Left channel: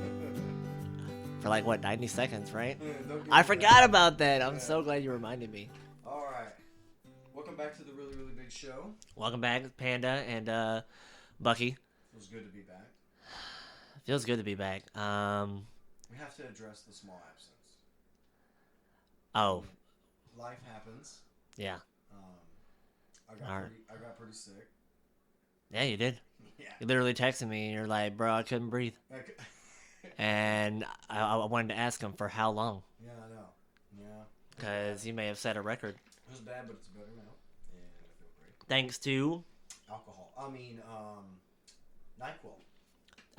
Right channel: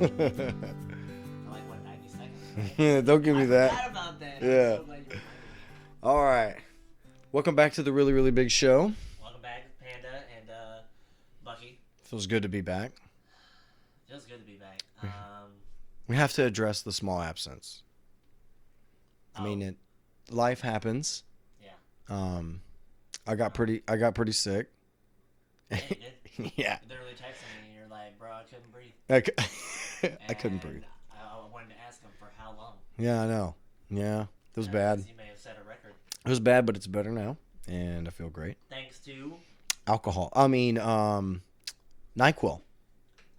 For like, what, 90 seconds, right? Yeah, don't give me I that. forgot about that. I'm Yeah. so glad you reminded me. All right. Welcome back to the Really, Really Big Show. Welcome back, Panda and Bucky. Feels good to be back. Feels good to be back. We have to address the small absence. I mean, life happens. Yeah. I got pretty sick. Yeah, you did. Yeah. You literally texted me and you're like, bro, I couldn't breathe. And I wanted to ask him for how long. Yeah, I know. Yeah, it was bad. You may have set a record. It was bad, but it's better now, and I feel great. Thanks to NyQuil.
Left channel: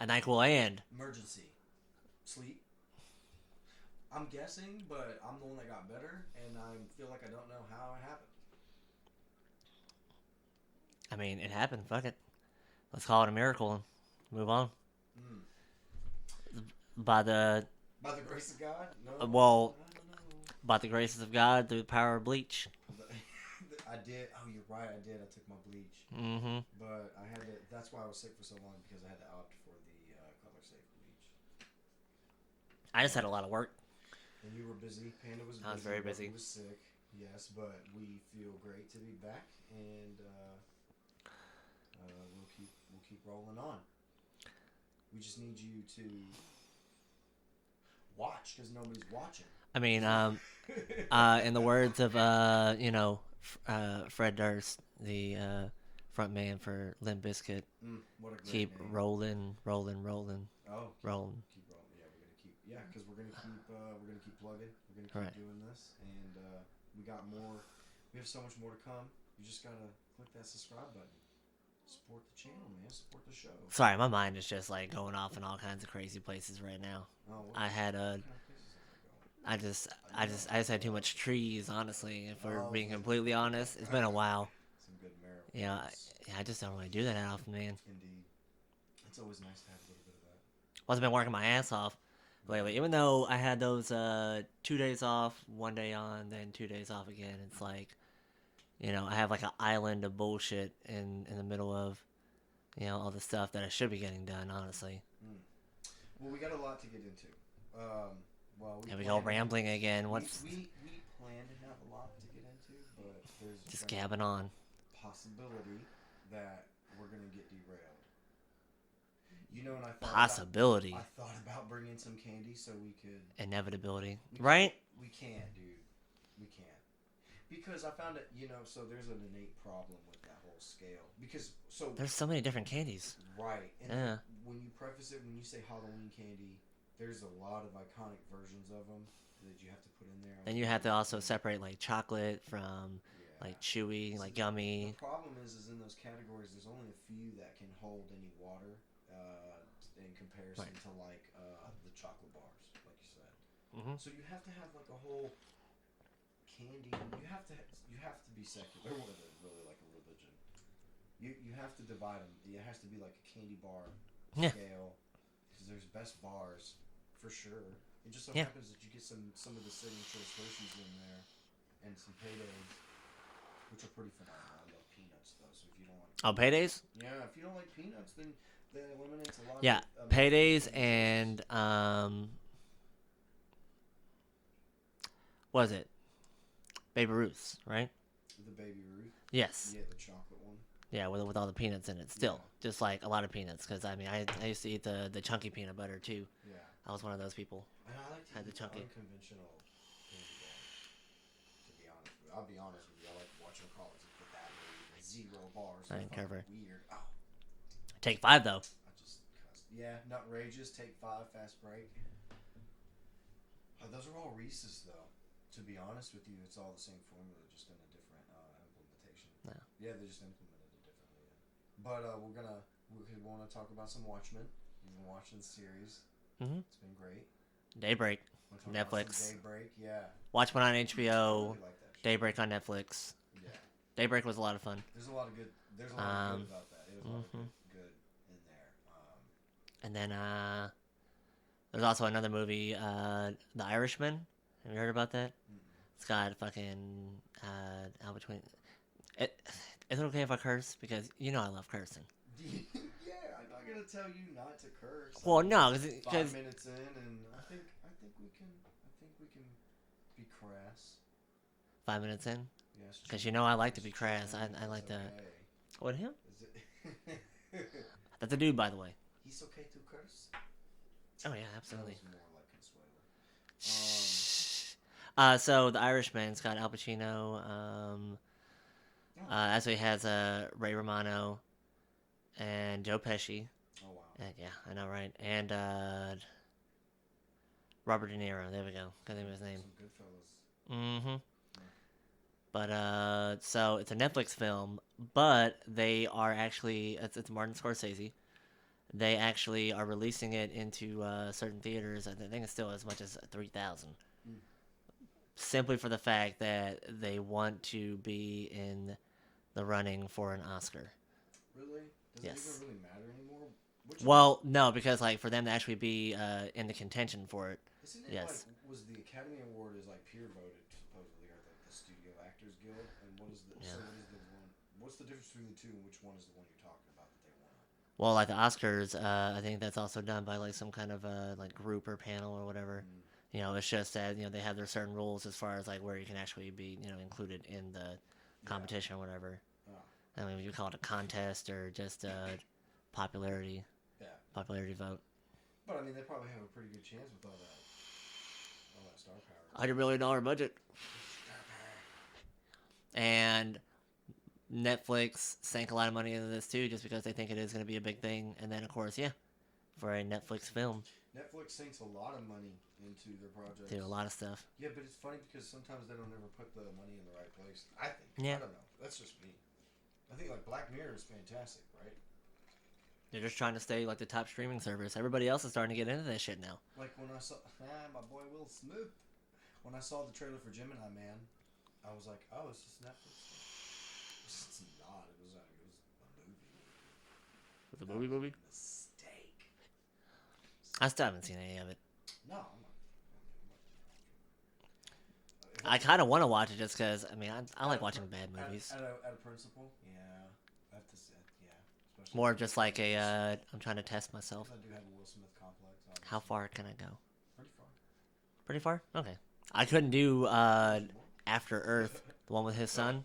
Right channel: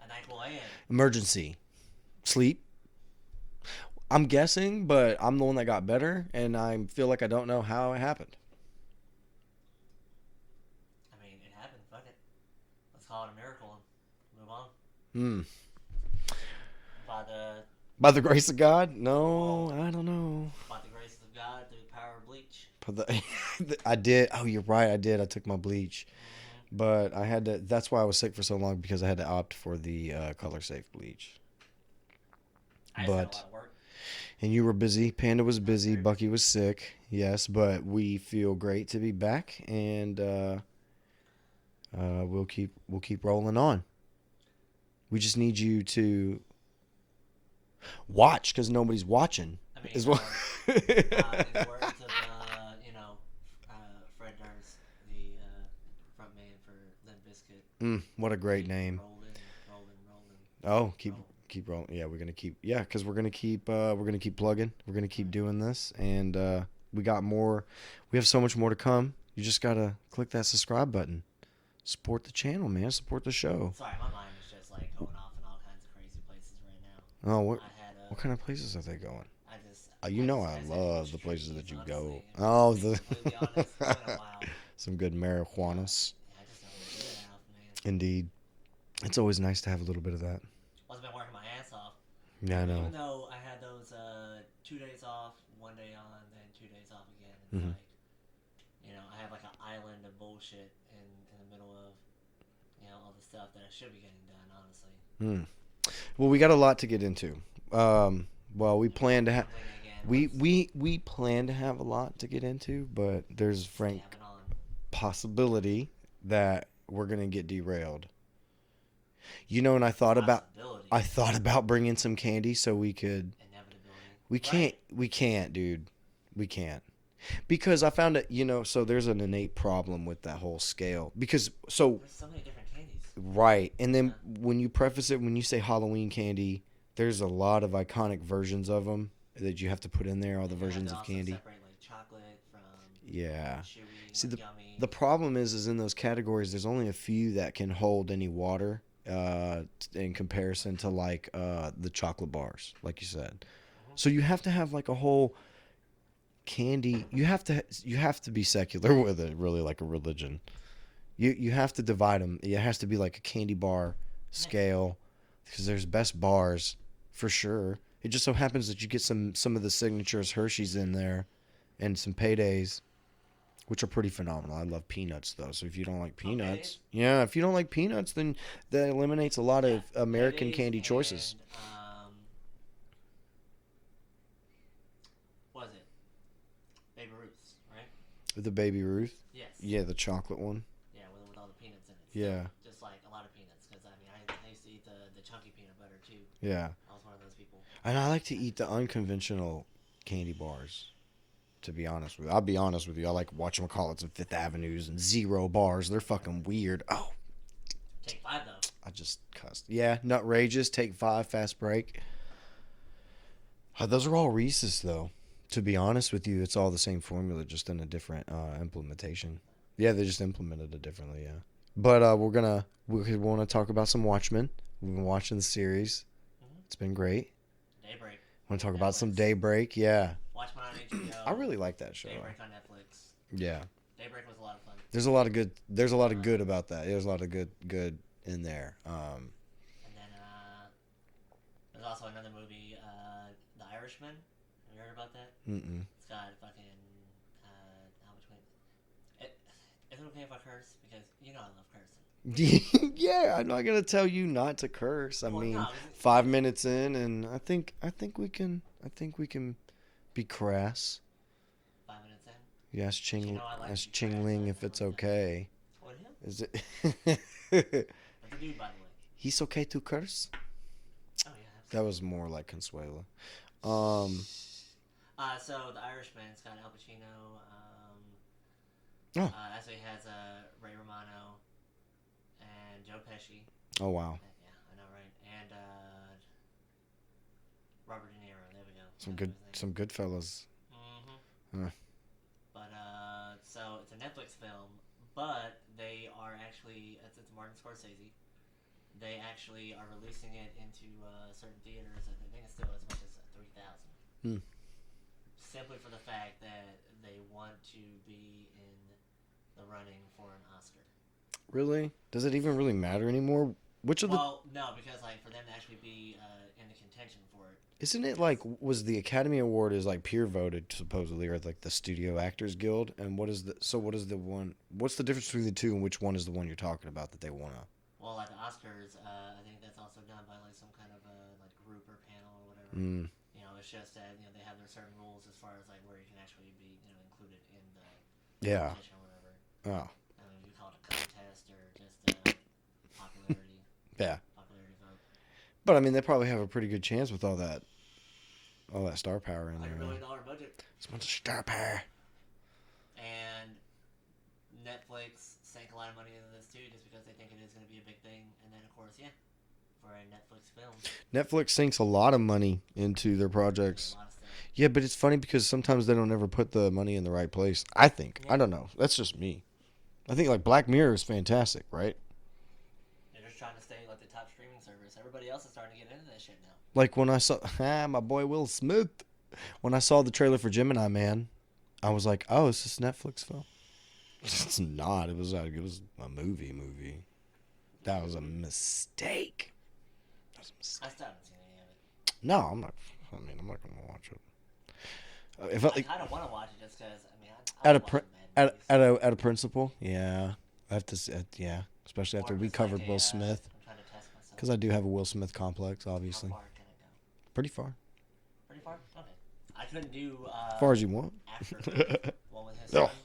a NyQuil and Emergency. Sleep. I'm guessing, but I'm the one that got better, and I feel like I don't know how it happened. I mean, it happened. Fuck it. Let's call it a miracle and move on. By the grace of God? No, well, I don't know. By the graces of God, through the power of bleach. I did. Oh, you're right. I did. I took my bleach. Mm-hmm. But I had to. That's why I was sick for so long, because I had to opt for the color safe bleach. I just had a lot of work. And you were busy. Panda was busy. Bucky busy. was sick. Yes, but we feel great to be back, and we'll keep rolling on. We just need you to watch, because nobody's watching. I mean, in the words of Fred Durst, the front man for Limp Bizkit. What a great keep name. Rolling. Oh, keep rolling. Yeah, we're gonna keep. Yeah, because we're gonna keep plugging. We're gonna keep doing this, and we got more. We have so much more to come. You just gotta click that subscribe button. Support the channel, man. Support the show. Sorry, my mind is just like going off in all kinds of crazy places right now. Oh, what kind of places are they going? I just I had too much the places trees, that you honestly. go. If we're being completely honest, it's been a while. Some good marijuanas. Yeah, I just don't want to do that often, man. Indeed, it's always nice to have a little bit of that. Well, I've been working my ass off. Yeah, even though I had those 2 days off, 1 day on, then 2 days off again, it's like, I have like an island of bullshit in the middle of, all the stuff that I should be getting done, honestly. Well, we got a lot to get into. Well, we plan to have again. We plan to have a lot to get into, but there's possibility that we're gonna get derailed. And I thought about bringing some candy so we could. Inevitability. We can't, dude. We can't. Because I found it, so there's an innate problem with that whole scale. Because there's so many different candies. Right. And then when you preface it, when you say Halloween candy, there's a lot of iconic versions of them that you have to put in there. And you have to also separate like chocolate from like chewy, like gummy. The problem is in those categories, there's only a few that can hold any water in comparison to like the chocolate bars, like you said. So you have to have like a whole candy. You have to be secular with it, really, like a religion. You have to divide them. It has to be like a candy bar scale, because there's best bars for sure. It just so happens that you get some of the signatures Hershey's in there, and some Paydays, which are pretty phenomenal. I love peanuts though, so if you don't like peanuts, if you don't like peanuts, then that eliminates a lot of American Paydays candy choices. And what is it? Baby Ruth's, right? The Baby Ruth? Yes. Yeah, the chocolate one. Yeah, with all the peanuts in it still. Just like a lot of peanuts, because I used to eat the chunky peanut butter too. Yeah. I was one of those people. And I like to eat the unconventional candy bars, to be honest with you. I'll be honest with you. I like whatchamacallits and Fifth Avenues and Zero bars. They're fucking weird. Oh. Take 5, though. I just cussed. Yeah, Nutrageous, Take 5, Fast Break. Those are all Reese's, though. To be honest with you, it's all the same formula, just in a different implementation. Yeah, they just implemented it differently, yeah. But we want to talk about some Watchmen. We've been watching the series. It's been great. Daybreak. Want to talk about some Daybreak? Yeah. Watchmen on HBO. I really like that show. Daybreak on Netflix. Yeah. Daybreak was a lot of fun. There's a lot of good. There's a lot of good about that. There's a lot of good in there. And then there's also another movie, The Irishman. Have you heard about that? Mm-mm. It's got fucking out between. Is it okay if I curse? Because you know I love cursing. Yeah, I'm not gonna tell you not to curse. Well, I mean, no, 5 minutes in, and I think we can be crass. 5 minutes in. Yes, Ching. You know I like to be crass. If it's like okay. That. What, him? Is it? That's a dude, by the way. He's okay to curse. Oh yeah, absolutely. That was more like Consuelo. So the Irishman's got Al Pacino. Actually has Ray Romano and Joe Pesci. Oh wow. Yeah, I know, right? And Robert De Niro. There we go. Some good fellas. Mm-hmm. But so it's a Netflix film, but they are actually it's Martin Scorsese. They actually are releasing it into certain theaters. I think it's still as much as 3,000. Simply for the fact that they want to be in the running for an Oscar. Really? Does it even really matter anymore? No, because like for them to actually be in the contention for it. Isn't it like was the Academy Award is like peer voted supposedly, or like the Studio Actors Guild? And what is the what is the one? What's the difference between the two, and which one is the one you're talking about that they want to? Well, like the Oscars, I think that's also done by like some kind of like group or panel or whatever. You know, it's just that they have their certain rules as far as like where you can actually be included in the competition or whatever. Oh, I mean, you call it a contest or just popularity. Popularity vote. But I mean, they probably have a pretty good chance with all that star power. $100 million budget. So much star power. And Netflix sank a lot of money into this too, just because they think it is going to be a big thing. And then, of course, for a Netflix film, Netflix sinks a lot of money into their projects. They do a lot of stuff. Yeah, but it's funny because sometimes they don't ever put the money in the right place. I think. I don't know. That's just me. I think like Black Mirror is fantastic, right? They're just trying to stay like the top streaming service. Everybody else is starting to get into that shit now. Like when I saw my boy Will Smith, when I saw the trailer for Gemini Man, I was like, "Oh, is this a Netflix film?" It's not. It was a movie. That was a mistake. I still haven't seen any of it. No, I'm not. I mean, I'm not gonna watch it. I kind of want to watch it just because. I mean, I like watching bad movies. At a principle, yeah. I have to. Yeah. Especially or after we just covered like Will Smith. I'm trying to test myself. Because I do have a Will Smith complex, obviously. How far can I go? Pretty far. Pretty far? Okay. I couldn't do as far as you want. After Earth, the one with his son.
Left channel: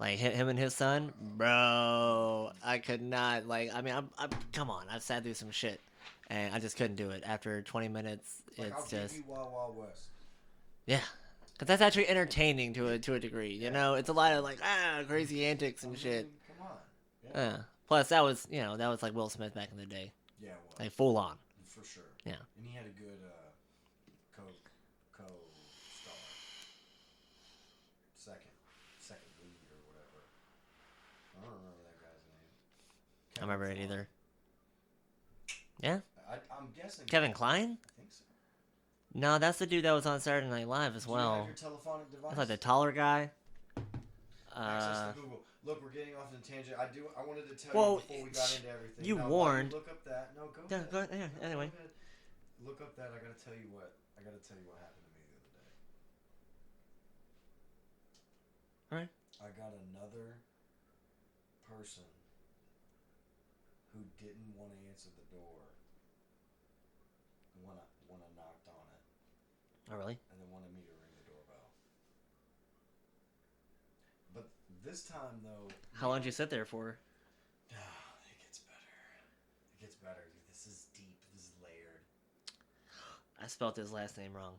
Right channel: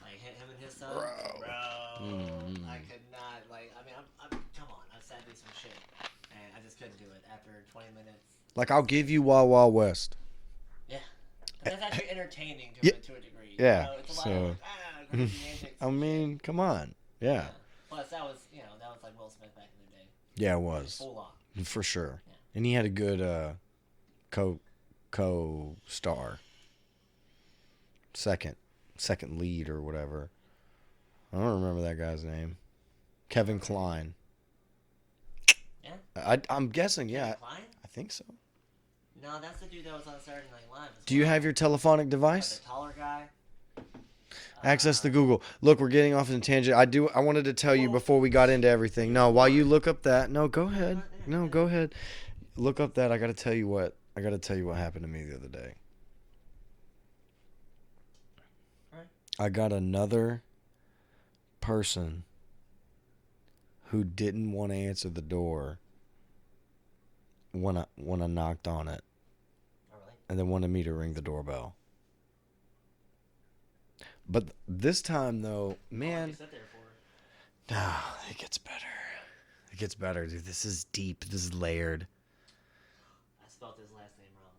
Like him and his son, bro. I could not. Like, I mean, I'm come on. I've sat through some shit, and I just couldn't do it. After 20 minutes. Like, I'll give you Wild Wild West. Yeah, because that's actually entertaining to a degree. Yeah. You know, it's a lot of like crazy antics. And shit. Come on. Yeah. Plus, that was like Will Smith back in the day. Yeah, it was like, full on for sure. Yeah, and he had a good co-star, second lead or whatever. I don't remember that guy's name. Kevin Kline. Yeah, I'm guessing. Kevin Kline. I think so. No, that's the dude that was on Saturday Night Live as well. Do you have your telephonic device? The taller guy. Access the Google. Look, we're getting off on a tangent. I wanted to tell you before we got into everything. While you look up that. No, go ahead. Go ahead. Look up that. I got to tell you what happened to me the other day. All right. I got another person who didn't want to answer the door when I knocked on it. Oh, really? And then wanted me to ring the doorbell. But this time, though, How long did you sit there for? It gets better. It gets better, dude. This is deep. This is layered. I spelled his last name wrong.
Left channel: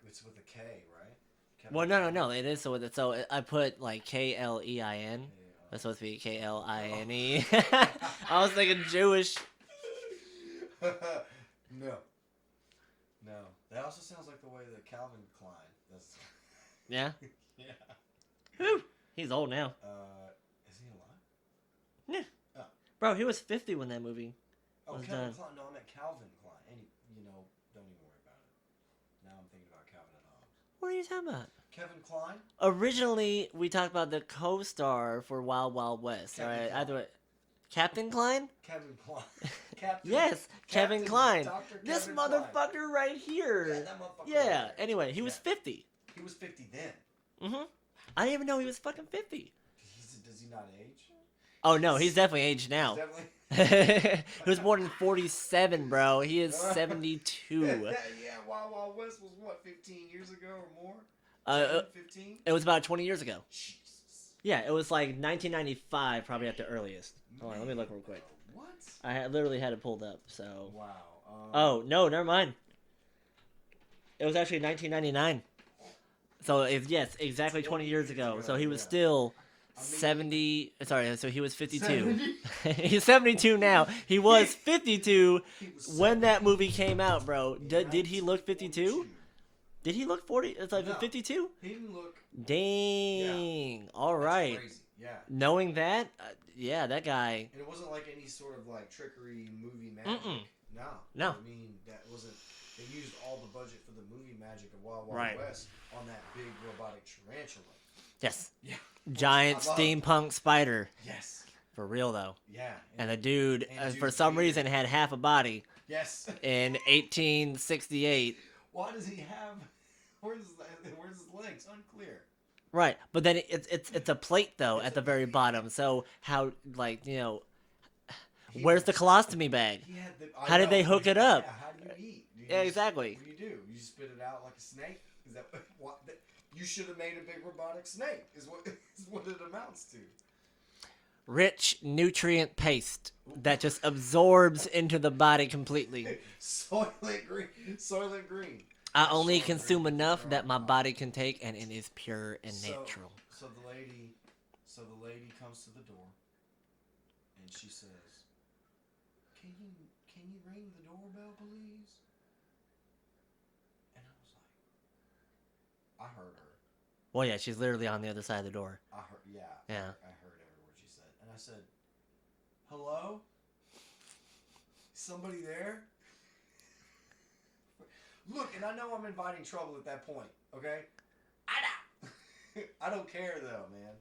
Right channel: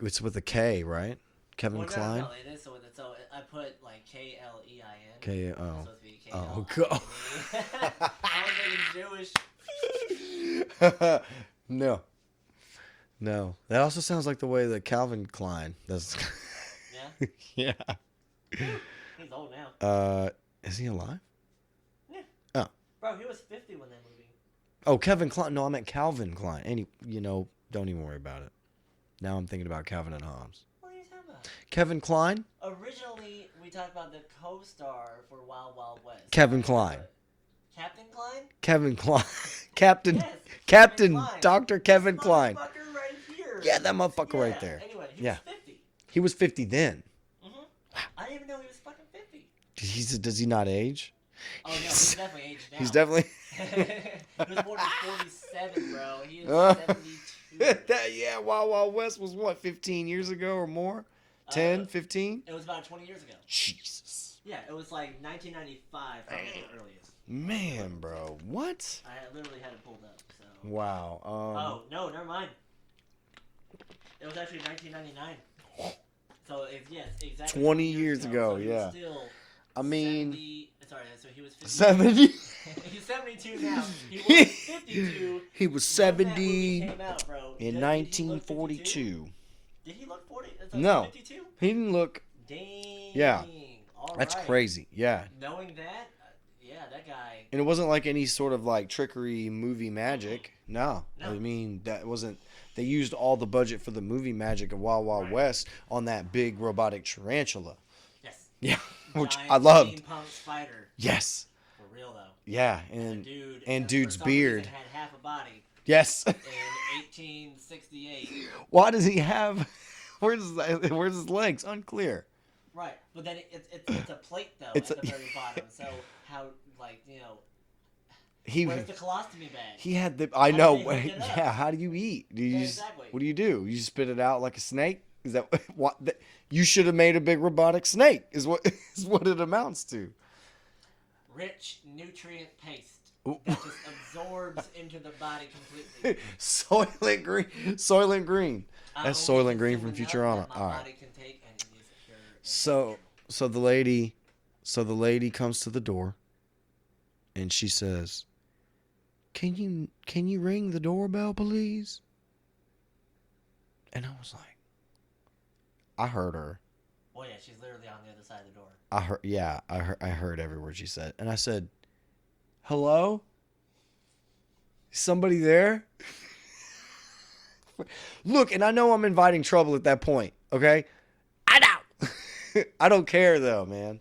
It's with a K, right? Kevin Kline? No. It is. So I put like Klein. That's supposed to be Kline. I was thinking Jewish. No. That also sounds like the way that Calvin Klein does. Yeah? Yeah. He's old now. Is he alive? Yeah. Oh. Bro, he was 50 when that movie. Oh, Kevin Kline. No, I meant Calvin Klein. Don't even worry about it. Now I'm thinking about Calvin and Hobbes. What are you talking about? Kevin Kline? Originally, we talked about the co-star for Wild Wild West. Kevin Kline. Captain Kline? Kevin Kline. Captain. Yes. Captain Kline. Dr. Kevin Kline. This motherfucker right here. Yeah, that motherfucker right there. Anyway, he was 50. He was 50 then. Mm-hmm. I didn't even know he was fucking 50. Does he not age? Oh no, he's definitely aged now. He's definitely. He was born in 47, bro. He is 72. Yeah, Wild Wild West was what, 15 years ago or more? 10, 15? It was about 20 years ago. Jesus. Yeah, it was like 1995, probably at the earliest. Man, bro, what? I literally had it pulled up. So. Wow. Oh no, never mind. It was actually 1999. So yes, exactly 20 years ago. So he was still. 70. Sorry, so he was 52. 70? He's 72 now. He was 52. He was 70 when that movie came out, bro. Did he look 52? Did he look 40? It's like no, 52. He didn't look. Dang. Yeah. All right. That's crazy. Yeah. Knowing that, yeah, that guy. And it wasn't like any sort of like trickery movie magic. No. No. I mean, that wasn't. They used all the budget for the movie magic of Wild Wild West on that big robotic tarantula. Yes. Yeah. Giant steampunk spider. Yes. For real though. Yeah. And the dude, and for some reason, had half a body. Yes. In 1868. Why does he have? Where's his legs? Unclear. Right, but then it's a plate though at the very bottom. So how where's the colostomy bag? He had the. How did they hook it up? Yeah. How do you eat? Exactly. What do? You spit it out like a snake? Is that what? You should have made a big robotic snake. Is what it amounts to. Rich nutrient paste that just absorbs into the body completely. Soylent Green. I only consume enough that my body can take, and it is pure and natural. So the lady comes to the door, and she says, "Can you ring the doorbell, please?" And I was like, I heard her. Well, yeah, she's literally on the other side of the door. I heard. Yeah, I heard every word she said, and I said, "Hello? Somebody there?" Look, and I know I'm inviting trouble at that point. Okay, I know. I don't care though, man.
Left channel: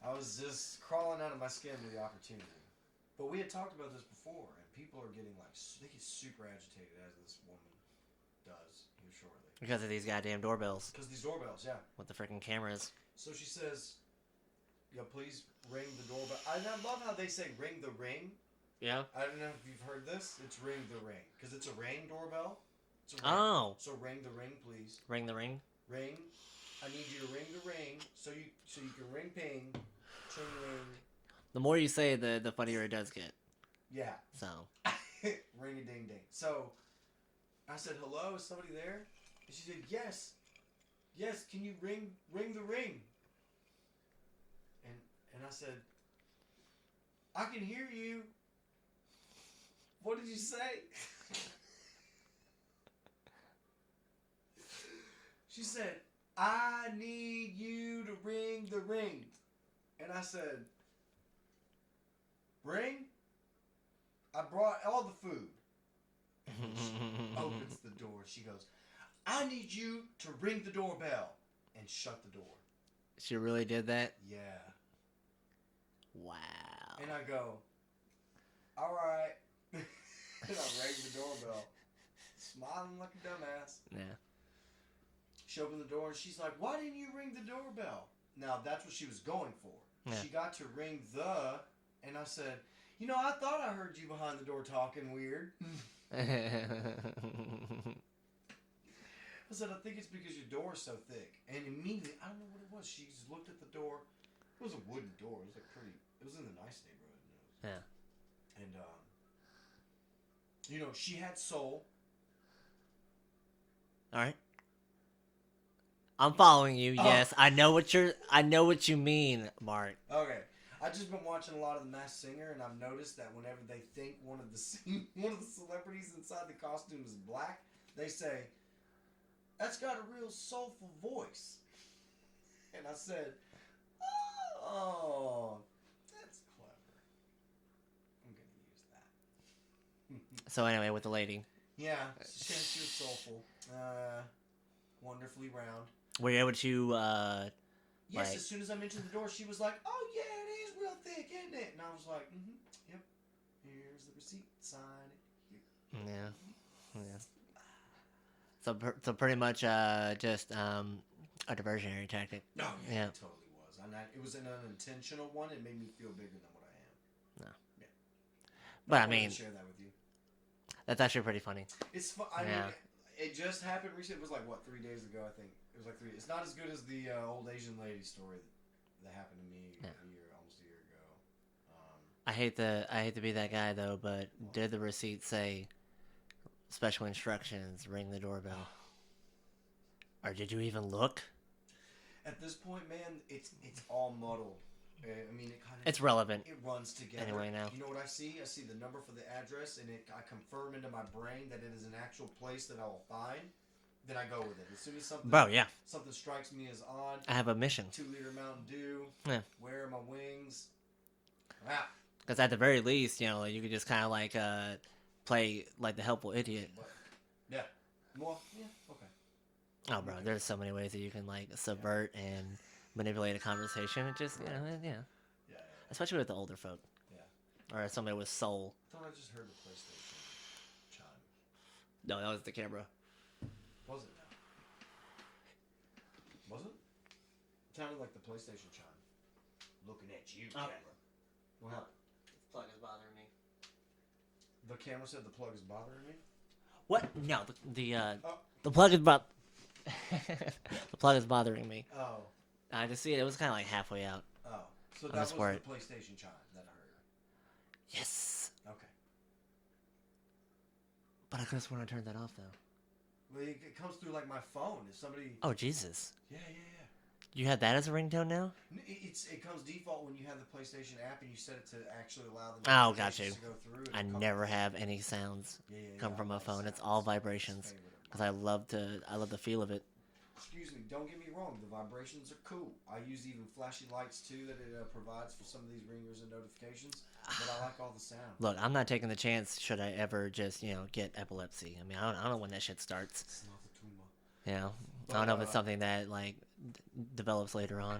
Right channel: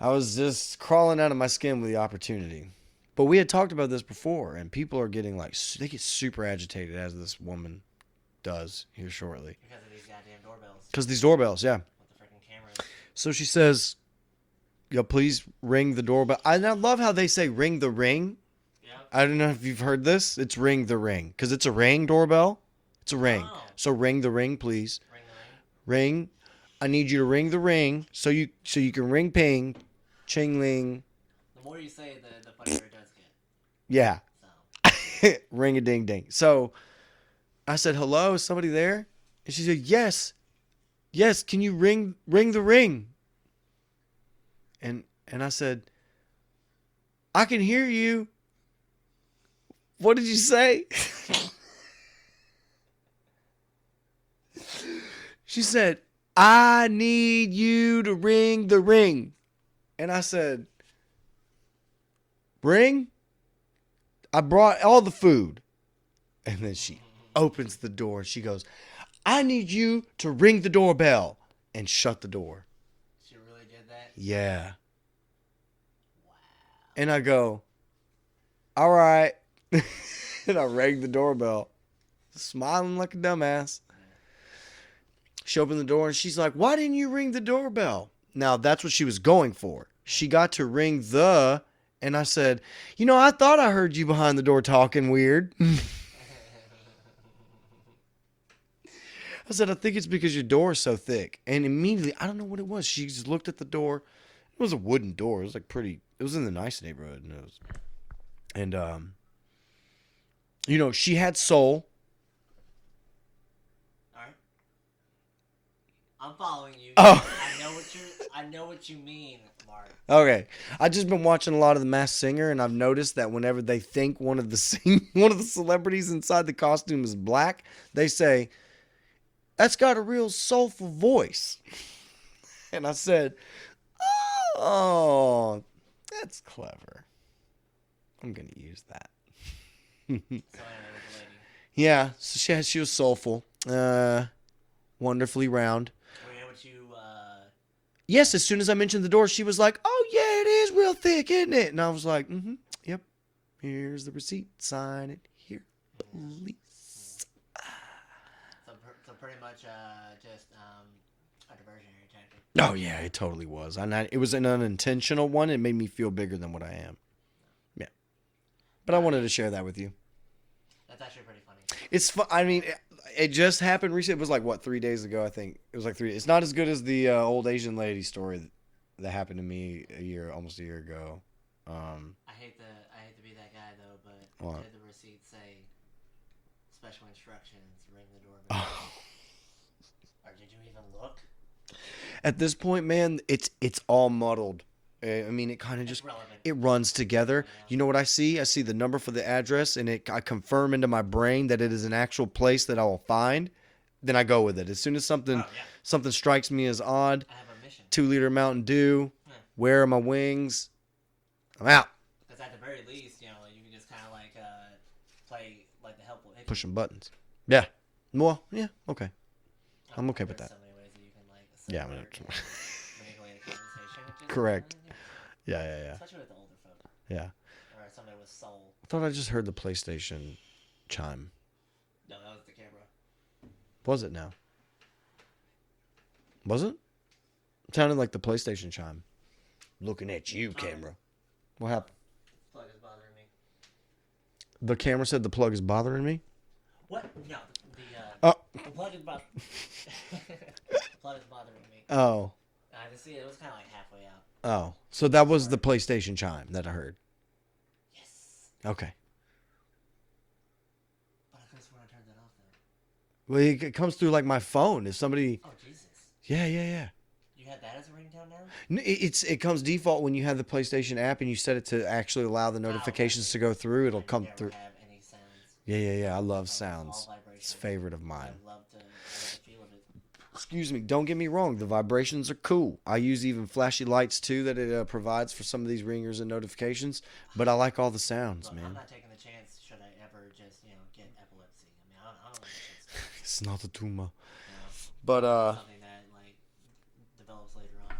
I was just crawling out of my skin with the opportunity. But we had talked about this before, and people are getting they get super agitated as this woman does here shortly. Because of these goddamn doorbells. Because these doorbells, yeah. With the freaking cameras. So she says, please ring the doorbell. And I love how they say ring the ring. Yeah. I don't know if you've heard this. It's ring the ring. Because it's a ring doorbell. It's a ring. Oh. So ring the ring, please. Ring the ring? Ring. I need you to ring the ring so you can ring ping, ching ling. The more you say, the funnier it does get. Yeah. So. Ring a ding ding. So I said, hello, is somebody there? And she said, yes. Yes, can you ring the ring? And I said, I can hear you. What did you say? She said, I need you to ring the ring. And I said, ring? I brought all the food. And then she opens the door and she goes, I need you to ring the doorbell, and shut the door. She really did that? Yeah. Wow. And I go, all right. And I rang the doorbell, smiling like a dumbass. Yeah. She opened the door and she's like, why didn't you ring the doorbell? Now, that's what she was going for. Yeah. She got to ring and I said, I thought I heard you behind the door talking weird. I said, I think it's because your door is so thick. And immediately, I don't know what it was. She just looked at the door. It was a wooden door. It was it was in the nice neighborhood. And she had soul. All right. I'm following you. Oh. Yes, I know what you mean, Mark. Okay, I've just been watching a lot of The Masked Singer, and I've noticed that whenever they think one of the celebrities inside the costume is black, they say, "That's got a real soulful voice." And I said, "Oh, that's clever. I'm gonna use that." So anyway, with the lady. Yeah, so she was soulful, wonderfully round. Were you able to? Yes, as soon as I mentioned the door, she was like, "Oh yeah, it is real thick, isn't it?" And I was like, "Mm-hmm, yep. Here's the receipt. Sign it here, please." Yeah. So pretty much just a diversionary tactic. Oh yeah, it totally was. It was an unintentional one. It made me feel bigger than what I am. No. Yeah, but I wanted to share that with you. That's actually pretty funny. It's fun. I mean, it just happened recently. It was like what 3 days ago. I think it was like 3. It's not as good as the old Asian lady story that happened to me almost a year ago. I hate to be that guy though, but did the receipt say special instructions? Ring the doorbell. Or did you even look? At this point, man, it's all muddled. I mean, it kind of it's relevant. It runs together. You know what I see? I see the number for the address, and I confirm into my brain that it is an actual place that I will find. Then I go with it. As soon as something strikes me as odd, I have a mission. 2-liter Mountain Dew. Yeah. Where are my wings? I'm out. Because at the very least, you could just kind of like play like the helpful idiot. Pushing buttons. Yeah. Well, yeah. Okay. I'm okay with that. There's so many ways that you can like subvert and manipulate a conversation. It just, correct. Yeah. Especially with the older folk. Yeah. Or somebody with soul. I thought I just heard the PlayStation chime. No, that was the camera. Was it now? Was it? It sounded like the PlayStation chime. Looking at you, camera. What happened? Plug is bothering me. The camera said the plug is bothering me? What? No, the plug is the plug is bothering me. Oh. I just see it. It was kind of like halfway out. Oh, so that was the PlayStation chime that I heard. Yes. Okay. But I could have sworn I turned that off though. Well, it comes through like my phone. If somebody. Oh Jesus. Yeah. You have that as a ringtone now? It comes default when you have the PlayStation app and you set it to actually allow the notifications to go through. It'll come through. I never have any sounds. Yeah. I love sounds. It's all vibrations. It's a favorite of mine. I love the feel of it. Excuse me. Don't get me wrong. The vibrations are cool. I use even flashy lights too that it provides for some of these ringers and notifications. But I like all the sounds. Look, man. I'm not taking the chance. Should I ever just get epilepsy? I mean, I don't know when that shit starts. It's not a tumor. But it's something that like develops later on.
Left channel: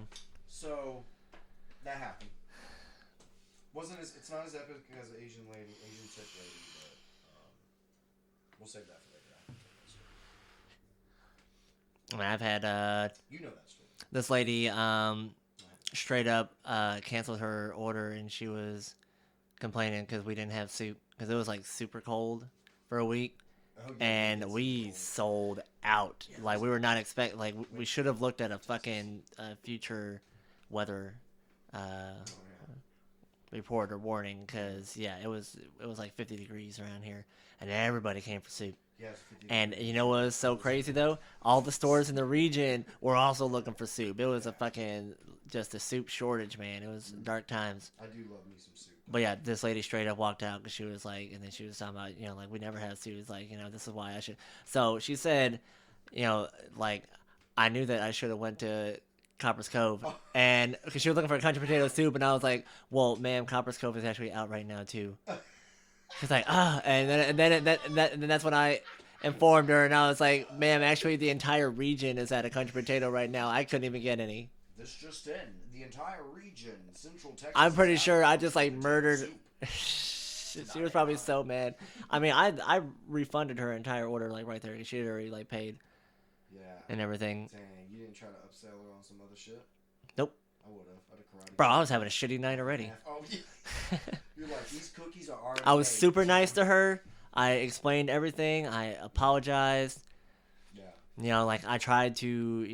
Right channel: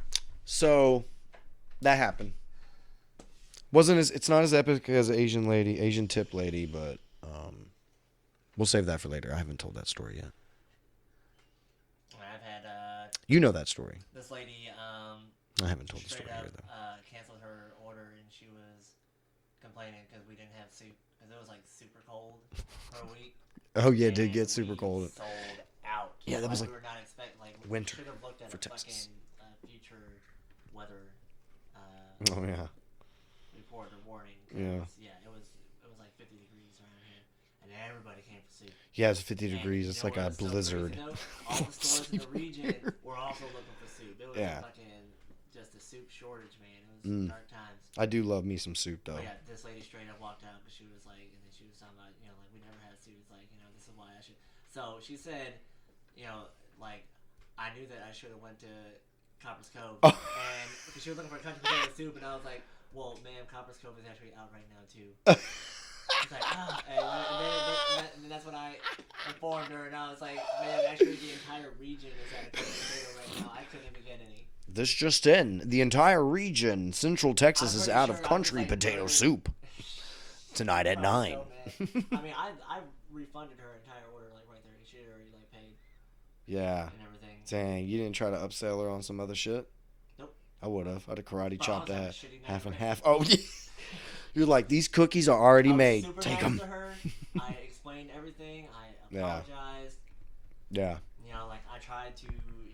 So that happened. It's not as epic as Asian tip lady, but we'll save that for later. I haven't told that story yet. I mean, I've had you know that story. This lady I haven't told straight up canceled her order, and she was complaining because we didn't have soup because it was like super cold for a week. Oh yeah, it did get super cold. We sold out. Yeah, like we were not expecting. Like we should have looked at a fucking future weather. Report or warning because it was like 50 degrees around here. And everybody came for soup. Yeah, it's 50 degrees. And you know what was so crazy, though? All the stores in the region were also looking for soup. It was just a soup shortage, man. It was dark times. I do love me some soup, though. But yeah, this lady straight up walked out because she was like, and then she was talking about, like, we never had soup. It's like, this is why I should. So she said, like, I knew that I should have went to Copper's Cove. And because she was looking for a country potato soup, and I was like, well, ma'am, Copper's Cove is actually out right now, too. She's like, and then that's when I informed her, and I was like, ma'am, actually the entire region is at a country potato right now. I couldn't even get any. This just in, the entire region, Central Texas, is out of country potato soup tonight at 9. I was so mad. I mean, I refunded her entire order like right there. She had already like paid. Yeah. And everything. Dang, you didn't try to upsell her on some other shit? Nope. I would have. I'd have karate. Bro, I was having a shitty night already. Oh, yeah. You're like, these cookies are already made. I was super nice to her. I explained everything. I apologized. Yeah. Like I tried to,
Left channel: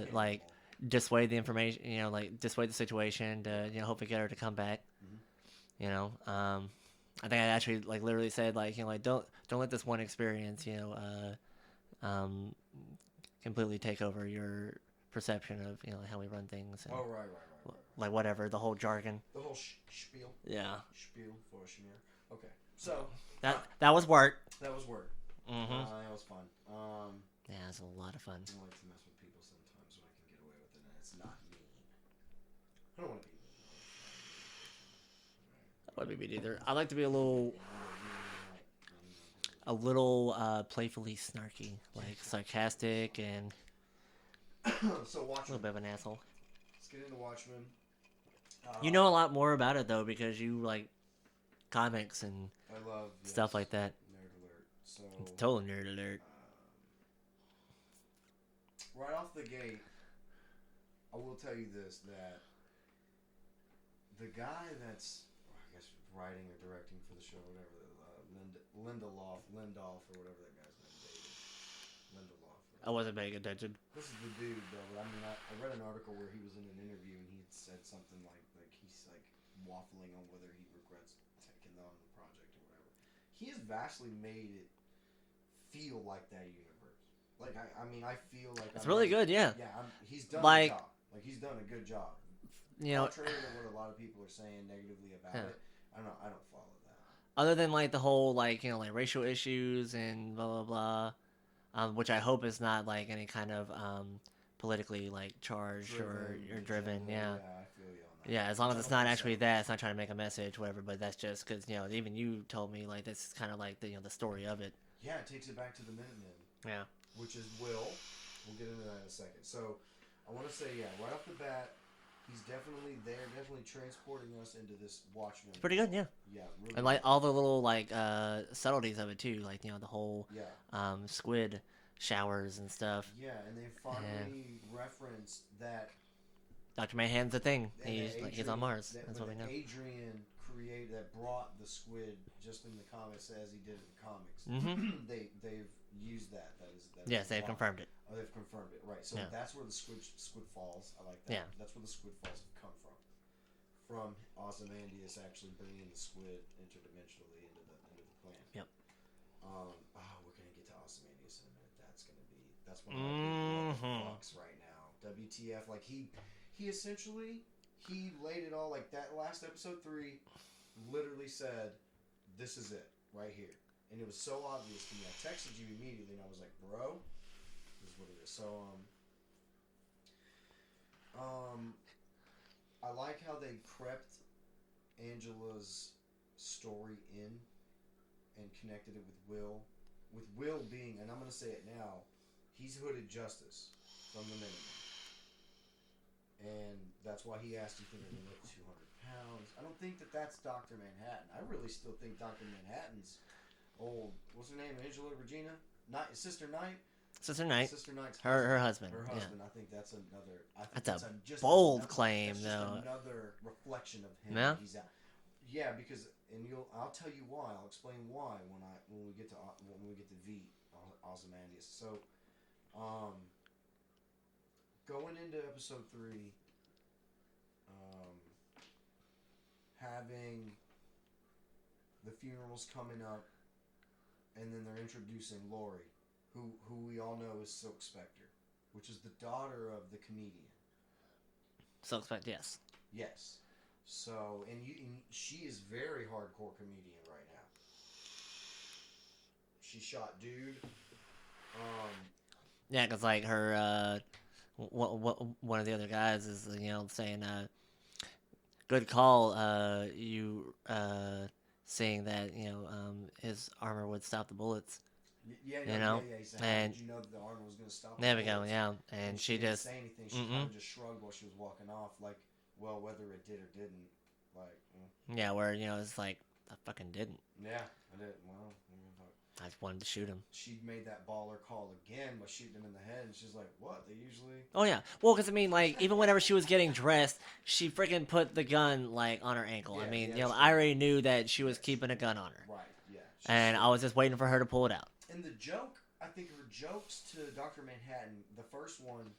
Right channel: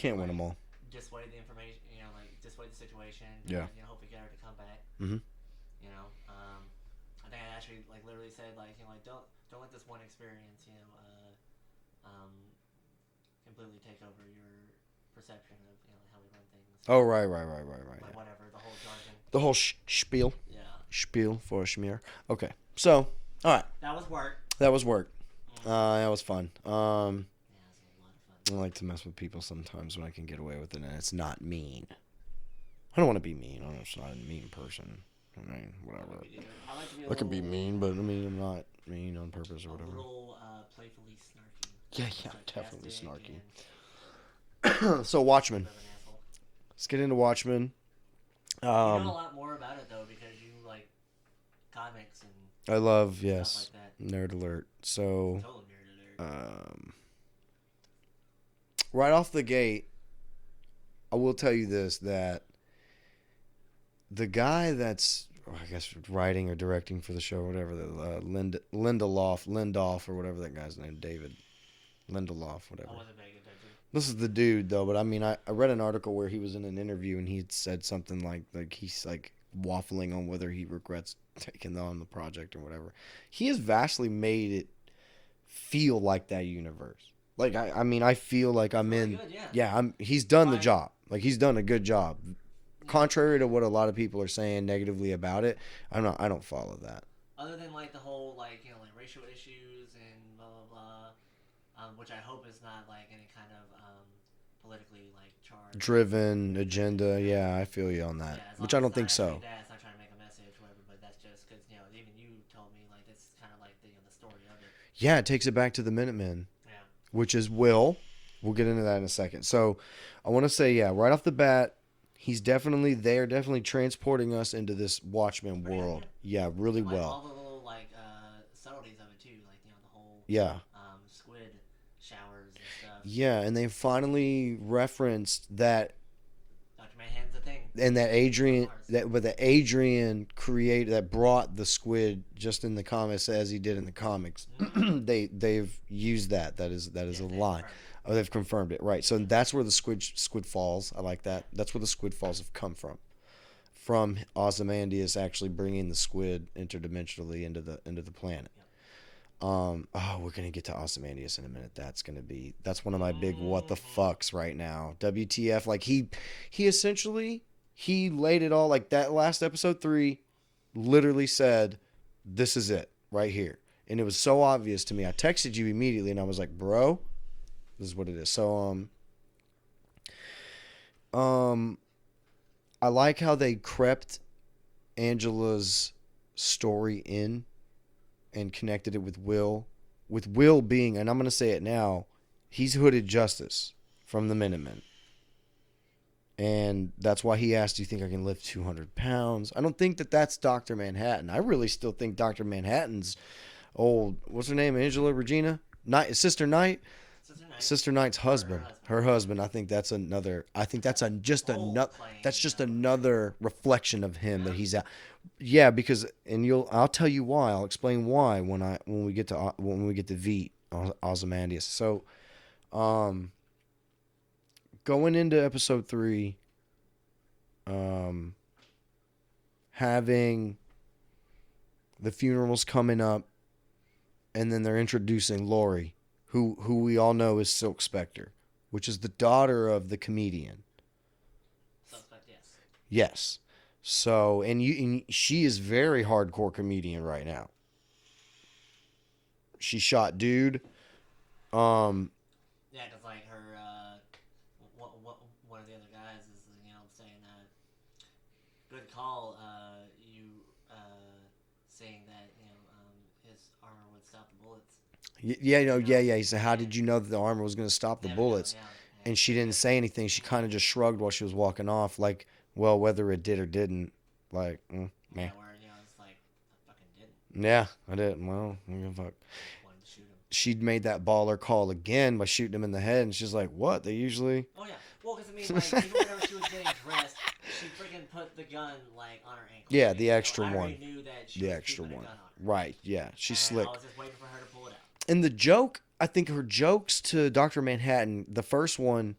can't win them all. Dissuade the information, like dissuade the situation to, hopefully get her to come back. Mm-hmm. I think I actually like literally said like, don't let this one experience, completely take over your perception of how we run things. Oh right. Like whatever the whole jargon. The whole spiel. Yeah. Spiel for a schmear. Okay, so all right. That was work. Mm-hmm. That was fun. Yeah, it was a lot of fun. I like to mess with people sometimes when I can get away with it, and it's not mean. I don't want to be mean. I'm just not a mean person. I mean, whatever. Not me either. I like to be a little. little. I can be mean, but I mean, I'm not mean on purpose. A little playfully snarky. Yeah, sarcastic and. So Watchmen. A bit of an asshole. Let's get into Watchmen. You know a lot more about it though because you like comics and I love stuff like that. Nerd alert. So total nerd alert. right off the gate, I will tell you this, that the guy that's, I guess, writing or directing for the show, or whatever, Lindelof, or whatever that guy's name, David Lindelof, whatever. I wasn't paying attention. This is the dude, though, but I mean, I read an article where he was in an interview and he had said something like he's like waffling on whether he regrets taking on the project or whatever. He has vastly made it feel like that universe. Like, I mean, I feel like I'm really in. Good, yeah. Yeah, he's done the job. Like, he's done a good job. You Contrary to what a lot of people are saying negatively about it, I don't follow that. Other than like the whole like racial issues and blah blah blah. Which I hope is not like any kind of politically like charged driven agenda. Yeah, I feel you on that. Yeah, as long as it's not actually that, it's not trying to make a message, whatever. But that's just because even you told me like this is kind of like the story of it. Yeah, it takes it back to the Minutemen. Yeah, which is Will. We'll get into that in a second. So I want to say, right off the bat, they are definitely transporting us into this Watchmen pretty world. Good, yeah, really and, like, well. All the little like subtleties of it too, like the whole squid showers and stuff. Yeah, and they finally referenced that Dr. Manhattan's a thing, and that Adrian Adrian created that brought the squid just in the comics as he did in the comics. Mm-hmm. They've used that. That is a line. Oh, they've confirmed it, right? So that's where the squid falls. I like that. Yeah. That's where the squid falls have come from Ozymandias actually bringing the squid interdimensionally into the planet. Yep. We're gonna get to Ozymandias in a minute. That's one of my big what the fucks right now. WTF? Like he essentially laid it all, like that last episode 3 literally said, "This is it right here," and it was so obvious to me. I texted you immediately and I was like, "Bro, this is what it is." So I like how they crept Angela's story in and connected it with Will. With Will being, and I'm going to say it now, he's Hooded Justice from the Minutemen. And that's why he asked, do you think I can lift 200 pounds? I don't think that's Dr. Manhattan. I really still think Dr. Manhattan's old, what's her name, Angela Regina? Sister Knight? Sister Knight's husband. Her husband. Yeah. I think that's another. that's just another reflection of him that he's out. Yeah, because I'll tell you why. I'll explain why when we get to Veidt Ozymandias. So, going into episode 3, having the funerals coming up, and then they're introducing Lori, who we all know is Silk Spectre, which is the daughter of the comedian. Silk Spectre, yes. Yes. So, and she is very hardcore comedian right now. She shot dude. Yeah, because like her, one of the other guys is saying, good call. You saying that his armor would stop the bullets. Yeah. He said, "How did you know that the armor was going to stop the bullets?" And she didn't say anything. She kind of just shrugged while she was walking off, like, well, whether it did or didn't, like. Yeah, where it's like, I fucking didn't. Yeah, I didn't. Well, fuck. I wanted to shoot him. She'd made that baller call again by shooting him in the head, and she's like, "What? They usually." Oh yeah, well, because I mean, like, even whenever she was getting dressed, she freaking put the gun like on her ankle. Yeah, the extra one. I already knew that she was keeping a gun on her. Right. Yeah. I was just waiting for her to pull it out. And the joke, I think her jokes to Dr. Manhattan, the first one.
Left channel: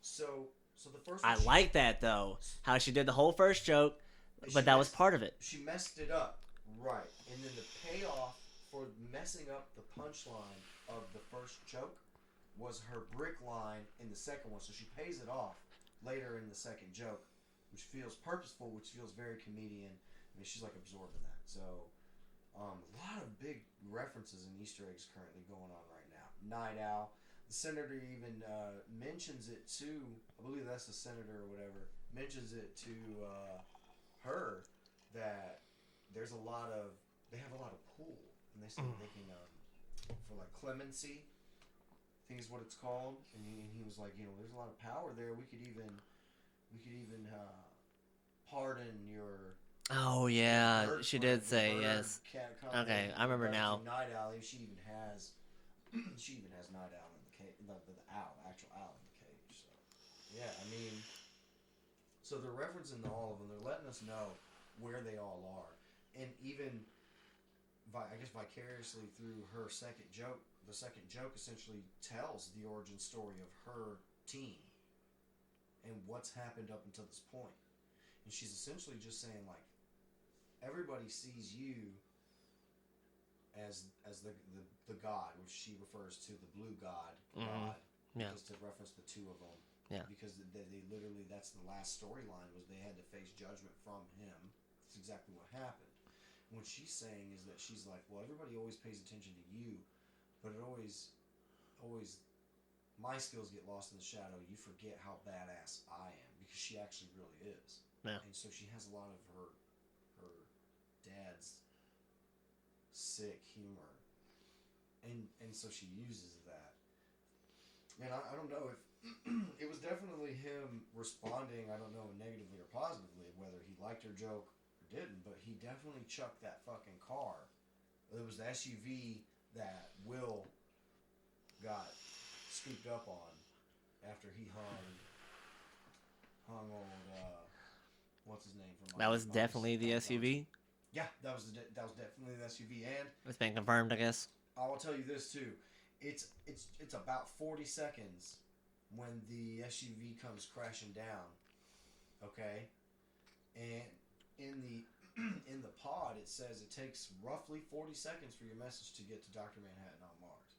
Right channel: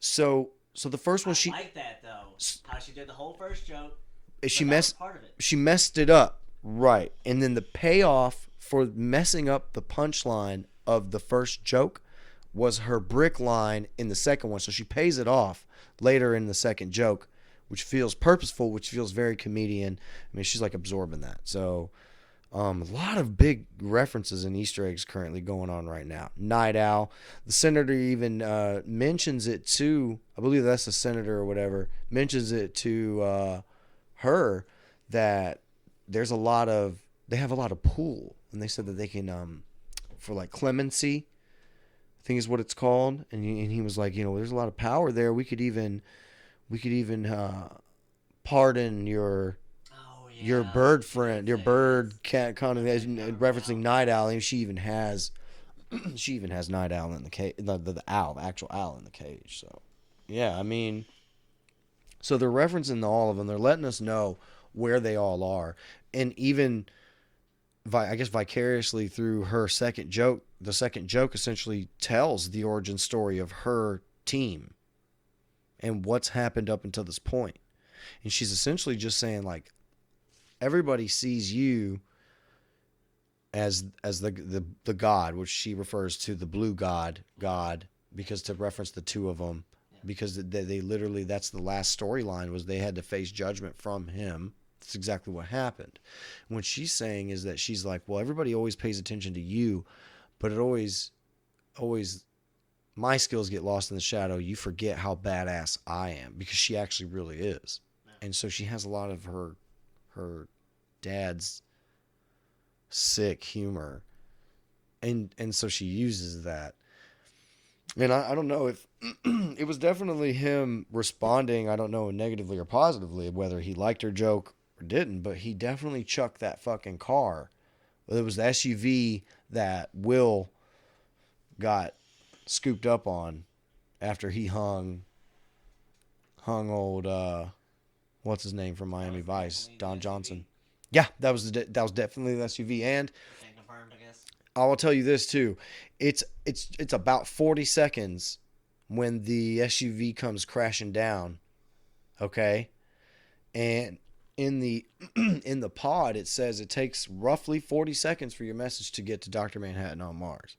So the first one, I like that though. How she did the whole first joke. That was part of it. She messed it up, right? And then the payoff for messing up the punchline of the first joke was her brick line in the second one. So she pays it off later in the second joke, which feels purposeful, which feels very comedian. I mean, she's like absorbing that. So a lot of big references and Easter eggs currently going on right now. Night Owl. The senator even mentions it to, I believe that's the senator or whatever, mentions it to her that they have a lot of pool. And they said that they can, for like clemency, I think is what it's called. And he was like, there's a lot of power there. We could even pardon your bird friend, your bird cat kind of referencing Night Owl. And she even has She even has Night Owl in the cage, the owl, the actual owl in the cage. So, yeah, I mean, so they're referencing all of them. They're letting us know where they all are, and even, I guess, vicariously through her second joke. The second joke essentially tells the origin story of her team and what's happened up until this point. And she's essentially just saying, like, everybody sees you as the god, which she refers to the blue god, because to reference the two of them, because they literally, that's the last storyline, was they had to face judgment from him. That's exactly what happened. And what she's saying is that she's like, well, everybody always pays attention to you, but it always, my skills get lost in the shadow. You forget how badass I am, because she actually really is. Yeah. And so she has a lot of her dad's sick humor, and so she uses that. And I don't know if it was definitely him responding, I don't know, negatively or positively, whether he liked her joke or didn't, but he definitely chucked that fucking car. It was the SUV that Will got scooped up on after he hung old what's his name from Miami Vice, Don Johnson. Yeah, that was definitely the SUV. And the thing confirmed, I guess. I will tell you this too. It's about 40 seconds when the SUV comes crashing down. Okay? And in the pod it says it takes roughly 40 seconds for your message to get to Dr. Manhattan on Mars.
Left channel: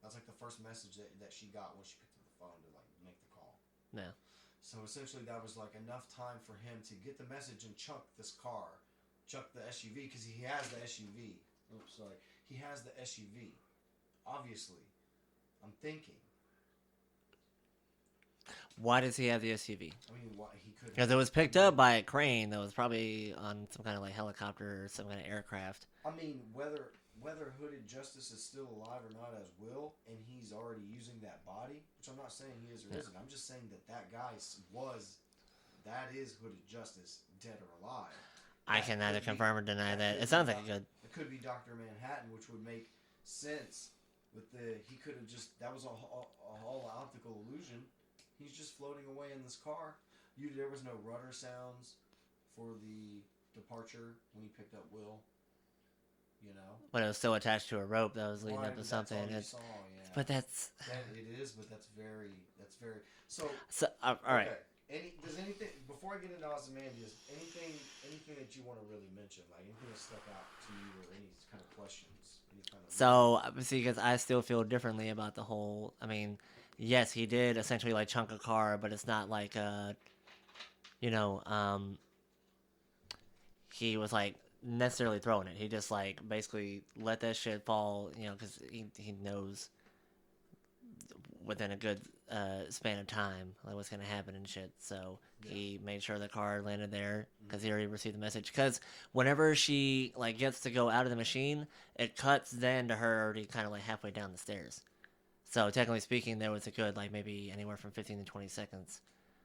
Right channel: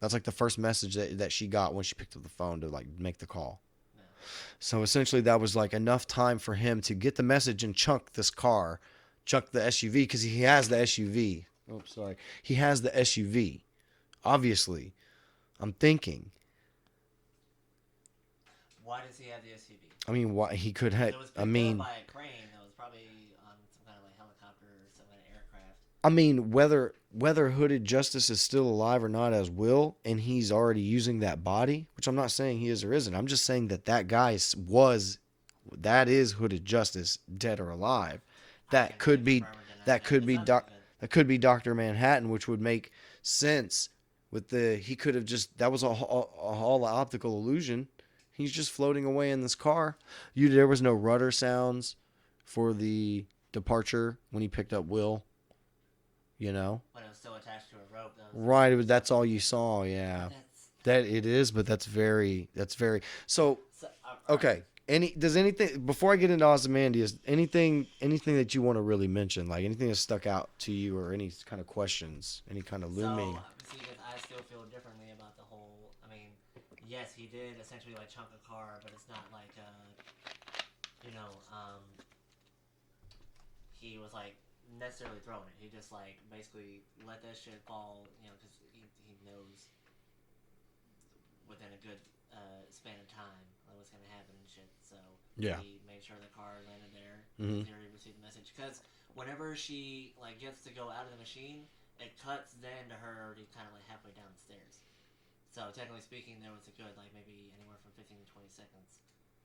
That's like the first message that she got when she picked up the phone to like make the call. Yeah. So essentially that was like enough time for him to get the message and chunk the SUV, because he has the SUV. Oh, sorry. He has the SUV. Obviously. I'm thinking. Why does he have the SUV? I mean, why he could have. It was picked up by a crane that was probably on some kind of like helicopter or some kind of aircraft. I mean, whether Hooded Justice is still alive or not as Will, and he's already using that body, which I'm not saying he is or isn't. I'm just saying that guy that is Hooded Justice, dead or alive. That could be Dr. Manhattan, which would make sense with he could have just, that was all an optical illusion. He's just floating away in this car. There was no rudder sounds for the departure when he picked up Will. You know, when it was still attached to a rope. That was right. That's all you saw. Yeah, but that's very. So okay. Right. Does anything, before I get into Ozymandias, anything that you want to really mention, like anything that stuck out to you, or any kind of questions, any kind of so see, because I still feel differently about the whole. I mean, yes, he did essentially like chunk a car, but it's not like he was like necessarily throwing it. He just like basically let that shit fall, because he knows within a good span of time like what's gonna happen and shit. So he made sure the car landed there because he already received the message. Because whenever she like gets to go out of the machine, it cuts then to her already kind of like halfway down the stairs. So technically speaking, there was a good like maybe anywhere from 15 to 20 seconds.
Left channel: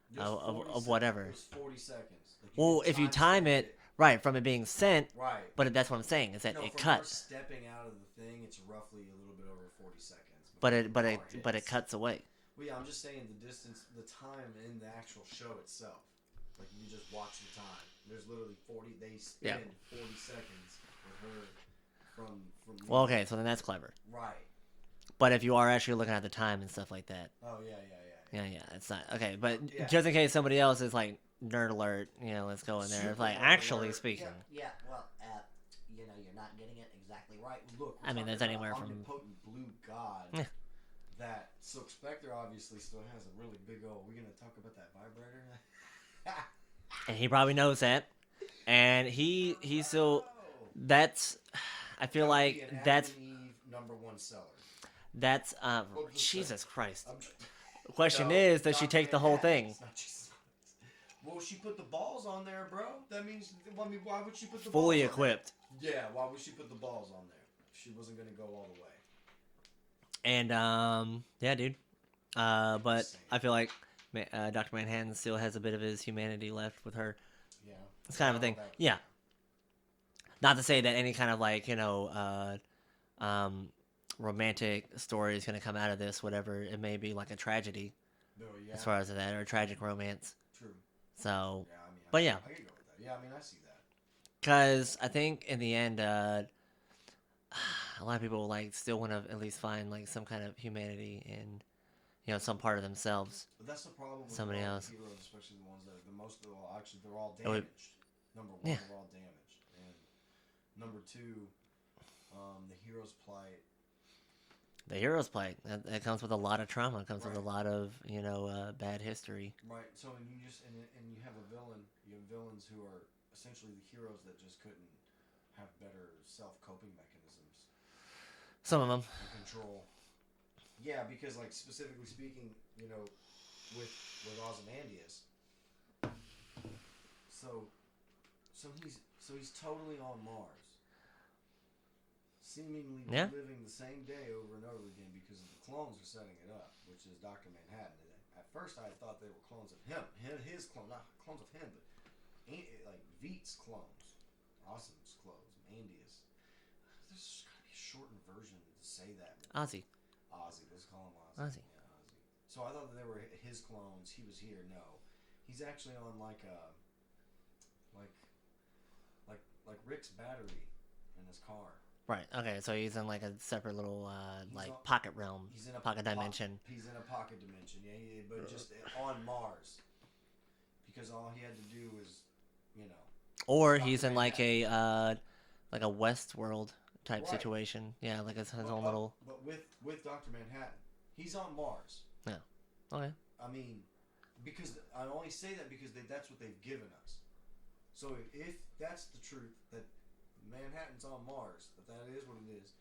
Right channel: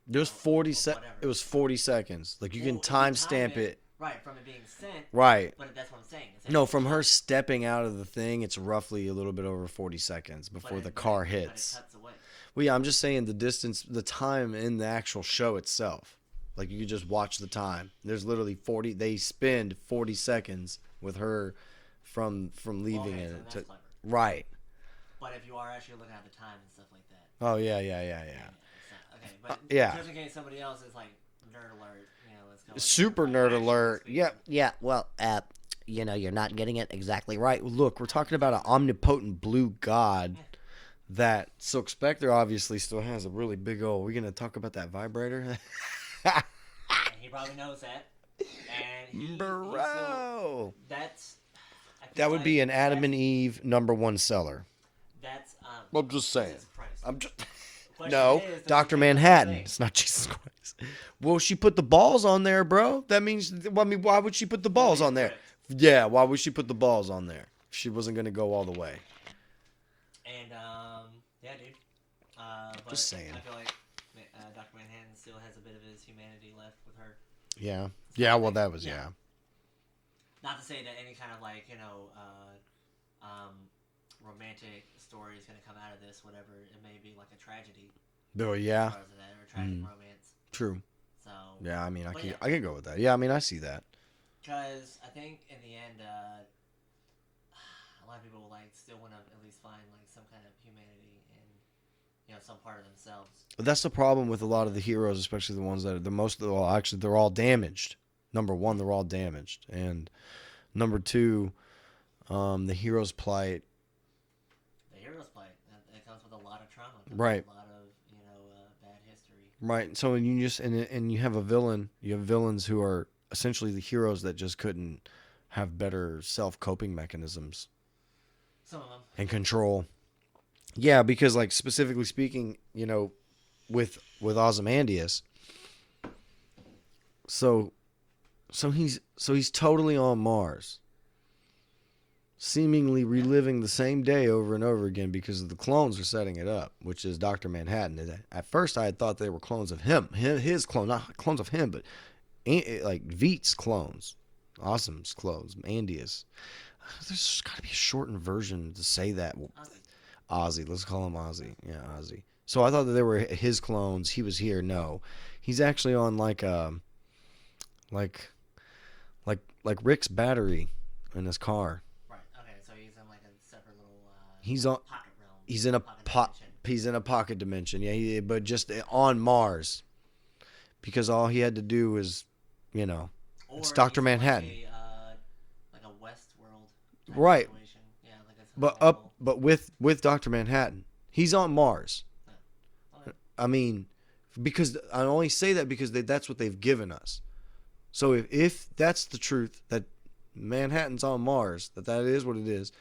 There was 40 seconds. It was 40 seconds. Like you can time stamp it. Right, from it being sent. Right. But that's what I'm saying. Is that no, from her stepping out of the thing, it's roughly a little bit over 40 seconds before the car hits. But it cuts away. Well, yeah, I'm just saying the distance, the time in the actual show itself. Like you could just watch the time. There's literally 40. They spend 40 seconds with her from leaving. Well, okay, so then that's clever. Right. But if you are actually looking at the time and stuff like that. Oh, yeah. It's not. Okay, but just in case somebody else is like, nerd alert, let's go in there. Super nerd alert. Yeah. Well, you're not getting it exactly right. Look, we're talking about an omnipotent blue god that Silk Spectre obviously still has a really big old. We're going to talk about that vibrator? And he probably knows that. And he still. That's. I feel that would be an Adam and Eve #1 seller. That's I'm just saying. Jesus Christ. The question is, does Dr. she take Manhattan. The whole thing? It's not Jesus Christ. Well, she put the balls on there, bro. That means, why would she put the balls on there? Yeah, why would she put the balls on there? She wasn't gonna go all the way. And yeah, dude. But I feel like Dr. Manhattan still has a bit of his humanity left with her. Yeah. Yeah. Well, that was Not to say that any kind of like romantic story is going to come out of this, whatever it may be, like a tragedy Oh as yeah, far as that, or a tragic romance. true. So Yeah, I mean, But yeah. I can go with that. Yeah, I mean, I see that. because I think in the end, a lot of people like still want to at least find like some kind of humanity in some part of themselves. But that's the problem with a Somebody lot of the else. heroes, especially the ones that are the most. Well, actually, they're all damaged. Number one, they're all damaged, and number two, the hero's plight. The hero's plight that comes with a lot of trauma. It comes Right. with a lot of bad history. Right. So when you just and you have a villain, you have villains who are essentially the heroes that just couldn't have better self-coping mechanisms Some of them. and control. Yeah, because like specifically speaking, with Ozymandias. So he's totally on Mars. Seemingly reliving the same day over and over again because the clones are setting it up, which is Dr. Manhattan. At first, I had thought they were clones of his clone, not clones of him, but like Veet's clones, Awesome's clones, Andius. There's got to be a shortened version to say that. Ozzy, let's call him Ozzy. Yeah, Ozzy. So I thought that they were his clones. He was here. No, he's actually on like Rick's battery in his car. Right. Okay. So he's in like a separate little He's like on pocket realm. He's in a pocket dimension. He's in a pocket dimension. Yeah, but just on Mars, because all he had to do was, Or it's Dr. he's Manhattan. in like a Westworld type Right. situation. Yeah, like his but own up, little... but with Dr. Manhattan, he's on Mars. Yeah. Okay. I mean, because I only say that because that's what they've given us. So if that's the truth, that Manhattan's on Mars, that is what it is,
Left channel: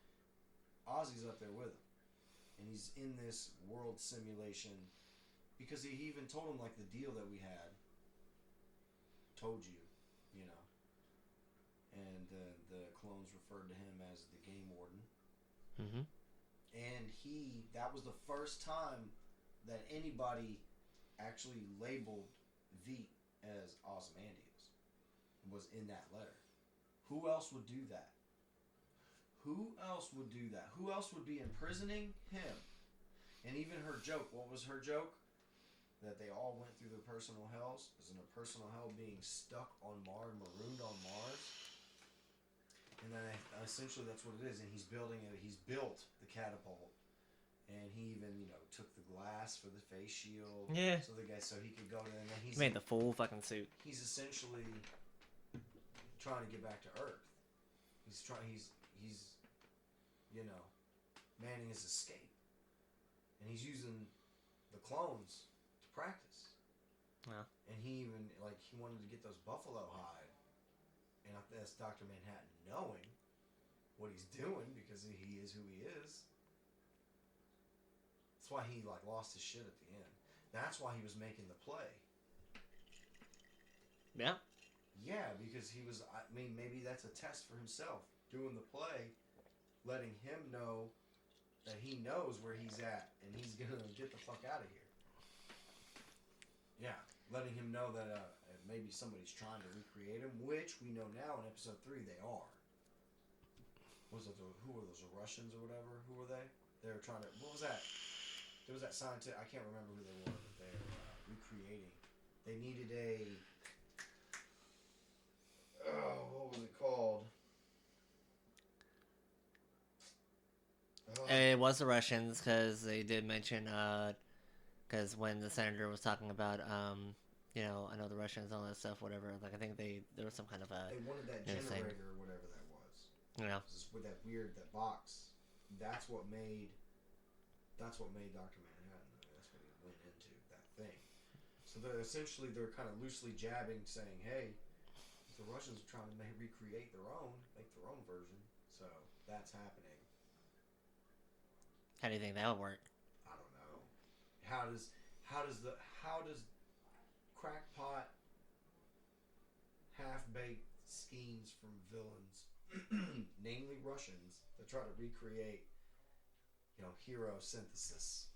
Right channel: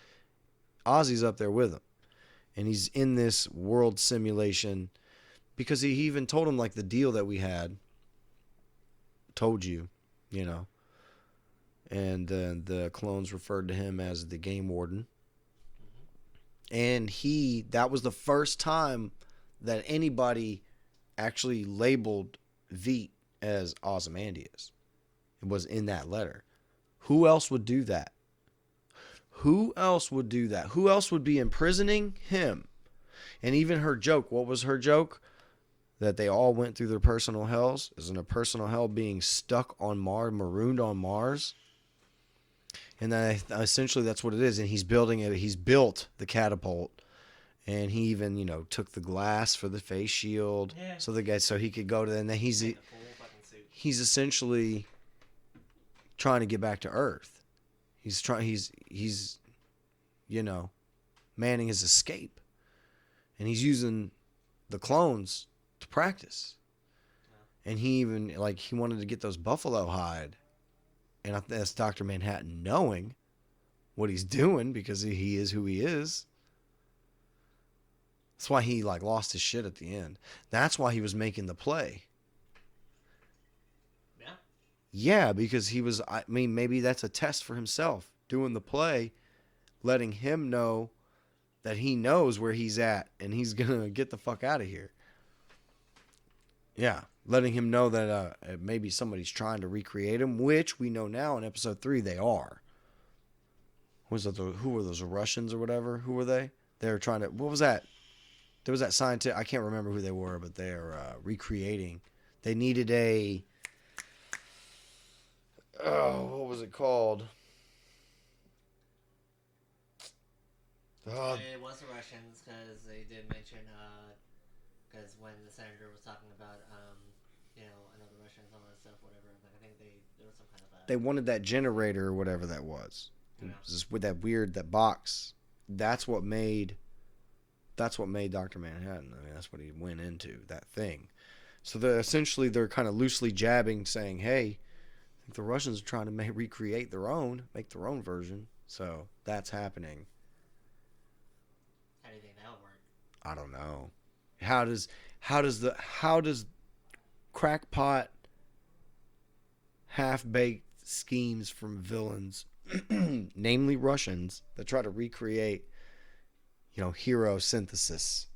Ozzy's up there with him. And he's in this world simulation because he even told him like the deal that we had. Told you, And the clones referred to him as the game warden. Mm-hmm. And that was the first time that anybody actually labeled Veet as Ozymandias. It was in that letter. Who else would do that? Who else would do that? Who else would be imprisoning him? And even her joke, what was her joke? That they all went through their personal hells. Isn't a personal hell being stuck on Mars, marooned on Mars? And then essentially that's what it is. And he's building it. He's built the catapult. And he even, took the glass for the face shield. Yeah. So he could go to, and then he's Made the full fucking suit. He's essentially trying to get back to Earth. He's manning his escape. And he's using the clones to practice. Yeah. And he even, he wanted to get those buffalo hide. And I think that's Dr. Manhattan knowing what he's doing because he is who he is. That's why he, lost his shit at the end. That's why he was making the play. Yeah. Yeah, because he was, maybe that's a test for himself. Doing the play, letting him know that he knows where he's at and he's going to get the fuck out of here. Yeah, letting him know that maybe somebody's trying to recreate him, which we know now in episode 3 they are. Who were those, Russians or whatever? Who were they? They were trying to, what was that? There was that scientist, I can't remember who they were, but they're recreating. They needed what was it called? It was the Russians because they did mention because when the senator was talking about I know the Russians and all that stuff, whatever. I think there was some kind of they wanted that generator or whatever that was. Just with that box. That's what made Dr. Manhattan. That's what he went into, that thing. So they're kind of loosely jabbing, saying, hey, if the Russians are trying to recreate make their own version. So that's happening. How do you think that would work? I don't know. How does crackpot half-baked schemes from villains, namely Russians, that try to recreate, hero synthesis?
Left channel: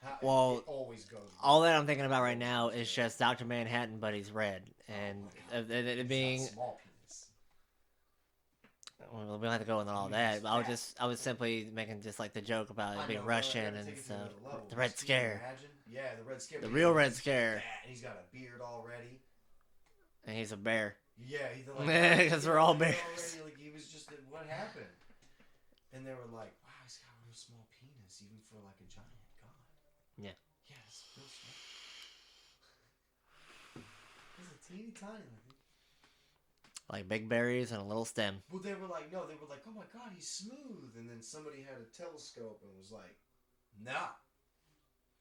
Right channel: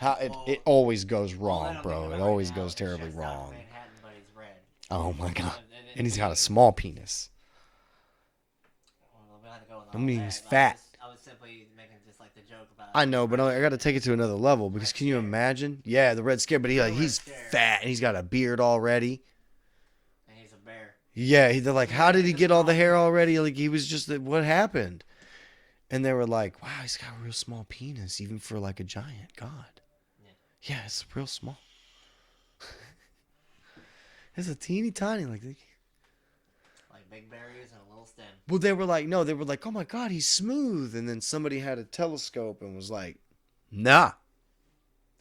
It always goes wrong. All that I'm thinking about right now is terribly just wrong. Dr. Manhattan, but he's red. Oh my god! And And he's got a small penis. Well, we don't have to go into all I mean, that. he's But fat. I was simply making just like the joke about. I being know, but I Russian got to and take it to so- another level the because Red can you Scare. imagine? Yeah, the Red Scare, but Real Red he's Scare. fat and he's got a beard already. And he's a bear. Yeah, they're like, how did he Because get we're all the all hair bears. already? Like he was just, what happened? And they were like, wow, he's got a real small penis, even for like a giant god. Yeah. Yeah, it's real small. It's a teeny tiny, Like big berries and a little stem. well, they were like, no, they were like, oh my god, he's smooth. And then somebody had a telescope and was like, nah,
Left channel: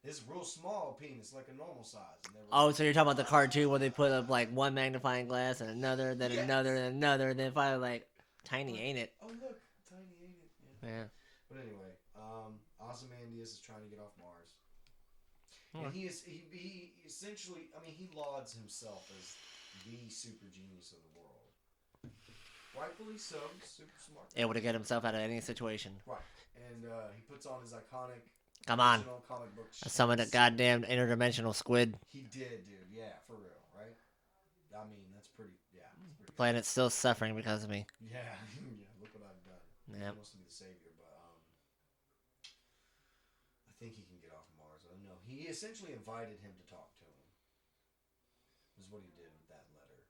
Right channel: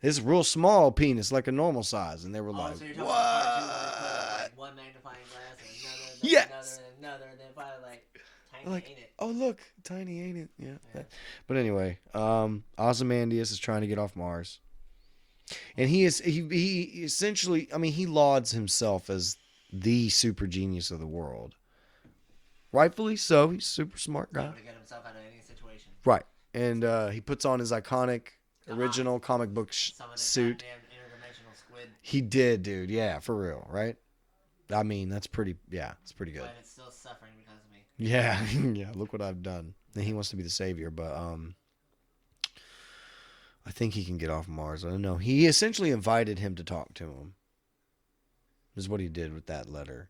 it's real small penis, like a normal size. And they were Oh, like, so you're talking about the cartoon where they put up like one magnifying glass and another, then Yes! another, then another, and then finally like, tiny, Like, ain't it? oh look, tiny, ain't it? Yeah. Yeah. But anyway, Ozymandias is trying to get off Mars, and he essentially, I mean, he lauds himself as the super genius of the world. Rightfully so. He's super smart guy. Able to get himself out of any situation. Right, and he puts on his iconic Come on. original comic book Summon a suit. goddamn interdimensional squid. He did, dude. Yeah, for real, right? I mean, that's pretty. Yeah, it's pretty good. Planet's still suffering because of me. Yeah, yeah. Look what I've done. And he Yep. wants to be the savior, but I think he can get off Mars. I don't know. He essentially invited him to talk to him. Is what he did with that letter.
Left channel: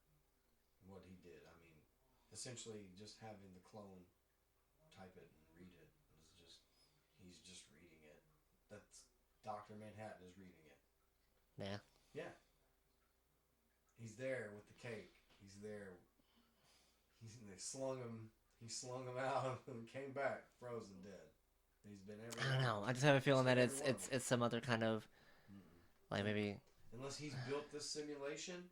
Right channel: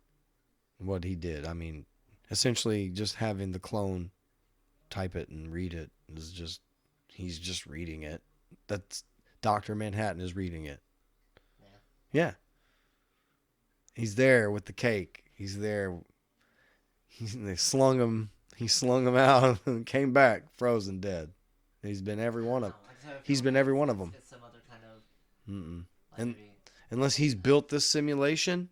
What he did. I mean, essentially just having the clone type it and read it is just he's just reading it. That's Dr. Manhattan is reading it. Yeah. Yeah. He's there with the cake. He's there. They slung him. He slung him out and came back frozen dead. He's been every I one don't of know. I just have a he's feeling been that every one of it's- them. It's some other kind of Mm-mm. like And- maybe Unless he's built this simulation,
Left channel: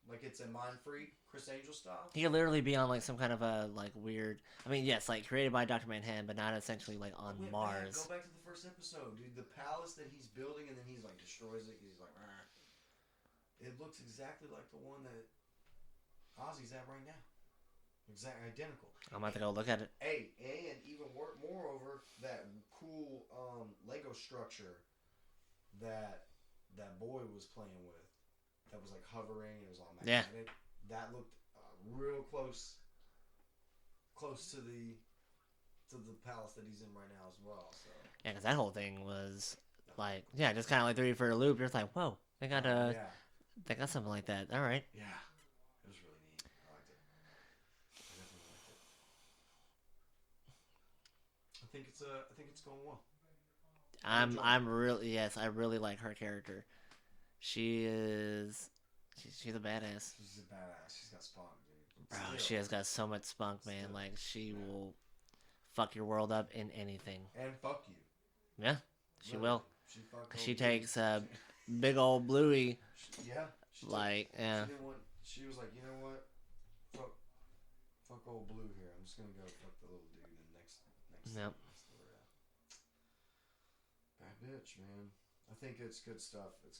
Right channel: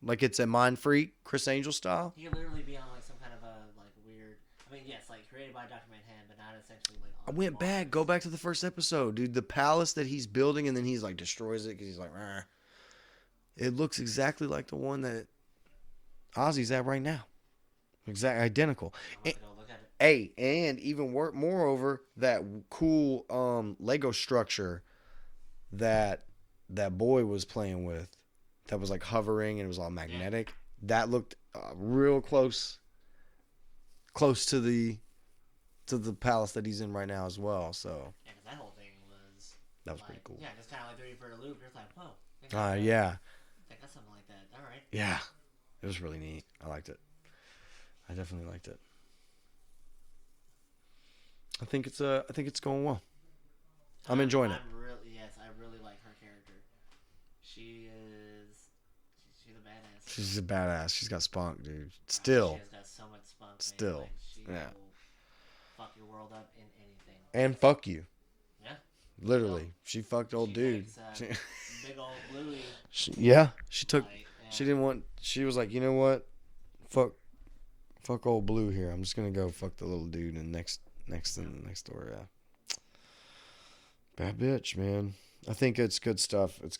like it's a Mind Freak, Chris Angel style. he could literally be on like some kind of a like weird. I mean, yes, like created by Dr. Manhattan, but not essentially like on I went Mars. back. Go back to the first episode, dude. The palace that he's building, and then he's like destroys it because he's like, "Rah." It looks exactly like the one that Ozzy's at right now. Exact identical. I'm about to go look at it. Hey, and even moreover, that cool Lego structure that boy was playing with, that was like hovering and it was all magnetic. That looked real close to the palace that he's in right now as well. So Yeah, because that whole thing was that was like, pretty cool. yeah, just kind of like threw you for a loop. You're just like, whoa, they got Yeah, they got something like that. All right. yeah, it was really neat. I liked it. I definitely liked it. I think it's going well. I'm enjoying it. I'm really I really like her character. She's a badass. She's a badass. She's got spunk, dude. Oh, Still. she has got so much spunk, man. Still. Like she Yeah. will fuck your world up in anything. And fuck you. Yeah. Literally. She fucked old She dude. takes big old Bluey. She took. Like, yeah. She didn't want. She was like, you know what? Fuck old Blue here. I'm just gonna go fuck the little dude in next door. Yeah. Bad bitch, man. I think it's good stuff. It's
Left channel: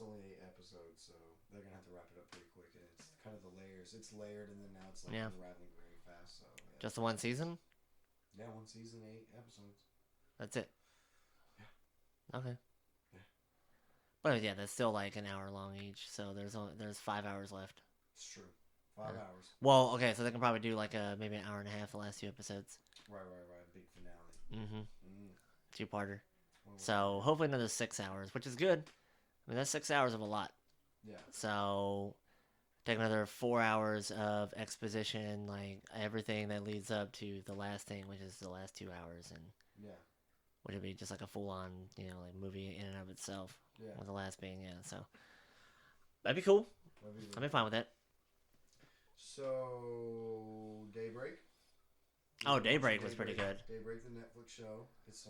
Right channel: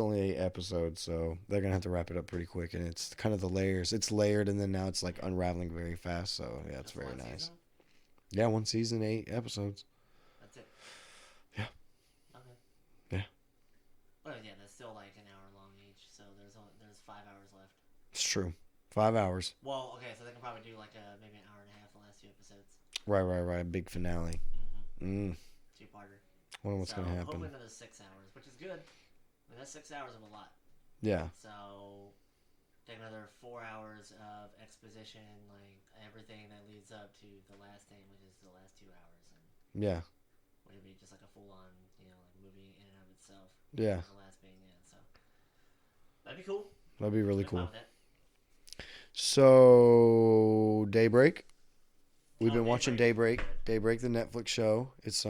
only 8 episodes, so they're gonna have to wrap it up pretty quick. And it's kind of the layers. It's layered, and then now it's like Yeah. unraveling very fast. So yeah, it's Just the very one nice. season? Yeah, 1 season, 8 episodes. That's it. Yeah. Okay. Yeah. But yeah, that's still like an hour long each, so there's 5 hours left. It's true. 5 hours. Well, okay, so they can probably do like maybe an hour and a half the last 2 episodes. Right. Big finale. Mm-hmm. 2-parter. Wonder what's So gonna happen. hopefully another 6 hours, which is good. I mean, that's 6 hours of a lot. Yeah. So take another 4 hours of exposition, like everything that leads up to the last thing, which is the last 2 hours, and Yeah. which would be just like a full-on, like movie in and of itself. Yeah. With the last being, so that'd be cool. That'd be really I'd be fine cool. with that. So Daybreak. We've Oh, been watching Daybreak was pretty Daybreak, the Netflix show. It's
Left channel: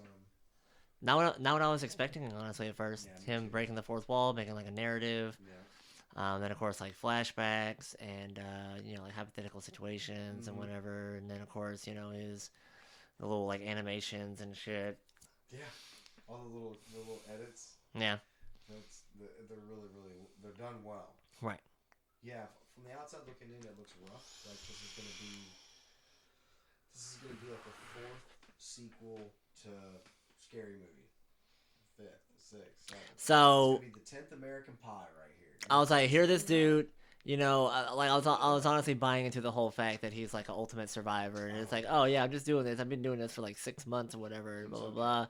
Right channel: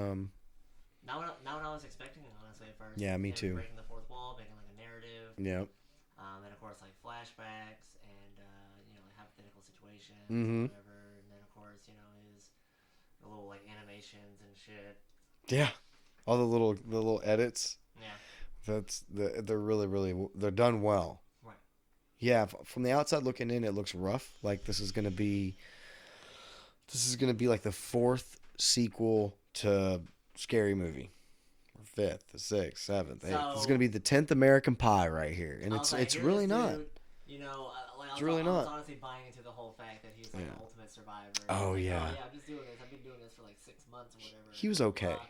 Not what I was expecting, honestly, at first. Yeah, me Him too. breaking the fourth wall, making like a narrative. yeah. Then of course like flashbacks and like hypothetical situations Mhm. and whatever. And then of course his the little like animations and shit. Yeah. All the little edits. Yeah. They're really they're done well. Right. Yeah, from the outside looking in, it looks rough. Like this is gonna be like the 4th sequel to Scary Movie, 5th, the 6th, 7th. So- it's gonna be the 10th American Pie right here. And I was like, it's here really this not. dude, Like I really was not. honestly buying into the whole fact that he's like an ultimate survivor. And Oh, it's like, yeah. oh yeah, I'm just doing this. I've been doing this for like 6 months or whatever. He was blah, okay. blah, blah.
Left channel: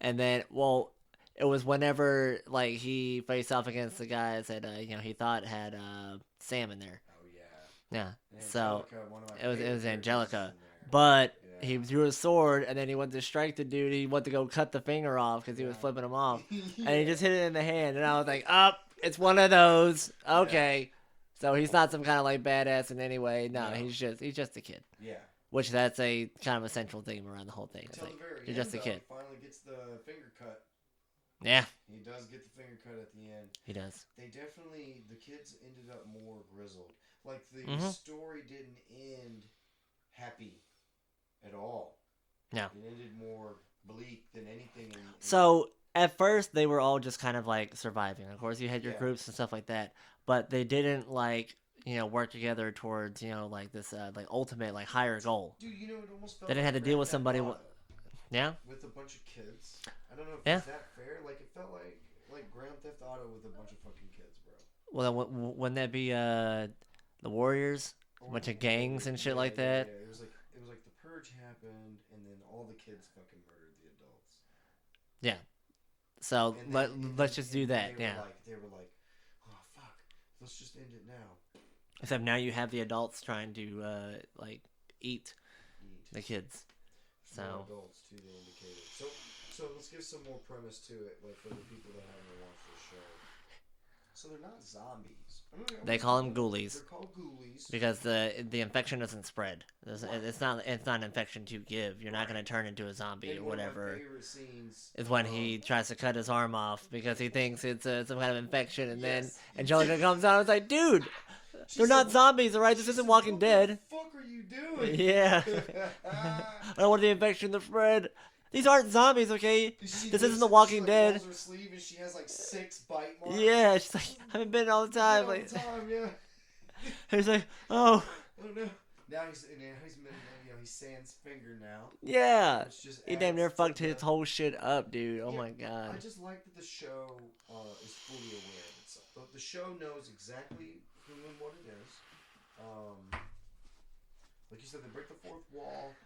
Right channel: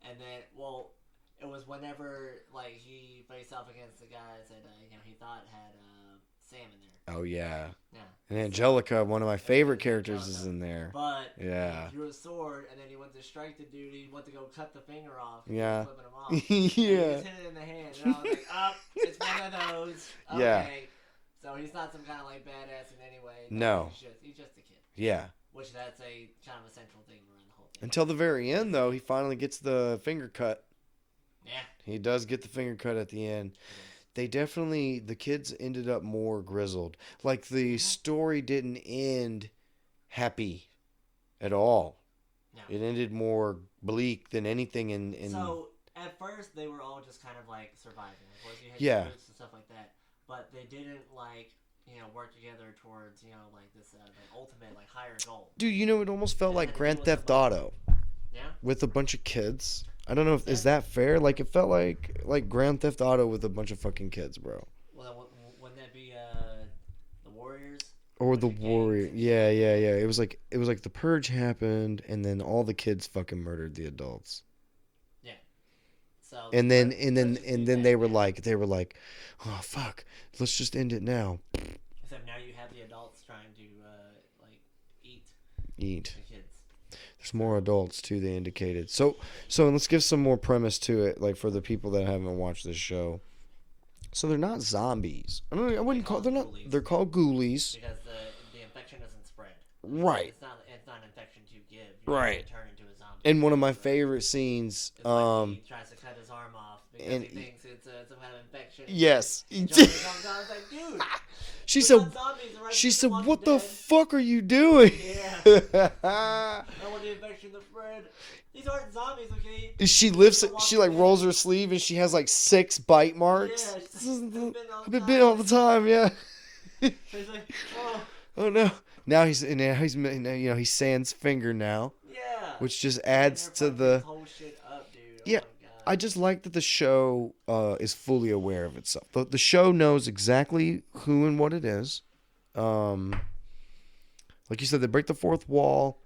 And then, well, it was whenever like he faced off against the guys that he thought had Sam in there. Oh yeah. Yeah. And Angelica, one of my favorite was characters, Angelica. is in there. But Yeah. he drew a sword, and then he went to strike the dude. He went to go cut the finger off because he Yeah. was flipping him off. Yeah. And he just hit it in the hand. And I was like, it's one of those. Okay. So he's not some kind of like badass in any way. No. He's just a kid. Yeah. Which that's a kind of a central theme around the whole thing. Until the very Just end, a though, kid. he finally gets the finger cut. Yeah, He does get the finger cut at the end. he does. The kids ended up more grizzled. Like, the story didn't end happy at all. No. It ended more bleak than anything in So at first they were all just kind of like surviving. Of course, you had your Yeah. groups and stuff like that, but they didn't like work together towards like this like ultimate like higher goal. Dude, it almost felt Then I like had to Grand deal with Theft somebody- Auto Yeah. with a bunch of kids. I don't know if is Yeah. that fair. Like, it felt like Grand Theft Auto with a bunch of fucking kids, bro. Well, then wouldn't that be the Warriors? Or Bunch the of gangs Warrior. and shit Yeah, like yeah, that. yeah. It was like the purge happened, and then all the kids fucking murdered the adults. Yeah. So And then let's just do that, they were yeah. like, oh fuck, let's just end it now. Except now you have the adults trying to like eat Eat. the kids. There's more adults too. They indicated. So let's give some more premise to it, like for the people that haven't watched this show. So they're not zombies. I wouldn't call them they're ghoulies. They're called ghoulies. Because the infection doesn't spread. Right. It's not an infection to give. You're Right. not gonna turn into a zombie. And or one of my whatever. favorite scenes is when he tries to cut his arm off because he and- thinks it's some kind of infection. And Yes. then Angelica comes out and it's like, dude, she they're said, not zombies, alright? she This said, isn't Walking what Dead. the fuck are you doing? Yeah. I don't want the infection to spread. These aren't zombies, okay? She This lifts isn't it, The Walking she like Dead. rolls her sleeve and she has like 6 bite marks. Yeah, she's like, I've been all the They've time. been all Like, the time, yeah. He's like, oh, Oh no. Now he's Sans finger now, yeah. which just And then adds they're to fucked the. his whole shit up, dude. Oh Yeah, my god. I just like that the show is fully aware of itself. The show knows exactly who and what it is. Like you said, they break the fourth wall,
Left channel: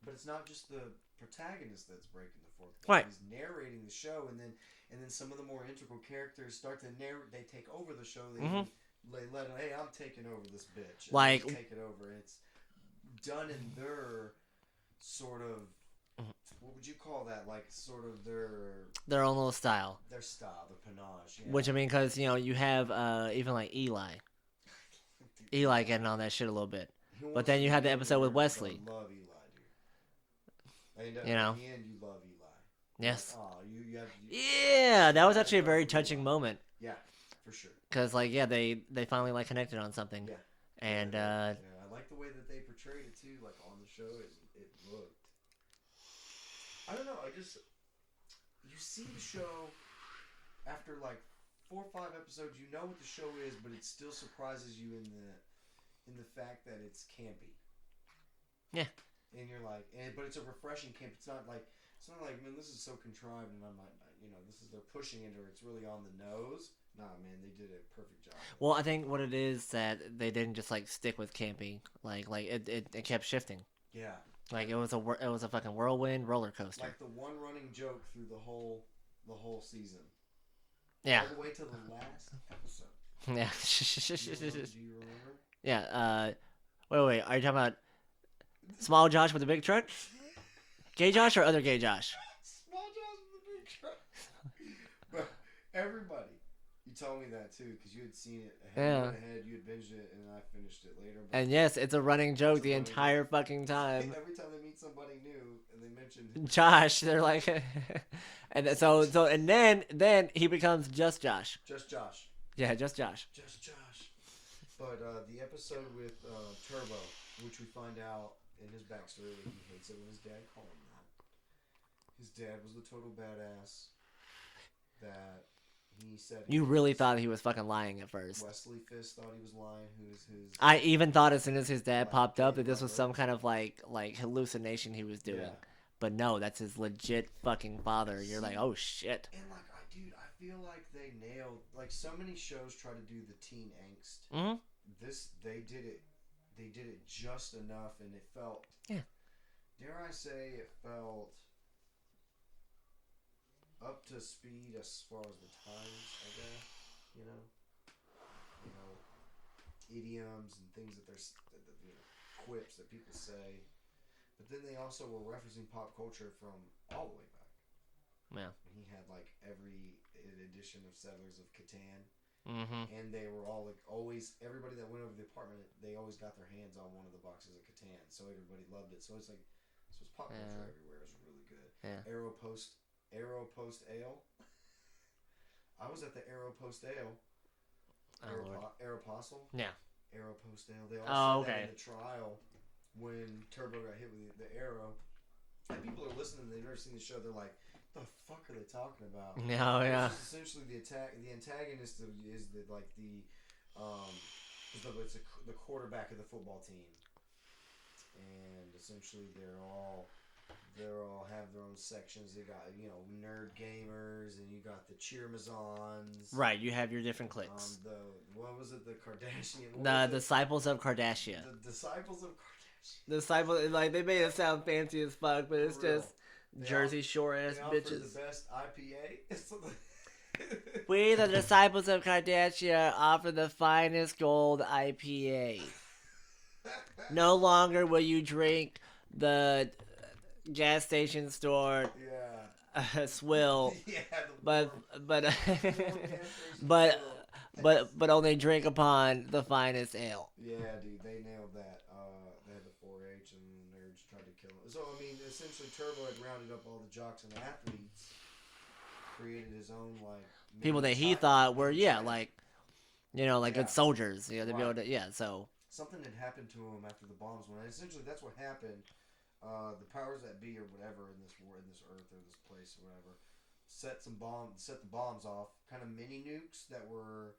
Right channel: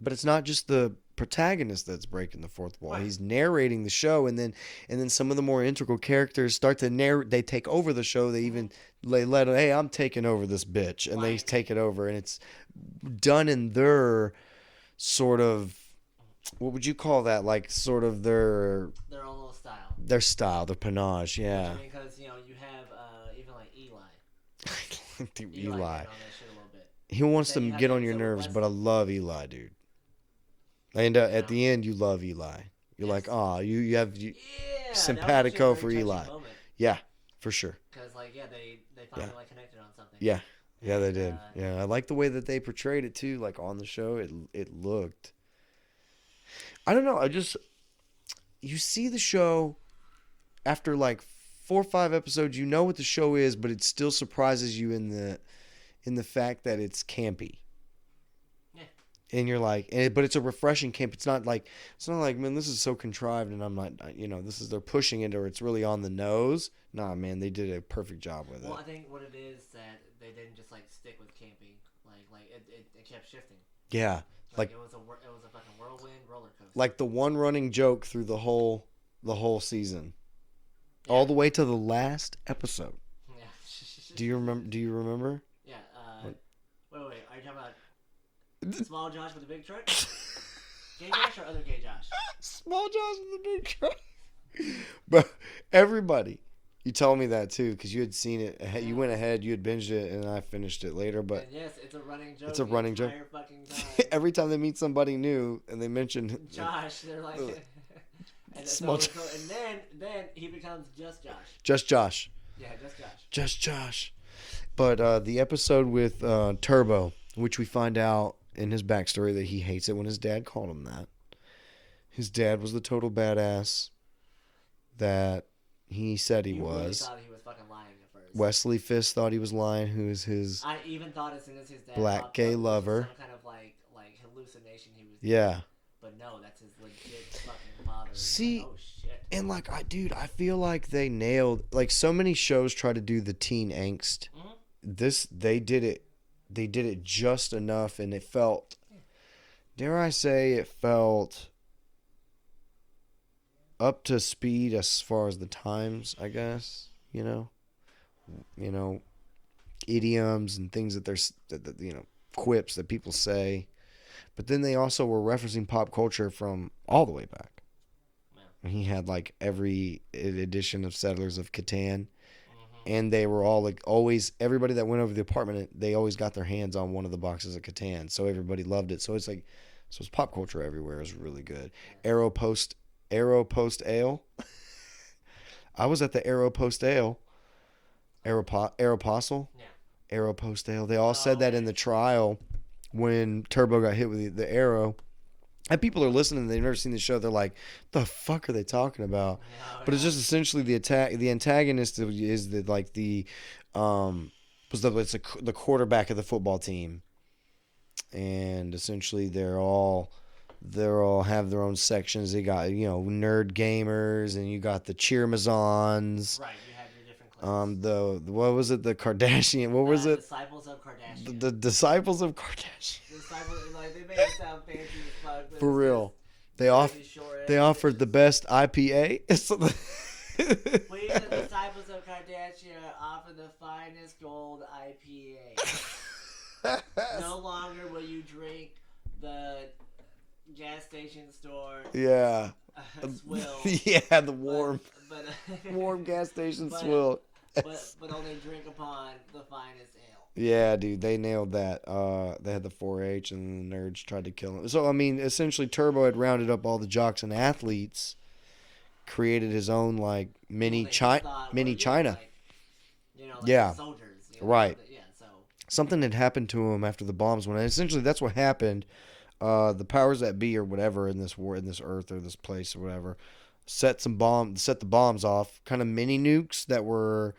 but it's not just the protagonist that's breaking the fourth wall. Right. He's narrating the show, and then some of the more integral characters start to narrate. They take over the show. They even let hey, I'm taking over this bitch, and they Like- take it over, and it's done in their sort of. What would you call that? Like sort of their Their own little style. style, their panache, yeah. Which I mean, because you have even like Eli. Dude, Eli getting on that shit a little bit. He wants then to you had get the on your episode with nerves, but I Wesley. love Eli, dude. And at the end, you love Eli. You're like, Yes. oh, you have Yeah, that was actually a simpatico very for touching Eli. moment. Yeah, for sure. Because like they finally like connected on something. Yeah, yeah, they And, did. Yeah, I like the way that they portrayed it too. Like on the show, it looked. I don't know. You see the show after like 4 or 5 episodes. You know what the show is, but it still surprises you in the fact that it's campy. Yeah. And you're like, but it's a refreshing camp. It's not like, man, this is so contrived, and I'm not, they're pushing it, or it's really on the nose. Nah, man, they did a perfect job with it. Well, I think what it is that they didn't just like stick with camping. Like it kept shifting. Yeah, Like it was a fucking whirlwind roller coaster. like the one running joke through the whole season, Yeah. all the way to the last episode. Yeah. Do you remember? Do you remember? Yeah. Wait. Are you talking about small Josh with the big truck? Gay Josh or other gay Josh? Small Josh with the big truck. But everybody, you told me that too, because you had seen it ahead. Yeah. You went ahead, you had binged it, and I finished it later. But And yes, it's a running joke the entire fucking time. every time they meet somebody new and they mention Josh, they're like, and and then he becomes just Josh. just Josh. Yeah, just Josh. Just Josh. But the episode with Turbo, which we find out in his backstory that he hates it when his dad called him that. His dad was the total badass that he said he was. You really thought he was fucking lying at first. Wesley Fisk thought he was lying, who is his... I even thought as soon as his dad Black popped gay up that this lover. was some kind of like hallucination he was doing. Yeah. but no, that's his legit fucking father. See, You're like, oh shit. And like, I feel like they nailed, like, so many shows try to do the teen angst. Mm-hmm. They did it just enough, and it felt, dare I say, it felt up to speed as far as the times, I guess. You know, idioms and things that quips that people say. But then they also were referencing pop culture from all the way back. Yeah. He had like every edition of Settlers of Catan. Mm-hmm. And they were all like, always, everybody that went over the apartment, they always got their hands on one of the boxes of Catan. So everybody loved it. So it's like, it's pop culture everywhere. It was really good. Yeah. Aeropost Ale. I was at the Aeropost Ale. Aeropostle. Yeah. Aeropost Ale. They all said that in the trial when Turbo got hit with the arrow. And people are listening, they've never seen the show, they're like, the fuck are they talking about? No, but it's just essentially the antagonist is the quarterback of the football team. And essentially they all have their own sections. They got, nerd gamers, and you got the cheermazons. Right, you have your different cliques. What was it? The Kardashian. What was it? Disciples of Kardashian. The Disciples of Kardashian. Disciples, like, they made it sound fancy as fuck, but For it's real. Just They offered the best IPA. We, the Disciples of Kardashian, offer the finest gold IPA. No longer will you drink the gas station store swill. Yeah, the warm warm gas station swill. but only drink upon the finest ale. Yeah, dude, they nailed that. They had the 4-H, and the nerds tried to kill him. So I mean, essentially, Turbo had rounded up all the jocks and athletes, created his own like mini China. Like soldiers. Right. So something had happened to him after the bombs went. Essentially, that's what happened. The powers that be, or whatever, in this war, in this earth, or this place, or whatever, set the bombs off, kind of mini nukes that were,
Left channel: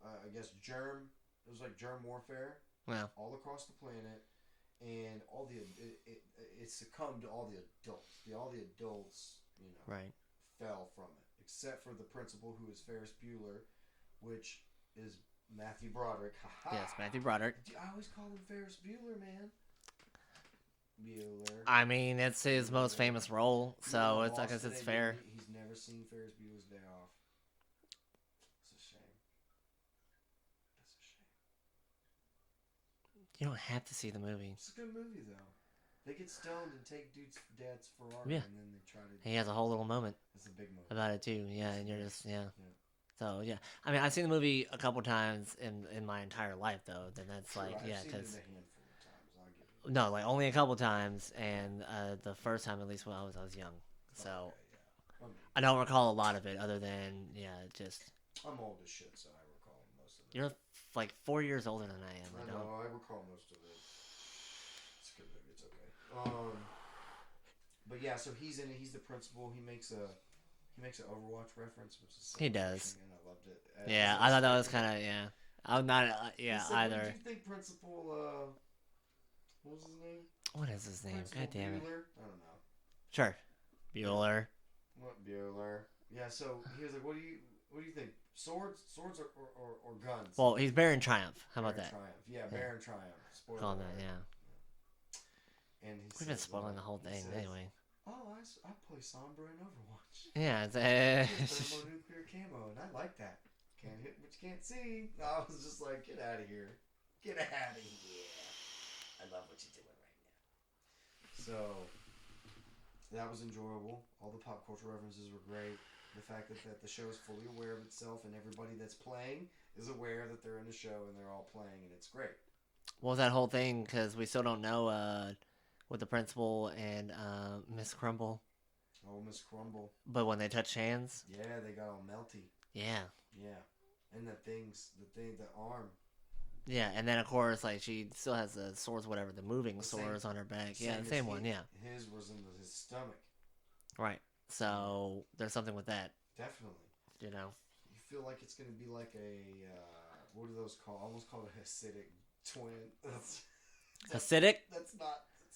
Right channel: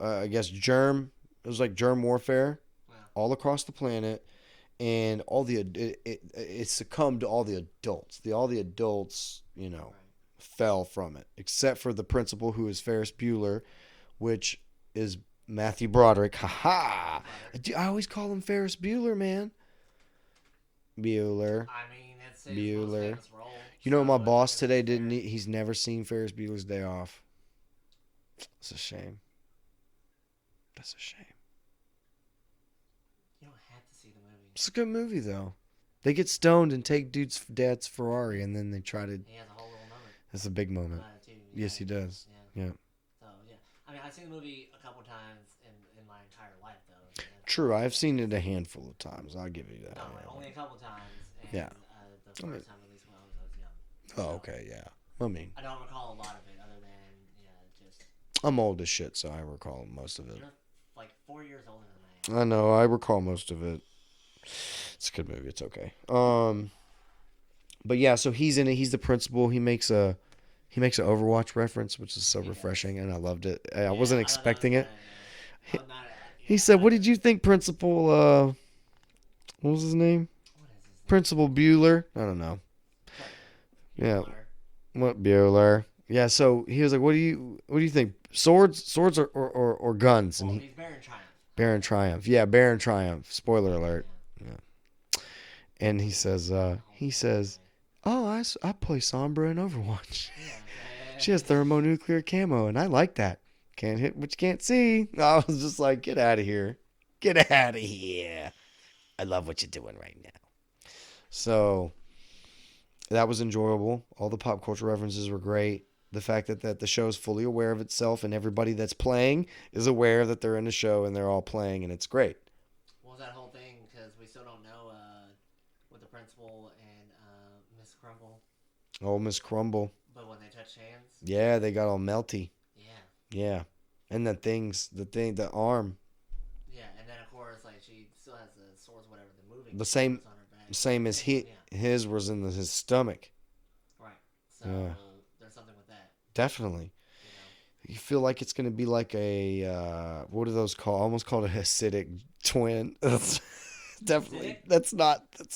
I guess, it was like germ warfare, all across the planet, and it succumbed to all the adults. All the adults, fell from it, except for the principal, who is Ferris Bueller, which is Matthew Broderick. Ha-ha! Matthew Broderick. I always call him Ferris Bueller, man. Bueller. I mean, it's his most famous role. You know, my boss today he's never seen Ferris Bueller's Day Off. It's a shame. That's a shame. You don't have to see the movie. It's a good movie, though. They get stoned and take dad's Ferrari, and then they try to... He has a whole little moment. That's a big moment. About it, too. Yeah, yes, he does. Yeah. So, yeah. I mean, I've seen the movie a couple times in my entire life, though. True, I've seen it a handful of times. I'll give you that. No, like, only a couple times, and the first time, at least, when I was young. So, okay, yeah. I mean... I don't recall a lot of it, other than, just... I'm old as shit, so I recall most of it. You're, like, 4 years older than I am. I know, I recall most of it. It's a good movie, it's okay. But yeah, so he's in it, he's the principal, he makes an Overwatch reference, which is so refreshing, and I loved it. I wasn't expecting it. I'm not. He said, "What did you think, Principal? What was his name? What is his name? Principal Bueller? I don't know. Sure. Bueller. Yeah. What Bueller? Yeah. So he was like, "What do you think? Swords or guns?" Well, he's Baron Triumph. Baron Triumph. Yeah, Baron Triumph. Spoiler alert. Yeah. And he says, "Oh, I play Sombra in Overwatch. Yeah, she has thermonuclear camo, and I like that. Can't hit what you can't see." I was just like, "Get out of here! Get out of here! I love what you're doing right now." So that was enjoyable. All the pop culture references were great. The fact that the show is fully aware of itself, and everybody that's playing is aware that they're in the show, and they're all playing, and it's great. What was that whole thing? Because we still don't know with the principal and Miss Crumble. Oh, Miss Crumble. But when they touched hands? Yeah, they got all melty. Yeah. Yeah. And the arm. Yeah, and then of course, like, she still has the swords, whatever, the moving swords on her back. Same as his was in his stomach. Right. So there's something with that. Definitely. You feel like it's going to be like a, what are those called? Almost called a Hasidic twin. Hasidic? That's not the...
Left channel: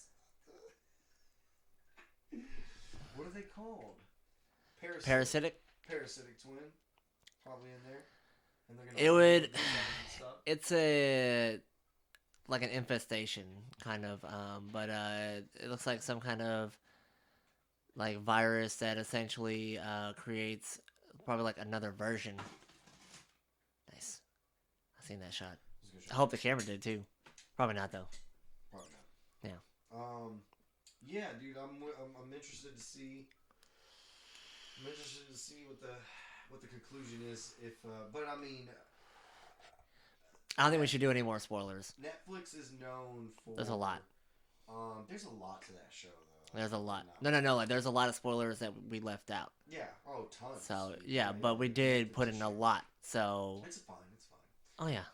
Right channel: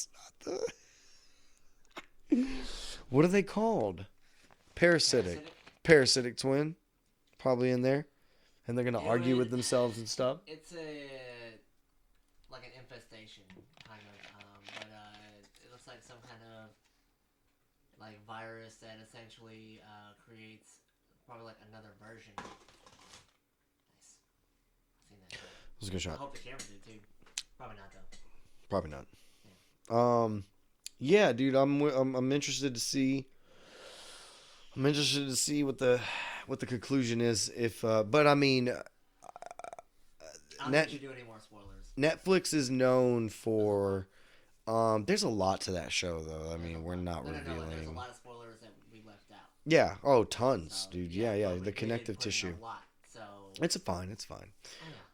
What are they called? Parasitic. Parasitic twin, probably in there, and they're gonna argue with themselves and stuff. It's like an infestation kind of, but it looks like some kind of like virus that essentially creates probably like another version. Nice. I seen that shot. It was a good shot. I hope the camera did too. Probably not though. Probably not. Yeah. Yeah, dude. I'm interested to see. I'm interested to see what the conclusion is. If, but I mean, I don't think we should do any more spoilers. Netflix is known for. There's a lot to that show, though. There's a lot. No. Like, there's a lot of spoilers that we left out. Yeah. Oh, tons, so, dude. Yeah, but we did put tissue. in a lot. So it's fine. It's fine. Oh yeah.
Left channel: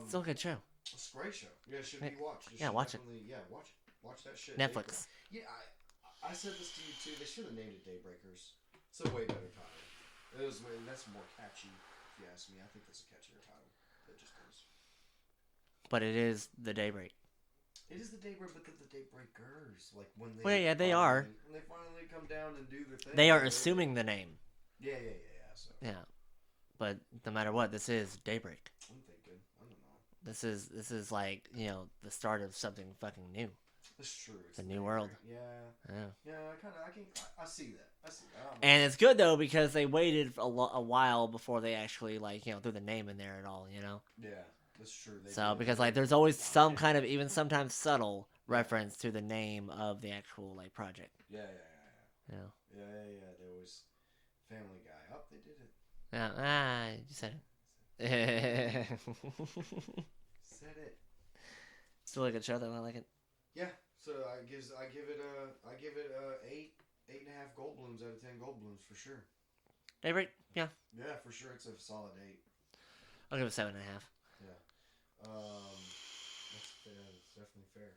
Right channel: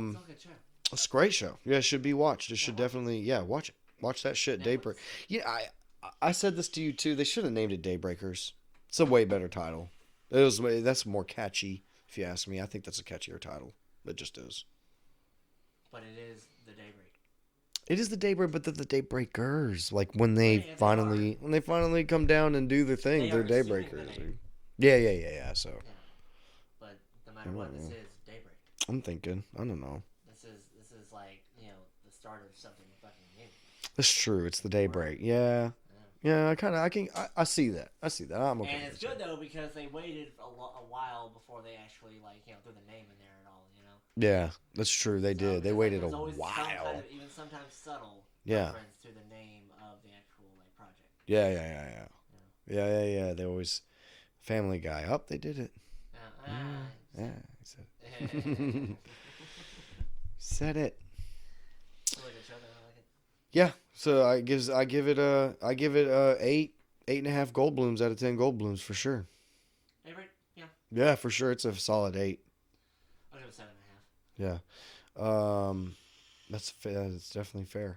It's still a good show. It's a great show. Yeah, it should be watched. It should definitely. Yeah, watch it. Watch that shit. Netflix. Daybreak. Yeah, I said this to you too. They should have named it Daybreakers. It's a way better title. That's more catchy, if you ask me. I think that's a catchier title. It just is. But it is the Daybreak. It is the Daybreak, but they're the Daybreakers. Like when they finally come down and do their thing. They are assuming the name. Yeah. So. Yeah, but no matter what, this is Daybreak. I'm thinking. I don't know. This is like, you know, the start of something fucking new. That's true. It's the Daybreak. Yeah. I see that. And it's good though because they waited a while before they actually, like, you know, threw the name in there at all. You know. Yeah, that's true. They did. Because like there's always some kind of, even sometimes subtle reference to the name of the actual like project. Yeah. You know? Yeah. They always Family Guy. Oh, they did it. Said it. It's a really good show though. I like it. Yeah, so I give it 8.5 Goldblums out of 10 Goldblums for sure. Daybreak, yeah. Yeah, for sure. It's a solid 8. I'll give it 7.5. Yeah. That's definitely fair.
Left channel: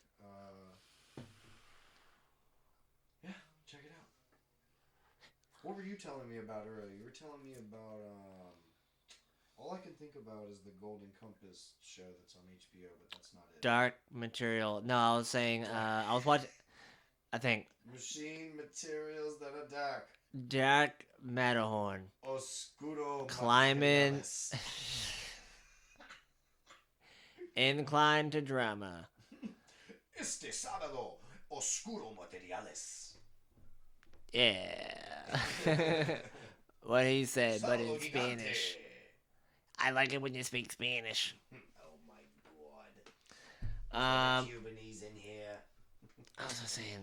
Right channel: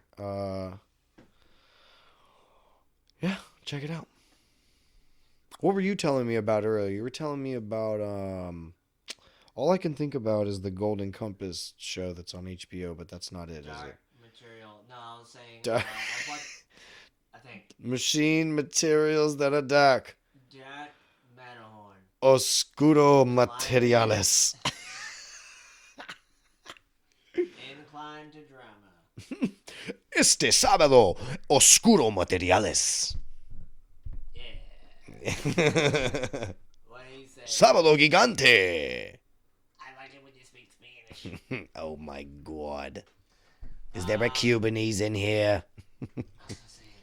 Yeah, check it out. What were you telling me about earlier? You were telling me about all I can think about is the Golden Compass show that's on HBO, but that's not it. Dark Material. No, I was saying I was watching. I think Machine Materials that are dark. Dark Matterhorn. Oscuro Materiales. Inclined to drama. Este sábado, Oscuro Materiales. Yeah. What he said. Sábado Gigante. I like it when you speak Spanish. Oh my God. Is there a Cubanese in here? I was saying,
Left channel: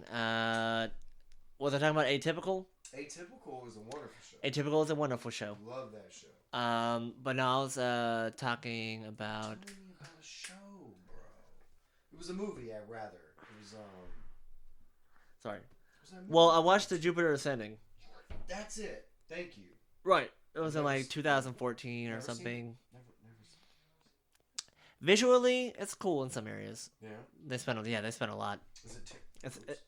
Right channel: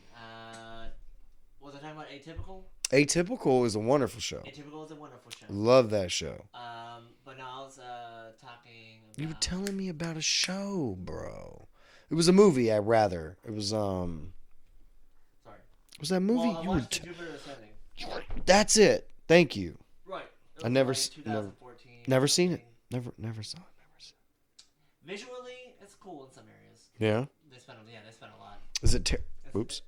was I talking about Atypical? Atypical is a wonderful show. Atypical is a wonderful show. Love that show. But no, I was talking about. You were telling me about a show, bro. It was a movie. It was Sorry. Was that movie? Well, I watched the Jupiter Ascending. That's it. Thank you. Right. It was never in like 2014. Never seen it. Never saw it. Visually, it's cool in some areas. Yeah. They spent a lot. Is it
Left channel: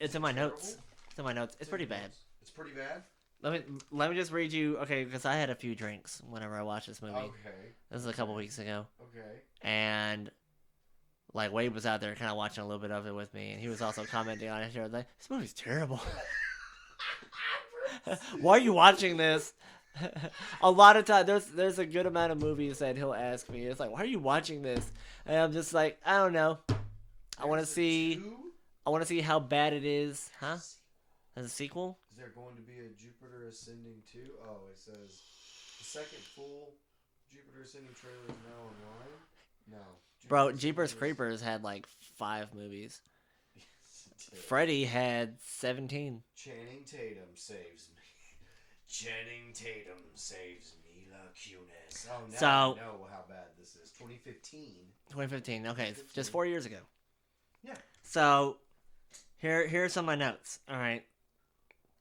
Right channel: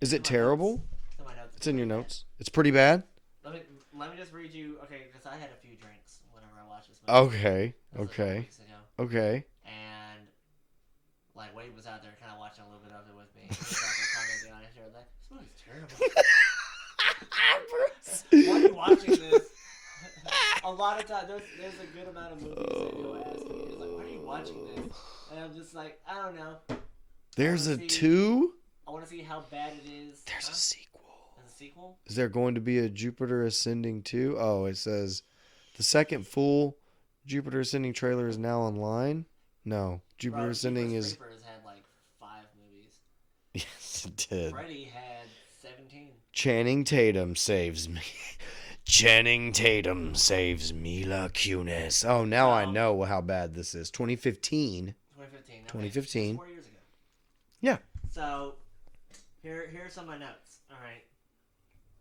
Is it terrible? Notes. It's in my notes. It's in your notes. It's pretty bad. Let me just read you. Okay, because I had a few drinks whenever I watched this movie. Okay. This was a couple weeks ago. Okay. And like Wade was out there kind of watching a little bit of it with me. And he was also commenting on it. He was like, "This movie's terrible. Why are you watching this?" A lot of times, there's a good amount of movies that he'll ask me. It's like, "Why are you watching this?" And I'm just like, I don't know. There's a 2? I want to see how bad it is. There's a sequel. There's a sequel? Is there going to be a Jupiter Ascending 2? Oh, it says the second full Jupiter Ascending trailer is now online. No, Jupiter Ascending Jeepers Creepers had like 5 movies. Yes, it did. Freddy had 17. Channing Tatum saves me. Channing Tatum saves Mila Kunis. Oh, now I know how bad this is. 2015. 2015. Okay, 2015. It's 4 years ago. Yeah. So, here's some of my notes. All right.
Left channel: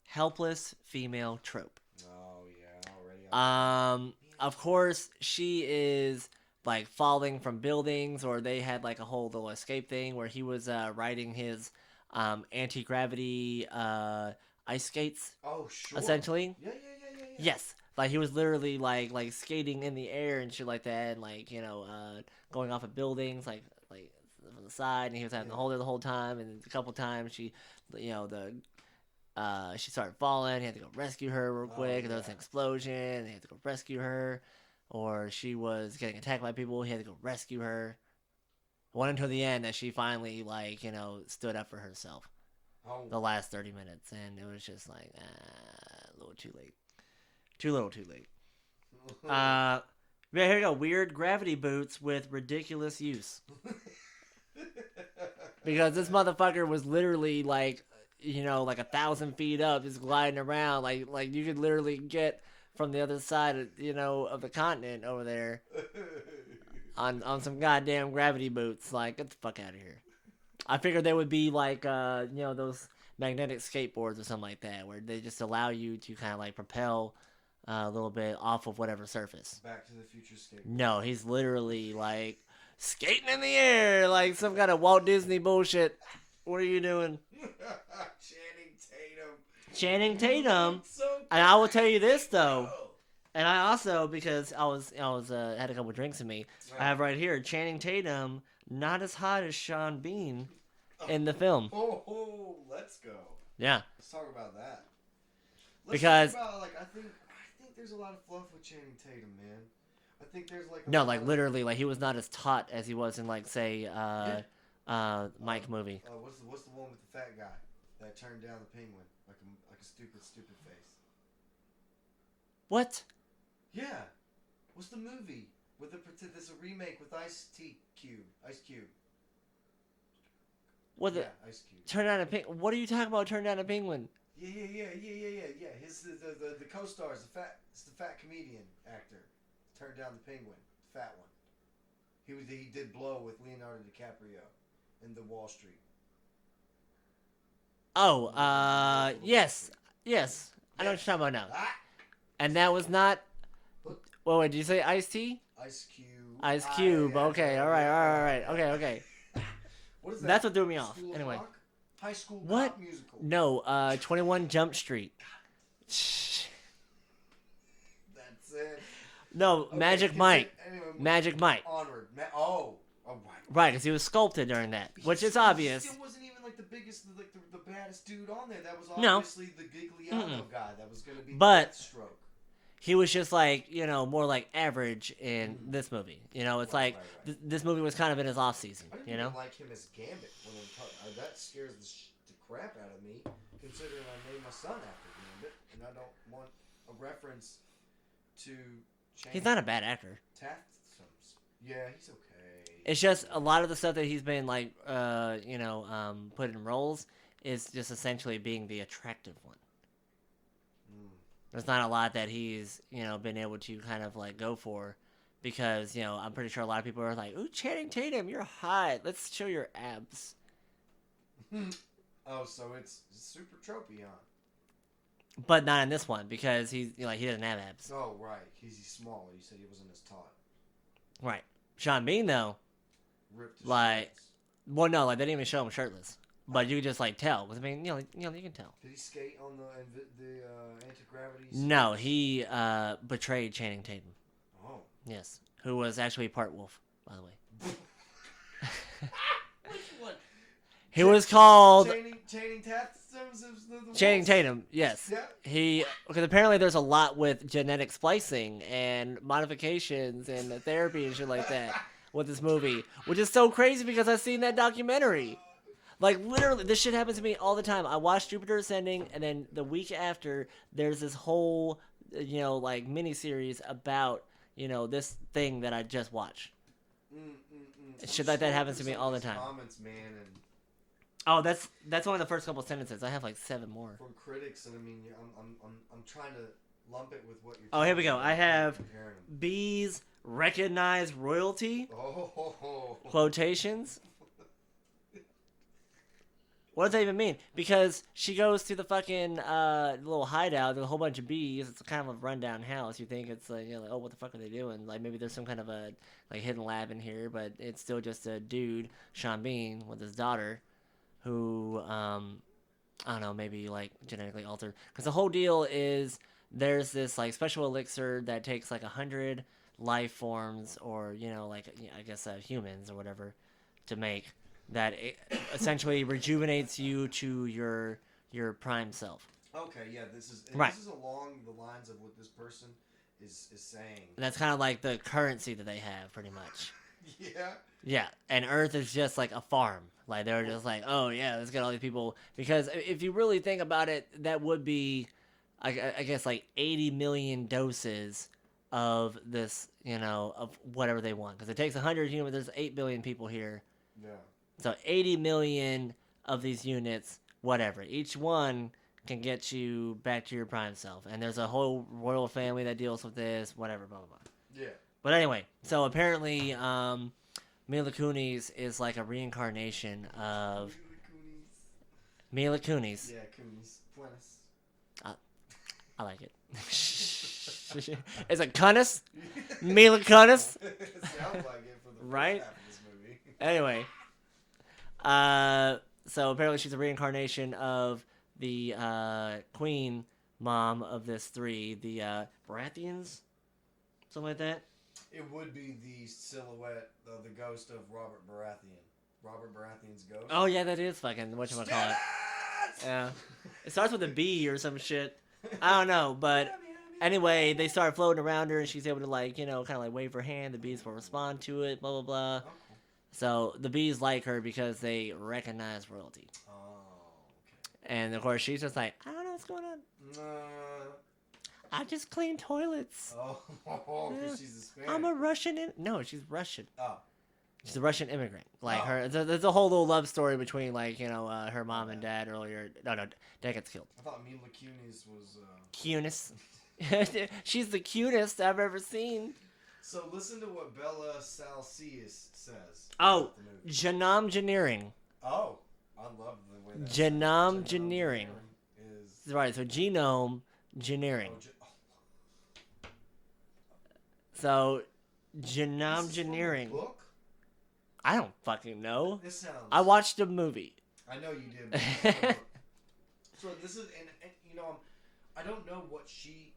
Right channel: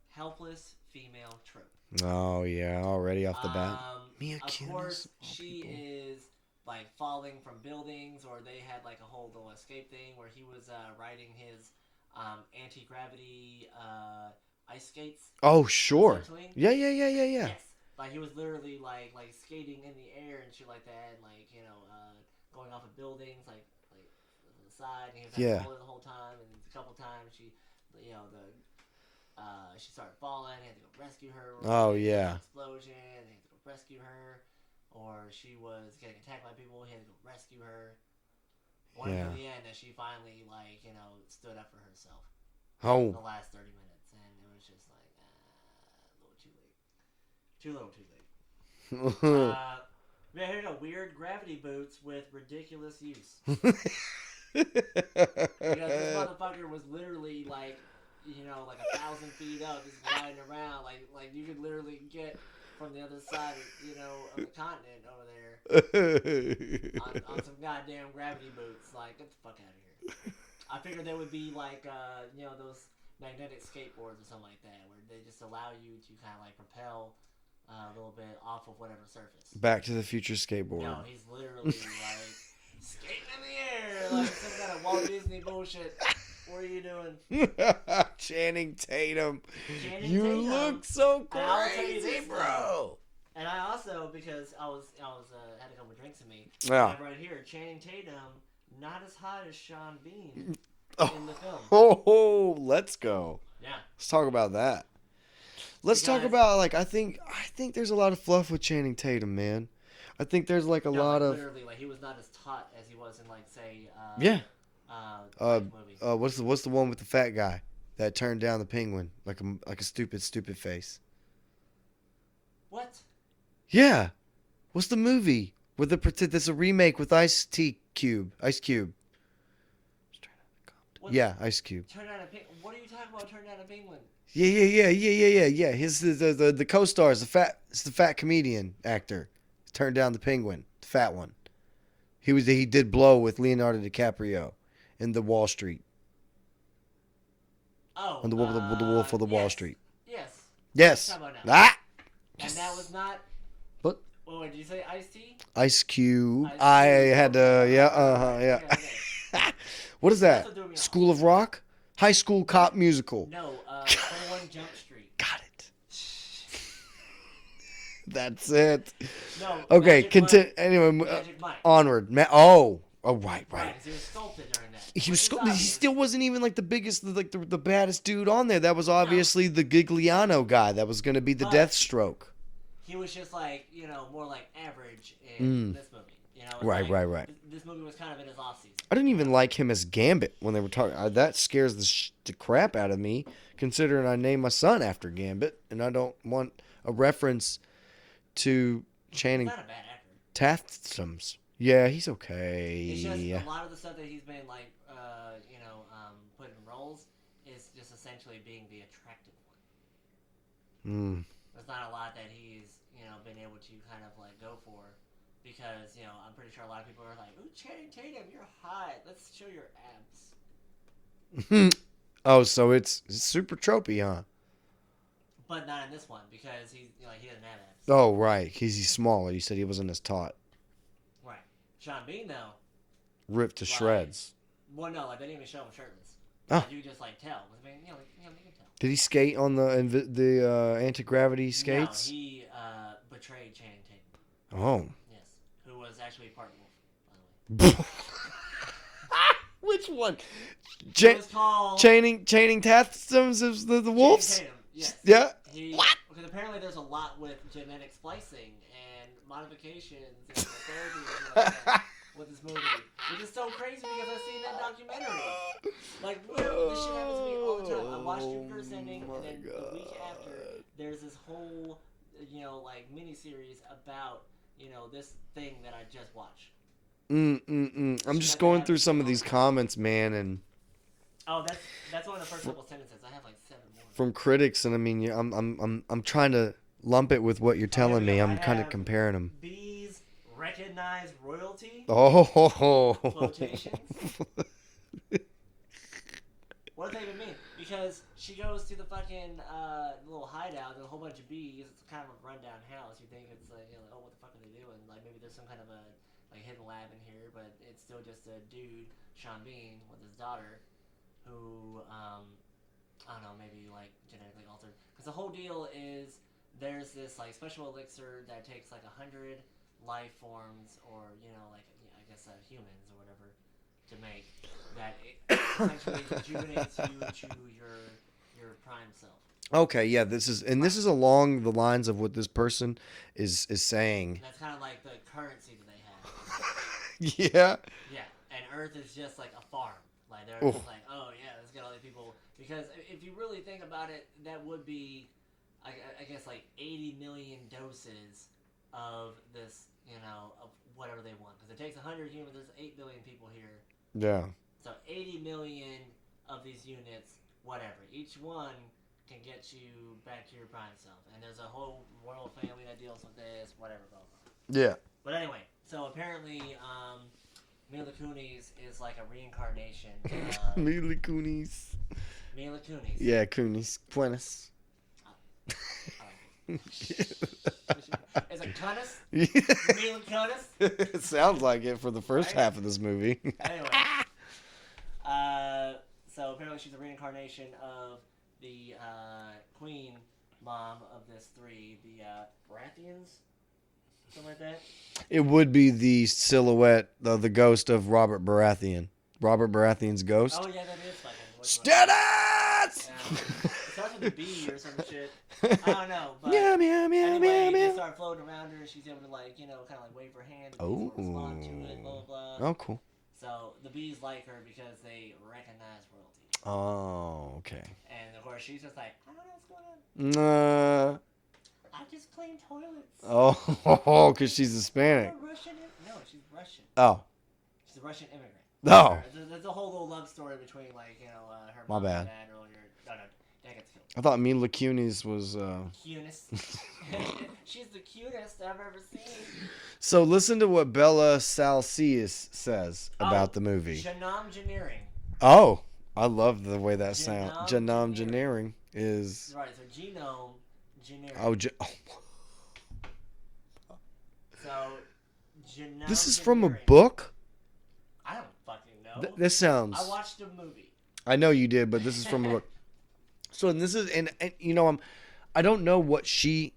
Helpless female trope. Oh yeah, already off the bat. Of course, she is like falling from buildings, or they had like a whole little escape thing where he was riding his anti-gravity ice skates. Oh sure. Essentially. Yeah. Yes. Like he was literally like skating in the air and shit like that, and like, you know, going off of buildings like on the side, and he was having to hold her the whole time, and a couple times she, you know, she started falling. He had to go rescue her real Oh, quick. There was yeah. an explosion. He had to go rescue her. Or she was getting attacked by people. He had to go rescue her. Until the end that she finally, like, you know, stood up for herself. The Oh. last 30 minutes. And it was just like, a little too late. Too little too late. Yeah, here you go. Weird gravity boots with ridiculous use. Because this motherfucker was literally like, you know, like 1,000 feet up, just gliding around. Like you could literally get from the other side, you know, of the continent over there on some goddamn gravity boots. Like, get the fuck out of here. I figured they would be like, you know, those magnetic skateboards or something like that, where they just allow you to kind of like propel a little bit off of whatever surface. Back to the Future skateboard. No, he's literally like skating in the air like some kind of Walt Disney bullshit. What are you doing? Channing Tatum. Channing Tatum. Look so crazy, And I will tell you this bro. though. And I also, because I was had a couple drinks in me, Yeah. I have right here Channing Tatum, not as hot as Sean Bean in the film. Oh, let's go. Yeah. Let's talk about that. Let's Because- talk about, like, I think there's a lot of fluff with Channing Tatum, man. I think there's like a No, lot like of literally, like he was not as taut as he was in like say Mike movie. what's the one with the fat guy that turned down the penguin like a stupid face. What? Yeah, what's the movie with there's a remake with Ice Cube. What? Yeah, Ice Cube. Turn down a penguin. What are you talking about? Turn down a penguin. Yeah. His the co-stars, it's the fat comedian actor, turned down the penguin, the fat one. He did Blow with Leonardo DiCaprio in the Wall Street. Oh, On the Wolf of the yes. Wall Street. Yes. Yes. What are you talking about now? Ah! And that was not. What? Wait, did you say Ice-T? Ice Cube. Ice I Cube. had Okay, to, all right, yeah, all right, yeah. Okay. What is that? That's what threw me off. School of Anyway. Rock? High School Cop Musical. No, 21 Jump Street. Got it. That's it. No, Okay, Magic Mike. anyway, Magic Mike. onward. Oh, right. Right, because he was sculpted during that, He which is he obvious. still wasn't even like the biggest, like the baddest dude on there. That was obviously the Gigliano guy. That was going to be the But- Deathstroke. He was just like, you know, more like average in this movie. You know, it's Right, like right. This movie was kind of in his off season. I didn't you even know? like him as Gambit when they were talking. That scares the crap out of me, considering I named my son after Gambit, and I don't want a reference to He's Channing not a bad actor. Tatum's. Yeah, he's okay. It's just a lot of the stuff that he's been like, you know, put in roles is just essentially being the attractive one. There's not a lot that he's, you know, been able to kind of like go for, because, you know, I'm pretty sure a lot of people are like, "Ooh, Channing Tatum, you're hot. Let's show your abs." Oh, so it's super tropey, huh? But not in this one, because he's, you know, like, he doesn't have abs. Oh, right. He's smaller. You said he wasn't as taut. Right. Sean Bean though, Ripped to Like- shreds. well, no, like they didn't even show him shirtless, but you could just like tell. 'Cause, I mean, you can tell. Did he skate on the anti-gravity skates? No, he betrayed Channing Tatum. Oh. Yes, who was actually part wolf, by the way. Which one? He was called Channing Tatum's the wolves? Channing Tatum. Yes. Yeah. He, because apparently there's a lot with genetic splicing and modifications and therapy and shit like that with this movie, which is so crazy because I've seen that documentary. Like, literally, this shit happens to me all the time. I watch Jupiter Ascending, and then the week after, there's this whole, you know, like, miniseries about, you know, this thing that I just watched. I'm Shit just like that going happens through to some me of all the these time. comments, man, and Oh, that's only the first couple sentences. I have like 7 more. from critics, and I mean, yeah, I'm trying to lump it with what you're Oh, here telling we me. go. I'm I kind have of comparing them. Bees recognize royalty. Oh. Quotations. What does that even mean? Because she goes to the fucking little hideout. There's a whole bunch of bees. It's kind of a rundown house. You think it's like, you know, like, oh, what the fuck are they doing? Like, maybe there's some kind of a like hidden lab in here, but it's still just a dude, Sean Bean, with his daughter, who I don't know, maybe like genetically altered. Because the whole deal is there's this like special elixir that takes like 100 life forms, or you know, like I guess humans or whatever, to make that it essentially rejuvenates you to your your prime self. Okay, yeah, this is along the lines of what this person is saying. And that's kind of like the currency that they have, pretty much. Yeah. Yeah, and Earth is just like a farm. Like they're just like, oh yeah, let's get all these people. Because if you really think about it, that would be, I guess, like 80 million doses of this, of whatever they want. Because it takes 100 humans. There's 8 billion people here. Yeah. So 80 million of these units, whatever. Each one can get you back to your prime self. And there's a whole royal family that deals with this, whatever, blah, blah, blah. Yeah. But anyway, so apparently Mila Kunis is like a reincarnation of... Mila Kunis. Mila Kunis. Yeah, Kunis. Buenas. I like it. Is it Kunis? Mila Kunis? It sounds like it for the first half of this movie. Anyway. So apparently she's a reincarnation of the queen mom of this three, the Baratheons? Something like that? It would be the silhouette of the ghost of Robert Baratheon. Robert Baratheon's ghost. Oh, yeah, that is fucking... Stannis! Yeah. It starts with a B or some shit. I don't know, but anyway, they start floating around her, and she's able to, like, kind of like wave her hand. The bees will respond to it, blah, blah, blah. Oh, cool. So the bees like her because they recognize royalty. Oh, okay. And, of course, she's just like, I don't know what's going on. I just clean toilets. Oh, because she's Hispanic. I'm a Russian. No, she's Russian. Oh. She's a Russian immigrant. Like There's a whole little love story between, like, her mom and dad earlier. No, dad gets killed. I thought Mila Kunis was... Cutest. She's the cutest I've ever seen. So listen to what Bella Salcius says about the movie. Genome-gineering. Oh, I love the way that sounds. Genome-gineering is... Right, so genome engineering. So, genome. This is from a book? I don't fucking know. This sounds... I watched a movie. I know you did, but this is from a book. So, and this is... And I don't know what she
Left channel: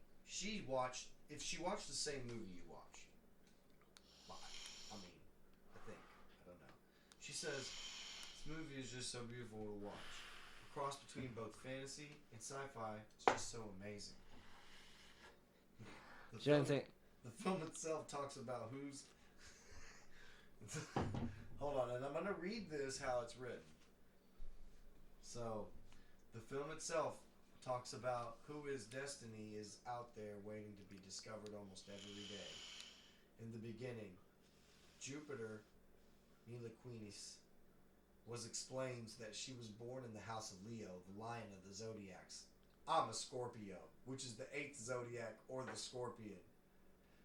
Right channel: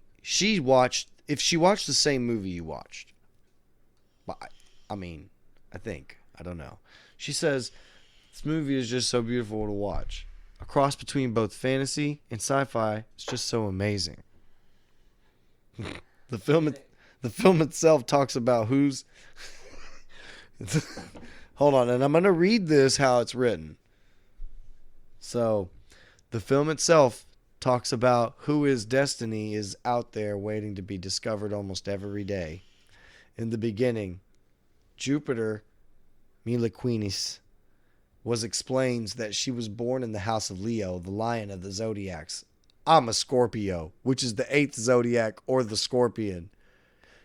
watched... If she watched the same movie you watched. I mean, I think. I don't know. She says, this movie is just so beautiful to watch. A cross between both fantasy and sci-fi. It's just so amazing. The film itself talks about who's... Hold on, and I'm going to read this how it's written. So, the film itself talks about who his destiny is out there waiting to be discovered almost every day. In the beginning, Jupiter, Mila Kunis, explains that she was born in the house of Leo, the lion of the zodiacs. I'm a Scorpio, which is the 8th zodiac or the scorpion.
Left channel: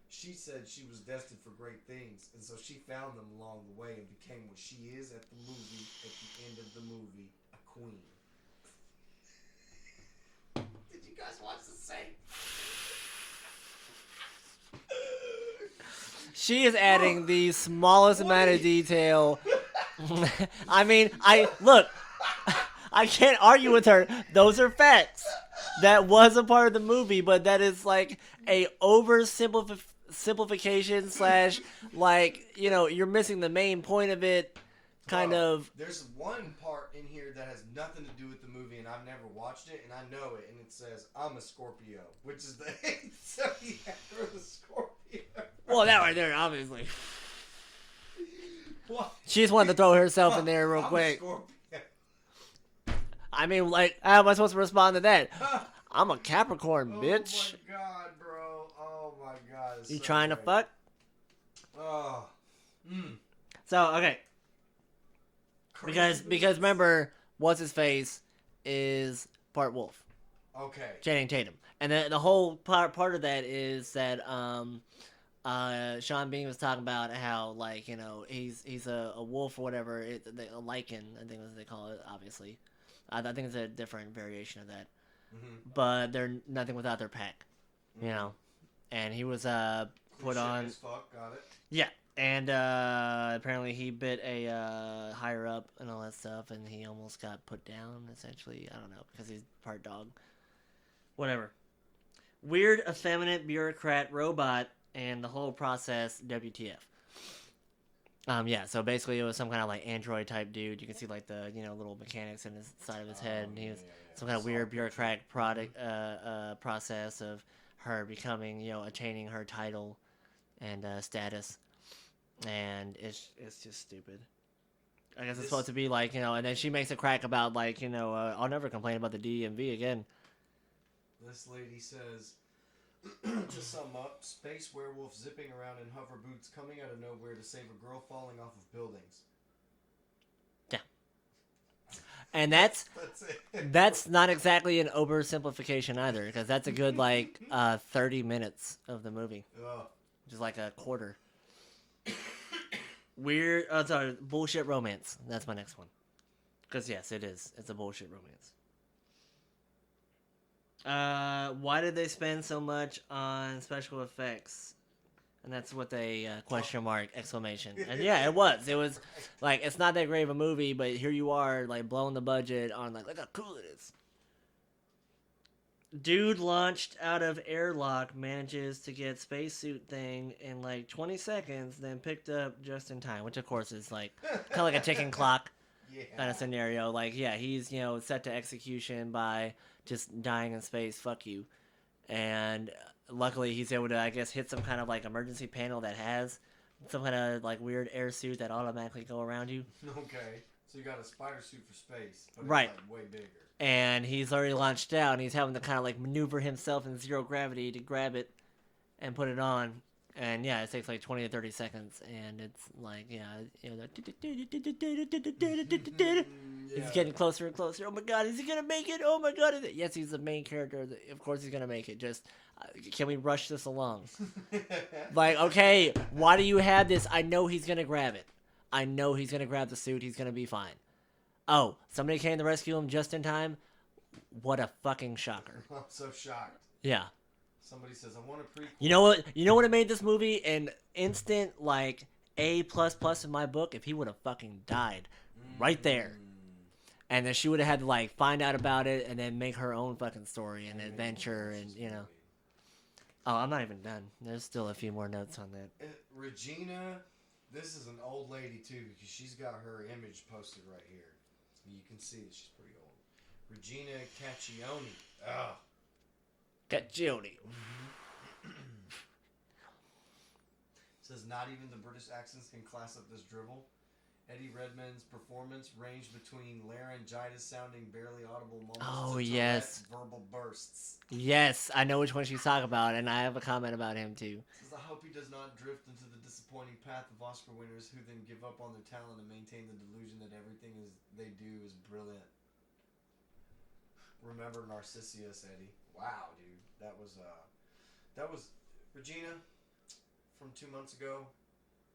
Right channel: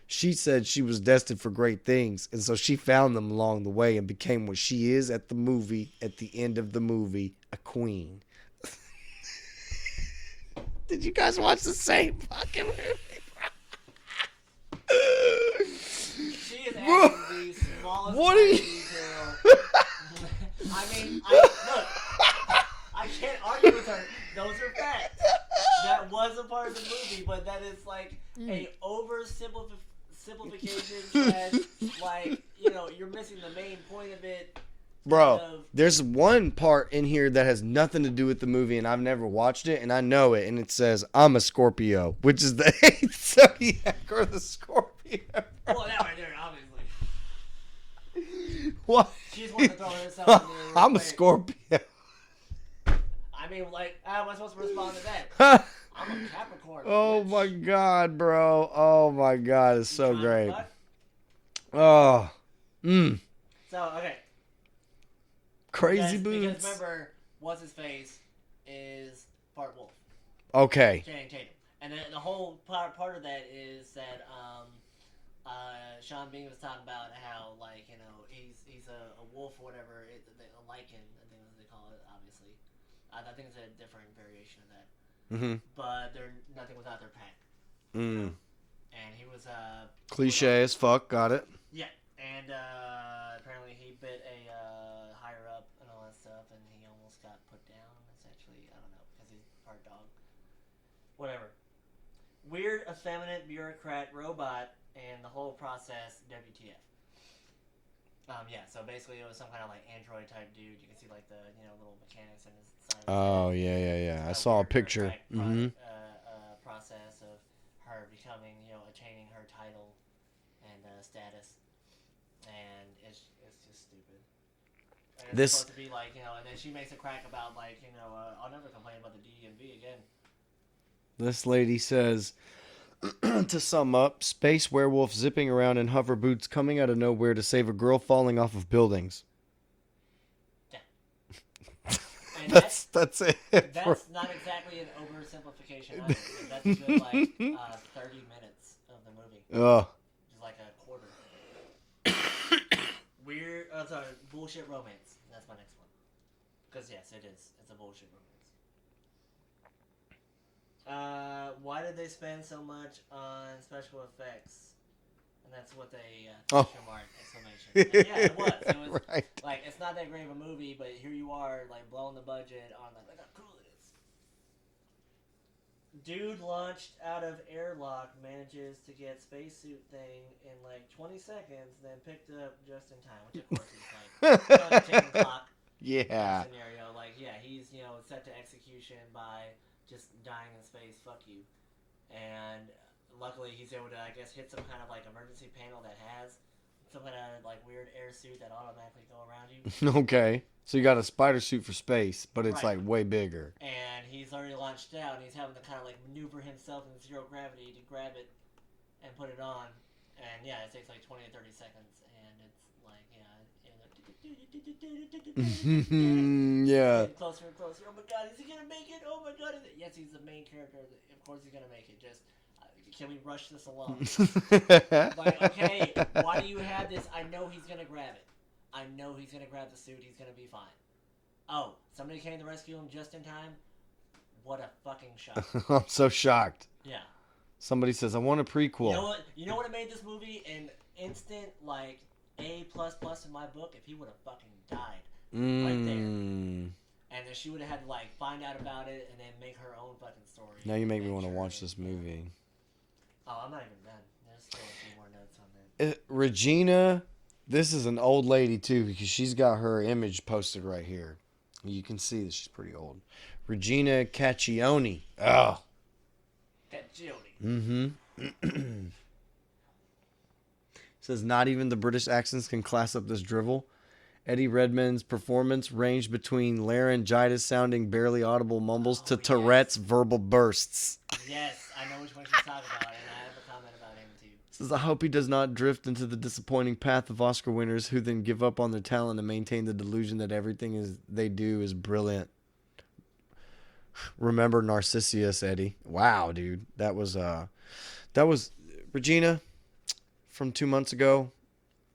She said she was destined for great things, and so she found them along the way and became what she is at the end of the movie, a queen. Did you guys watch the same fucking movie? She is adding the smallest amount of detail. I mean, look, I can't argue with her. Those are facts. That was a part of the movie, but that is like a oversimplification / like, you're missing the main point of it. There's one part in here that has nothing to do with the movie, and I've never watched it, and I know it, and it says, I'm a Scorpio, which is the 8th zodiac or the Scorpio. Well, that right there, obviously. What? She just wanted to throw herself in there real quick. I'm a Scorpio. I mean, like, how am I supposed to respond to that? I'm a Capricorn, bitch. Oh, my God, bro. Oh, my God. It's so great. You trying to fuck? Oh. So, okay. Crazy because remember, what's-his-face is part wolf. Okay. Channing Tatum. And the whole part of that is that Sean Bean was talking about how, like, he's a wolf or whatever, a lichen, I think is what they call it, obviously. I think it's a different variation of that. Mm-hmm. But they're nothing without their pack. Mm. And he was cliche as fuck, got it. Yeah. And apparently he bit a higher up and all that stuff, and he almost got put down, essentially. I don't know, because he's part dog. Whatever. Weird, effeminate, bureaucrat, robot, and the whole process, WTF. Yeah, so basically it was some kind of like android type dude. You can see like the little mechanics in his side of his head. Oh yeah. Some I kind of saw a weird picture. bureaucratic process of her becoming, attaining her title and status, and it's just stupid. I guess it's supposed to be like, and then she makes a crack about like, I'll never complain about the DMV again. This lady says, to sum up, space werewolf zipping around in hover boots coming out of nowhere to save a girl falling off of buildings. Yeah. And that's it. That's not exactly an oversimplification either, because that's a good like 30 minutes of the movie. Oh. Which is like a quarter. Bullshit romance. That's my next one. Because yes, it is. It's a bullshit romance. Why did they spend so much on special effects? And that's what they question mark exclamation. And yeah, it was. It was right. like it's not that great of a movie, but here you are like blowing the budget on like look how cool it is. Dude launched out of airlock manages to get spacesuit thing in like 20 seconds, then picked up just in time, which of course is like kind of like a ticking clock scenario. Like yeah, he's set to execution by just dying in space. Fuck you. And luckily he's able to, I guess, hit some kind of like emergency panel that has some kind of like weird air suit that automatically go around you. Okay. So you got a spider suit for space, but it's Right. like way bigger. And he's already launched out and he's having to kind of like maneuver himself in zero gravity to grab it and put it on. And yeah, it takes like 20 to 30 seconds, and it's like, Yeah. It's getting closer and closer. Oh my god, is he gonna make it? Oh my god, yes, he's the main character. Of course he's gonna make it. Just can we rush this along? Like, okay, why do you have this? I know he's gonna grab it. I know he's gonna grab the suit. He's gonna be fine. Oh, somebody came to rescue him just in time. What a fucking shock! I'm so shocked. Yeah. Somebody says, I want a prequel. You know what? You know what it made this movie an instant like A++ in my book? If he would have fucking died right there, and then she would have had to like find out about it and then make her own fucking story. Now and you make me want to adventure watch this movie. Oh, I'm not even done. There's still a few more notes on that. Regina, this is an old lady too, because she's got her image posted right here. You can see that she's pretty old. Regina Caccione. Oh. Caccione. Mm-hmm. Says not even the British accents can class up this drivel. Eddie Redmayne's performance ranged between laryngitis sounding barely audible mumbles to Tourette's verbal bursts. Yes, I know which one she's talking about, and I have a comment about him too. Says I hope he does not drift into the disappointing path of Oscar winners who then give up on their talent and maintain the delusion that everything they do is brilliant. Remember Narcissus, Eddie. Wow, dude. That was Regina from 2 months ago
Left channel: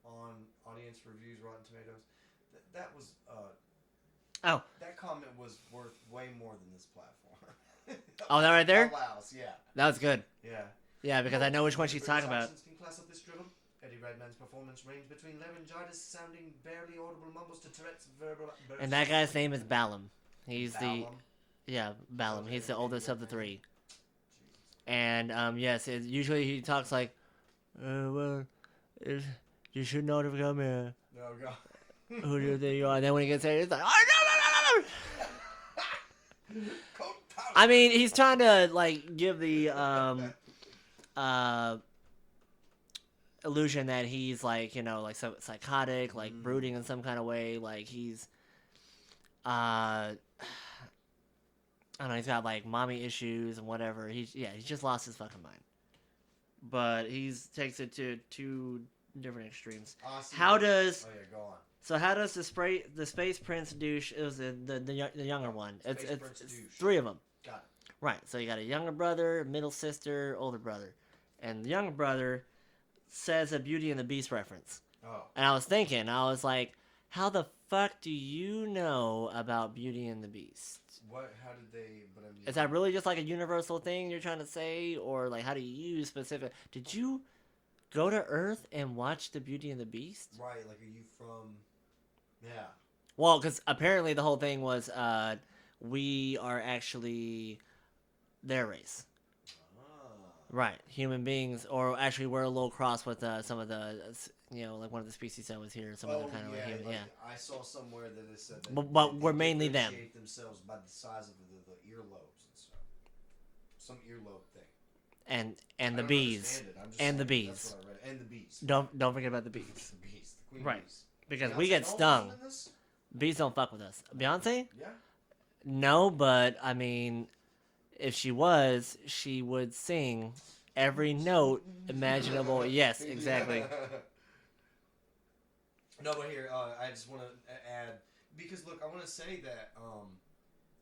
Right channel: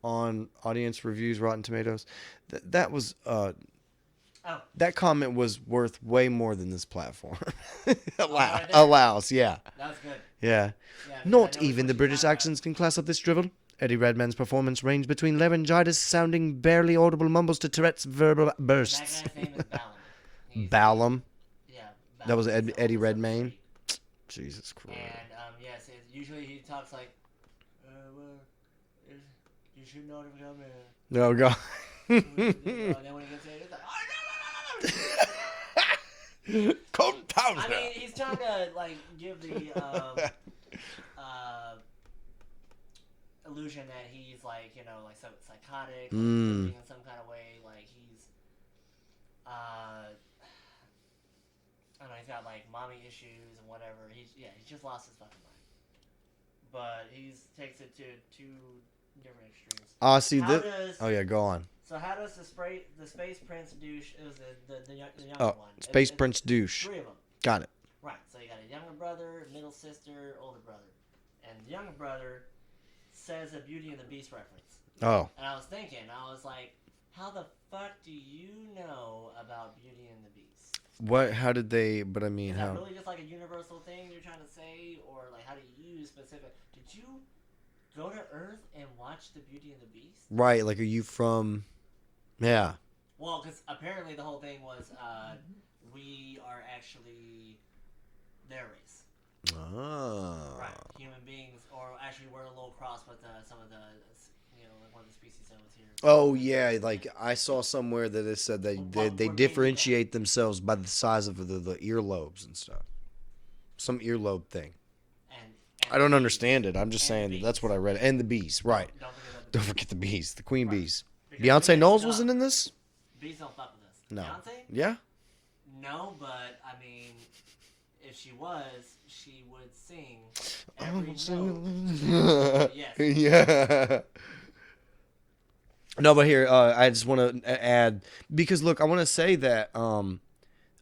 on Audience Reviews Rotten Tomatoes. That was that comment was worth way more than this platform right there? allows. Yeah. That was good. Yeah. Yeah, because Not I know which even one the she's British talking about. accents can class up this drivel. Eddie Redmayne's performance ranged between laryngitis sounding barely audible mumbles to Tourette's verbal bursts. And that guy's name is Ballum. Ballum? Yeah, Ballum. That was He's the Eddie oldest of the Redmayne? three. Jesus Christ. And usually he talks like, you should not have come here. No, God. Who do you think you are? And then when he gets there, he's like, oh, no. Compound. I mean, he's trying to like give the illusion that he's like, like so psychotic, like brooding in some kind of way, like he's I don't know, he's got like mommy issues and whatever. He just lost his fucking mind. But takes it to two different extremes. See, oh yeah, go on. So how does the Space Prince douche? It was the younger one. Space Prince douche. 3 of them. Got it. Right. So you got a younger brother, middle sister, older brother, and the younger brother says a Beauty and the Beast reference. Oh. And I was thinking, like, how the fuck do you know about Beauty and the Beast? What? How did they? But I mean, is that really just like a universal thing you're trying to say, or like how do you use specific? Did you go to Earth and watch the Beauty and the Beast? Right. Like, are you from? Yeah. Well, because apparently the whole thing was we are actually their race. Oh. Right, human beings, or actually we're a little cross with some of the, like one of the species that was here. or something Oh like that, yeah, right? like I saw somewhere that it said they But they we're mainly them. differentiate themselves by the size of the earlobes and stuff. Some earlobe thing. And I don't understand it. I'm just And the saying that's bees. what I read. And the bees, right? Don't forget about the Don't bees. forget the bees, the queen Right. bees. Because we Beyonce get Knowles stung. wasn't in this. Bees don't fuck with us. No. Beyonce? Yeah. No, but I mean, if she was, she would sing every note imaginable. Yes. Exactly. Yeah. No, but here I just want to add, because look, I want to say that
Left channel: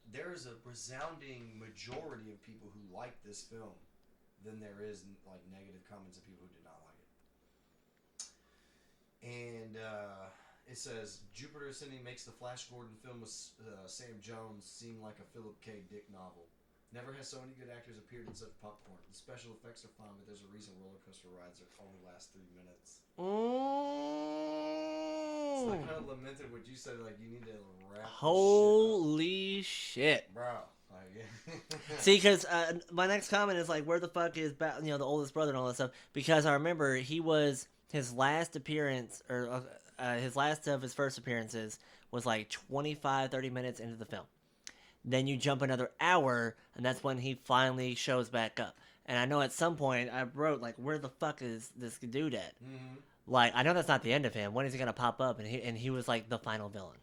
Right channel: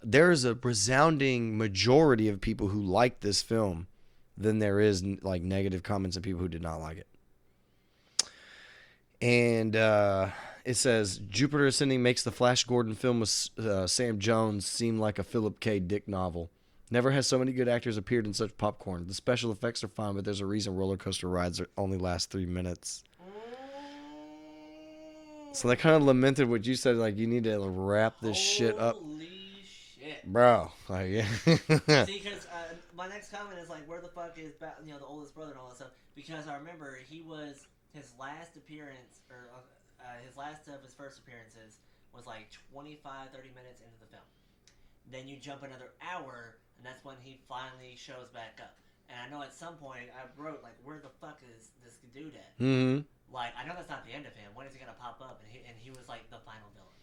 there is a resounding majority of people who like this film than there is like negative comments of people who did not like it. And it says Jupiter Ascending makes the Flash Gordon film with Sam Jones seem like a Philip K. Dick novel. Never has so many good actors appeared in such popcorn. The special effects are fine, but there's a reason roller coaster rides only last 3 minutes. So they kind of lamented what you said, like you need to wrap this shit up. Holy shit. Bro. Like, yeah. See, because my next comment is like, where the fuck is the oldest brother and all that stuff? Because I remember his last appearance, or his last of his first appearances was like 25, 30 minutes into the film. Then you jump another hour, and that's when he finally shows back up. And I know at some point I wrote, like, where the fuck is this dude at? Mm-hmm. Like, I know that's not the end of him. When is he going to pop up? And he was like the final villain.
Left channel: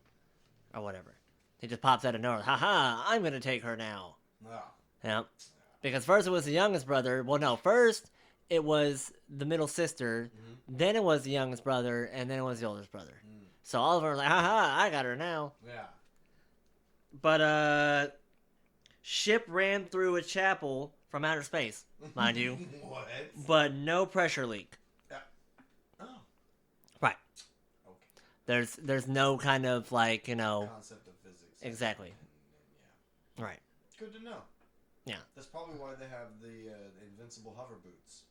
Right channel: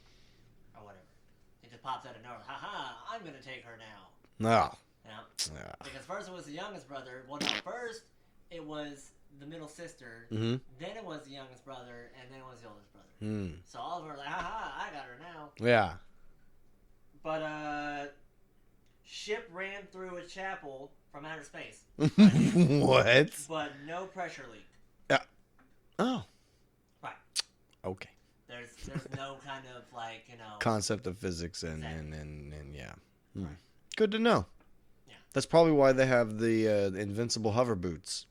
Or whatever. He just pops out of nowhere. Ha, I'm going to take her now. No. Yeah. Yeah. Because first it was the youngest brother. Well, no, first it was the middle sister. Mm-hmm. Then it was the youngest brother. And then it was the oldest brother. Mm. So all of them were like, I got her now. Yeah. But, ship ran through a chapel from outer space, mind you. What? But no pressure leak. Oh. Right. Okay. There's no kind of like, Concept of physics and, Exactly. and yeah. Right. Good to know. Yeah. That's probably why they have the invincible hover boots.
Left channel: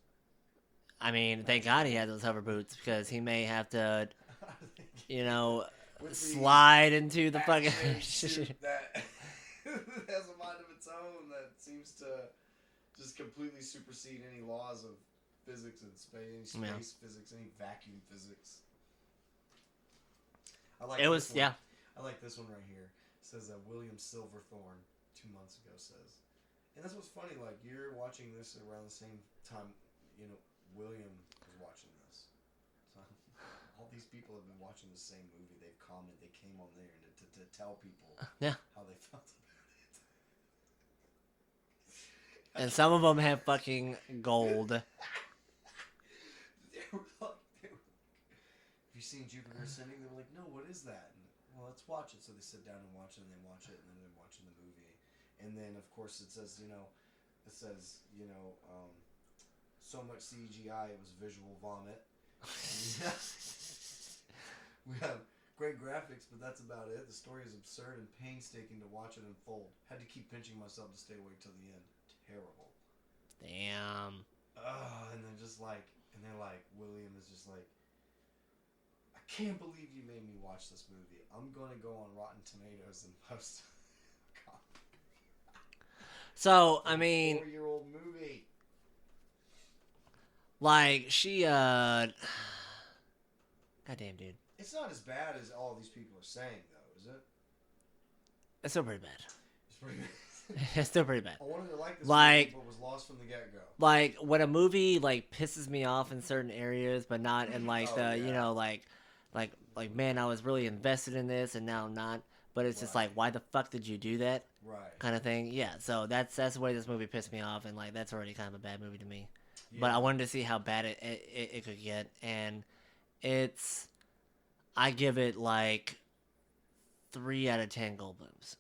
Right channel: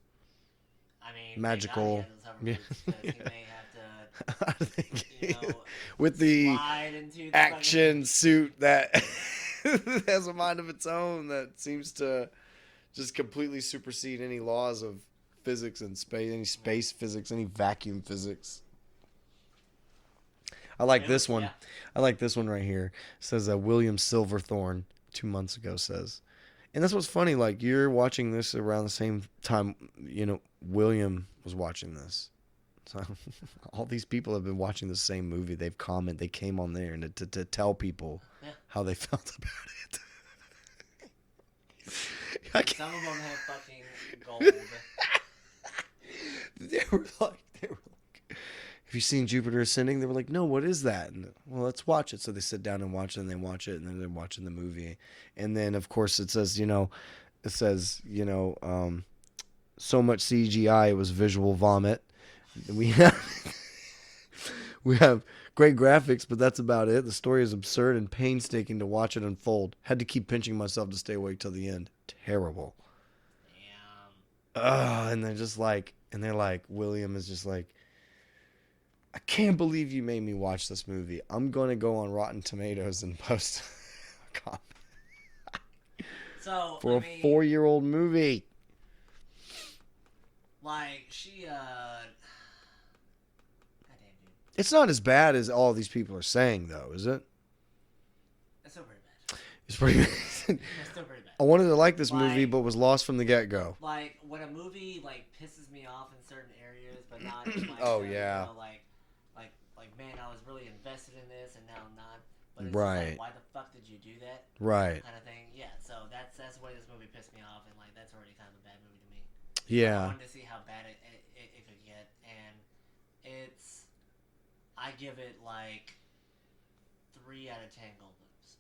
I mean, Magical. thank God he has those hover boots because he may have to, with the slide into the action fucking suit that has a mind of its own that seems to just completely supersede any laws of physics and space, any space physics, any vacuum physics. I like this one. Yeah. I like this one right here. It says William Silverthorne 2 months ago says. And that's what's funny, like you're watching this around the same time, William was watching this. So all these people have been watching the same movie. They came on there and to tell people how they felt about it. And some of them have fucking gold. They were like, have you seen Jupiter Ascending? They were like, no, what is that? And, well, let's watch it. So they sit down and watch it, and they watch it, and then they're watching the movie. And then, of course, it says, so much CGI, it was visual vomit. We have great graphics, but that's about it. The story is absurd and painstaking to watch it unfold. Had to keep pinching myself to stay awake till the end. Terrible. Damn. And they're like, William is just like, I can't believe you made me watch this movie. I'm going to go on Rotten Tomatoes and post a comment. So, For a 4-year-old movie. Like, goddamn, dude. It's not as bad as all these people are saying, though, is it? It's still pretty bad. It's pretty bad. It's still pretty bad. I wanted to like this movie, but was lost from the get-go. Like, when a movie, like, pisses me off in certain areas, but not in, like, man, I was really invested in this, and now I'm not. But it's just like, why the fuck did you do that? Right. Kind of thing. Yeah, so that's the way this movie pissed me off, and, like, that's already kind of a bad movie to me. Yeah. But I wanted to see how bad it could get, and I give it, like, 3 out of 10 Goldblums.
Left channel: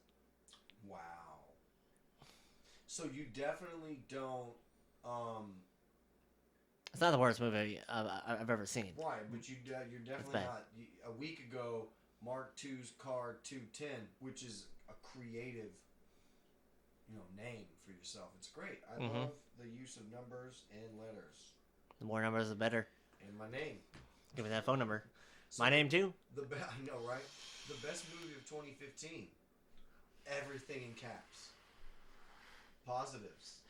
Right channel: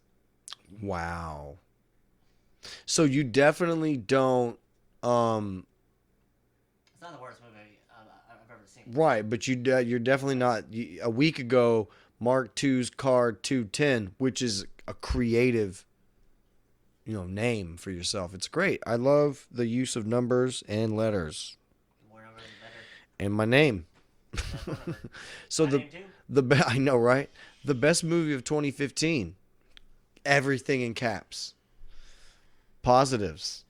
Wow. So you definitely don't... It's not the worst movie I've ever seen. Right, but you're definitely not... A week ago, Mark II's Card 210, which is a creative, name for yourself. It's great. I love the use of numbers and letters. The more numbers, the better. And my name. And that phone number. So my name, too. I know, right? The best movie of 2015. Everything in caps. Positives.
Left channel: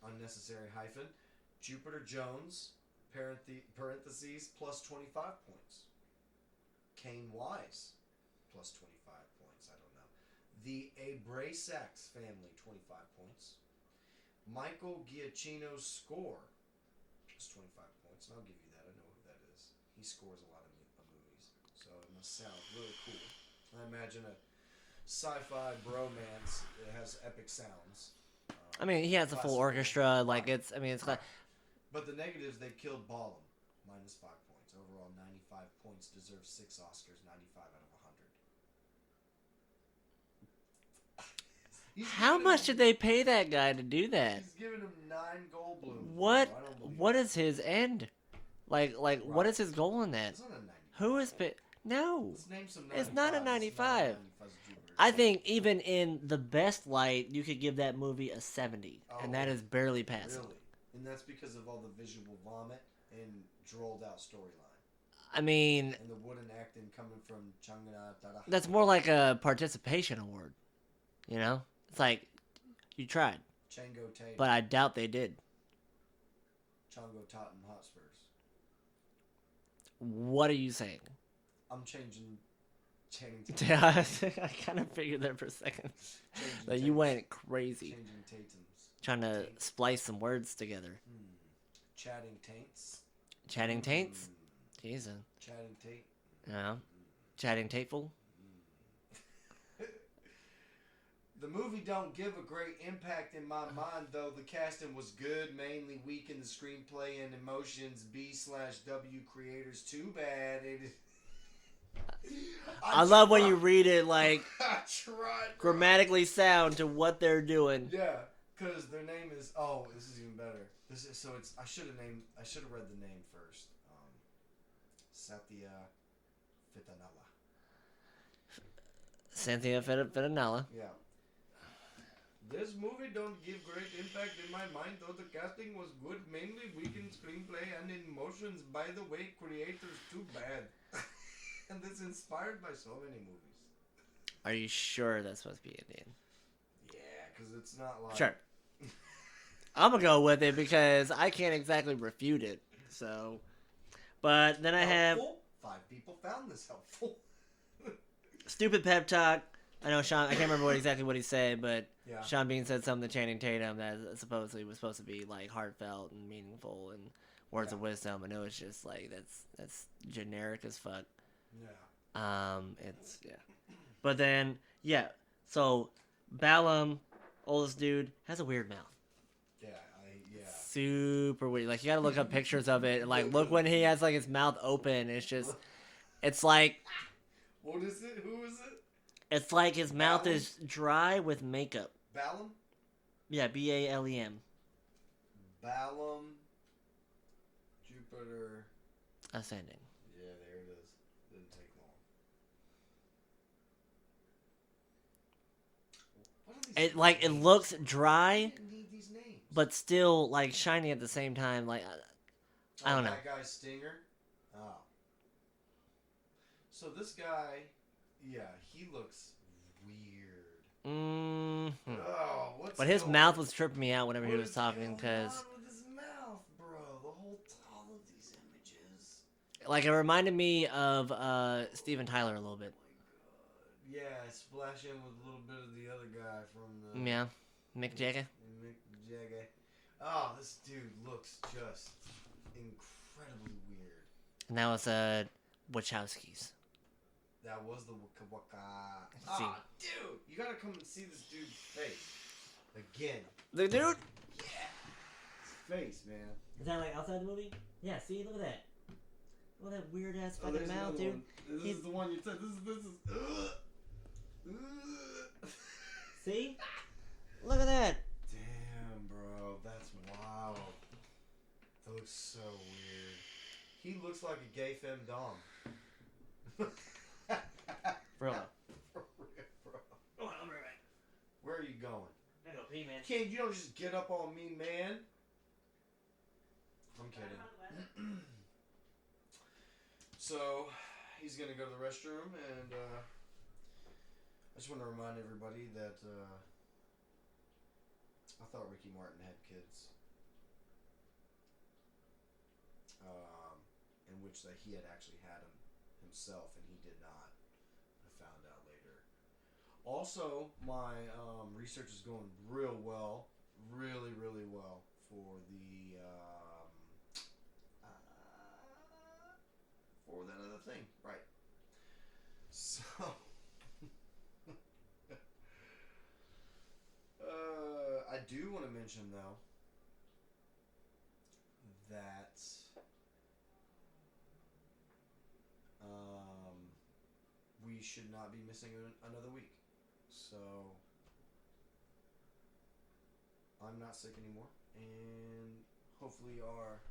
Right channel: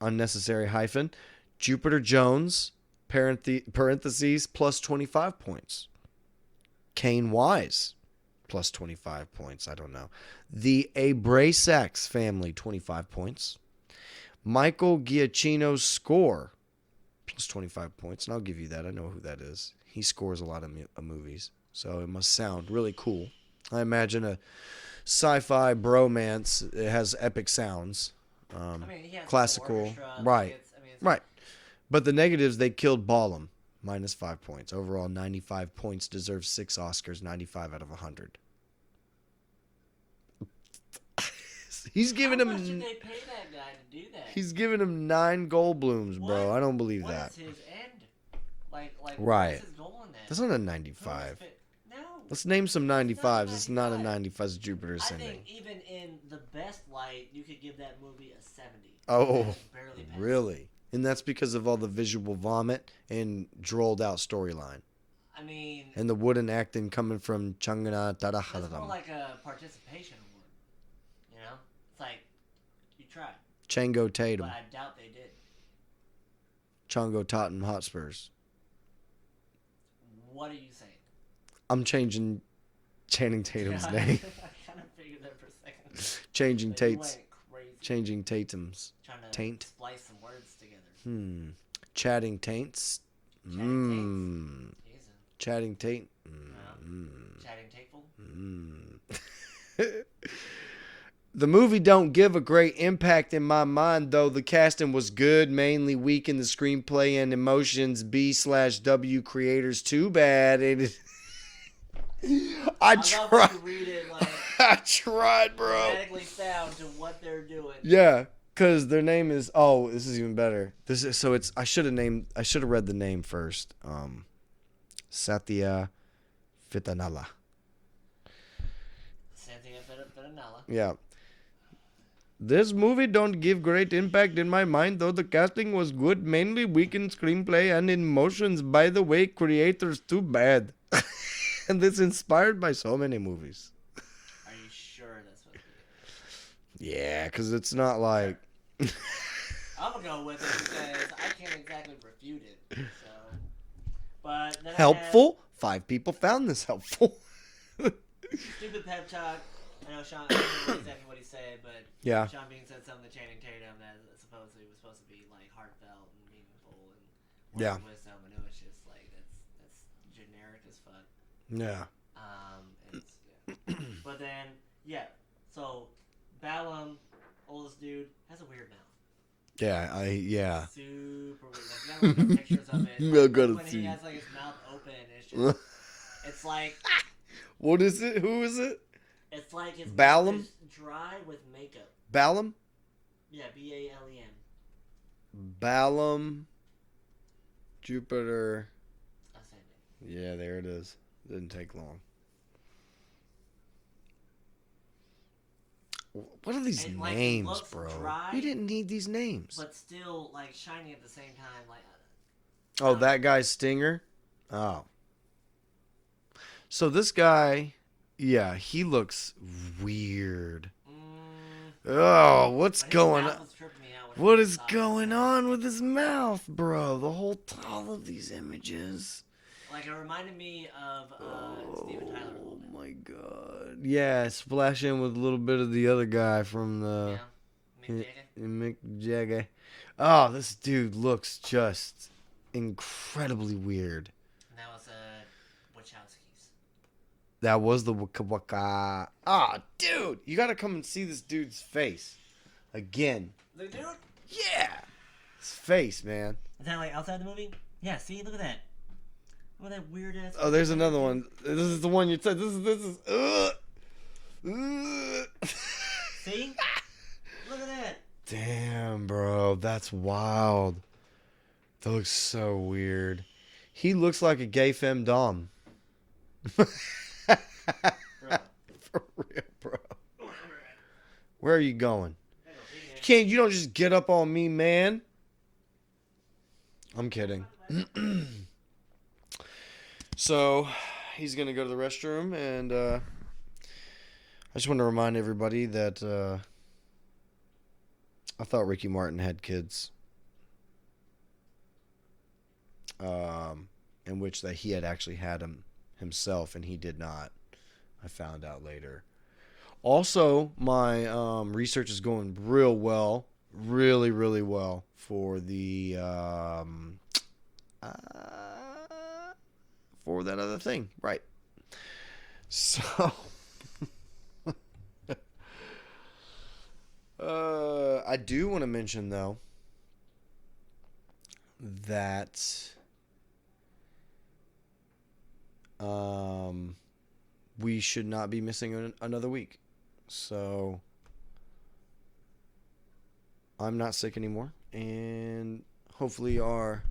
unnecessary hyphen, Jupiter Jones, parentheses, plus 25 points. Kane Wise, plus 25 points. I don't know. The Abrasax family, 25 points. Michael Giacchino's score, plus 25 points. And I'll give you that. I know who that is. He scores a lot of movies, so it must sound really cool. I imagine a sci-fi bromance. It has epic sounds. I mean, he has classical, a full orchestra. right? Like it's Right. But the negatives, they killed Ballum, minus 5 points. Overall, 95 points, deserves 6 Oscars, 95 out of 100. How much did they pay that guy to do that? He's giving him 9 Goldblums, bro. I don't believe what that. What is his end? Like, right. What is his goal in that? That's not a 95. Who is No. Let's name some 95s. It's not a 95. 95. It's Jupiter. I think even in the best light, you could give that movie a 70. Oh, that is barely passed. Really? And that's because of all the visual vomit and drolled out storyline. I mean, and the wooden acting coming from Changana Taraha. That's more like a participation award. You know? It's like, you tried. Chango Tatum. But I doubt they did. Chongo Tottenham Hotspurs. What are you saying? I'm changing Channing Tatum's Yeah, name. I kind of figured there for a second. Changing like Tatum's. You went crazy. Changing Tatum's. Trying to splice some words together. Chatting Taints. Chatting Taints? Jesus. Chatting Taint. Chatting Tateful? The movie don't give a great impact in my mind, though. The casting was good, mainly weak in the screenplay and emotions. B/W creators, too bad. I love when you read it like I tried, bro. Grammatically sound to what they're doing. Yeah, because their name is. Oh, this is even better. This is so. It's. I should have read the name first. Satya Fitanala. Cynthia Fitanala. Yeah. This movie don't give great impact in my mind, though the casting was good, mainly weak in screenplay and in emotions. By the way, creators, too bad. And it's inspired by so many movies. Are you sure that's supposed to be a name? Yeah, because it's not like... Sure. I'm going to go with it because I can't exactly refute it. So, but then helpful? 5 people found this helpful. Stupid pep talk. I know Sean. I can't remember exactly what he said, but yeah. Sean Bean said something to Channing Tatum that supposedly was supposed to be like heartfelt and meaningful and words of wisdom. And it was just like that's generic as fuck. Yeah. It's but then so Ballum, oldest dude, has a weird mouth. Yeah. Super weird. Like you gotta look up pictures of it. Like look when he has like his mouth open. It's just, it's like. What is it? Who is it? It's like his mouth is dry with makeup. Ballum? Yeah, Balem. Ballum, Jupiter. Ascending. Yeah, there it is. Didn't take long. What are these names, like it looks bro? dry. You didn't need these names, but still like shiny at the same time. Like, that guy's Stinger. Oh, so this guy, he looks weird. Oh, what's but going on? His mouth was tripping me out. What is going on with his mouth, bro? All of these images. Like it reminded me of Steven Tyler a little bit. Oh my god! Yeah, splash in with a little bit of the other guy from the Mick Jagger. Mick Jagger. Oh, this dude looks just incredibly weird. And that was Wachowskis. That was the Waka Waka. Ah, dude, you gotta come and see this dude's face again. The dude? Yeah, his face, man. Is that like outside the movie? Yeah. See, look at that. Oh, that weird ass. Oh, there's another one. This is the one you said. This is. See? Look at that. Damn, bro, that's wild. That looks so weird. He looks like a gay femdom. Bro. For real, bro. Where are you going? You don't just get up on me, man. I'm kidding. So, he's going to go to the restroom, and I just want to remind everybody that I thought Ricky Martin had kids. In which that he had actually had him himself, and he did not. I found out later. Also, my research is going real well, really, really well for the for that other thing, right? So, I do want to mention though that we should not be missing another week. So I'm not sick anymore, and hopefully our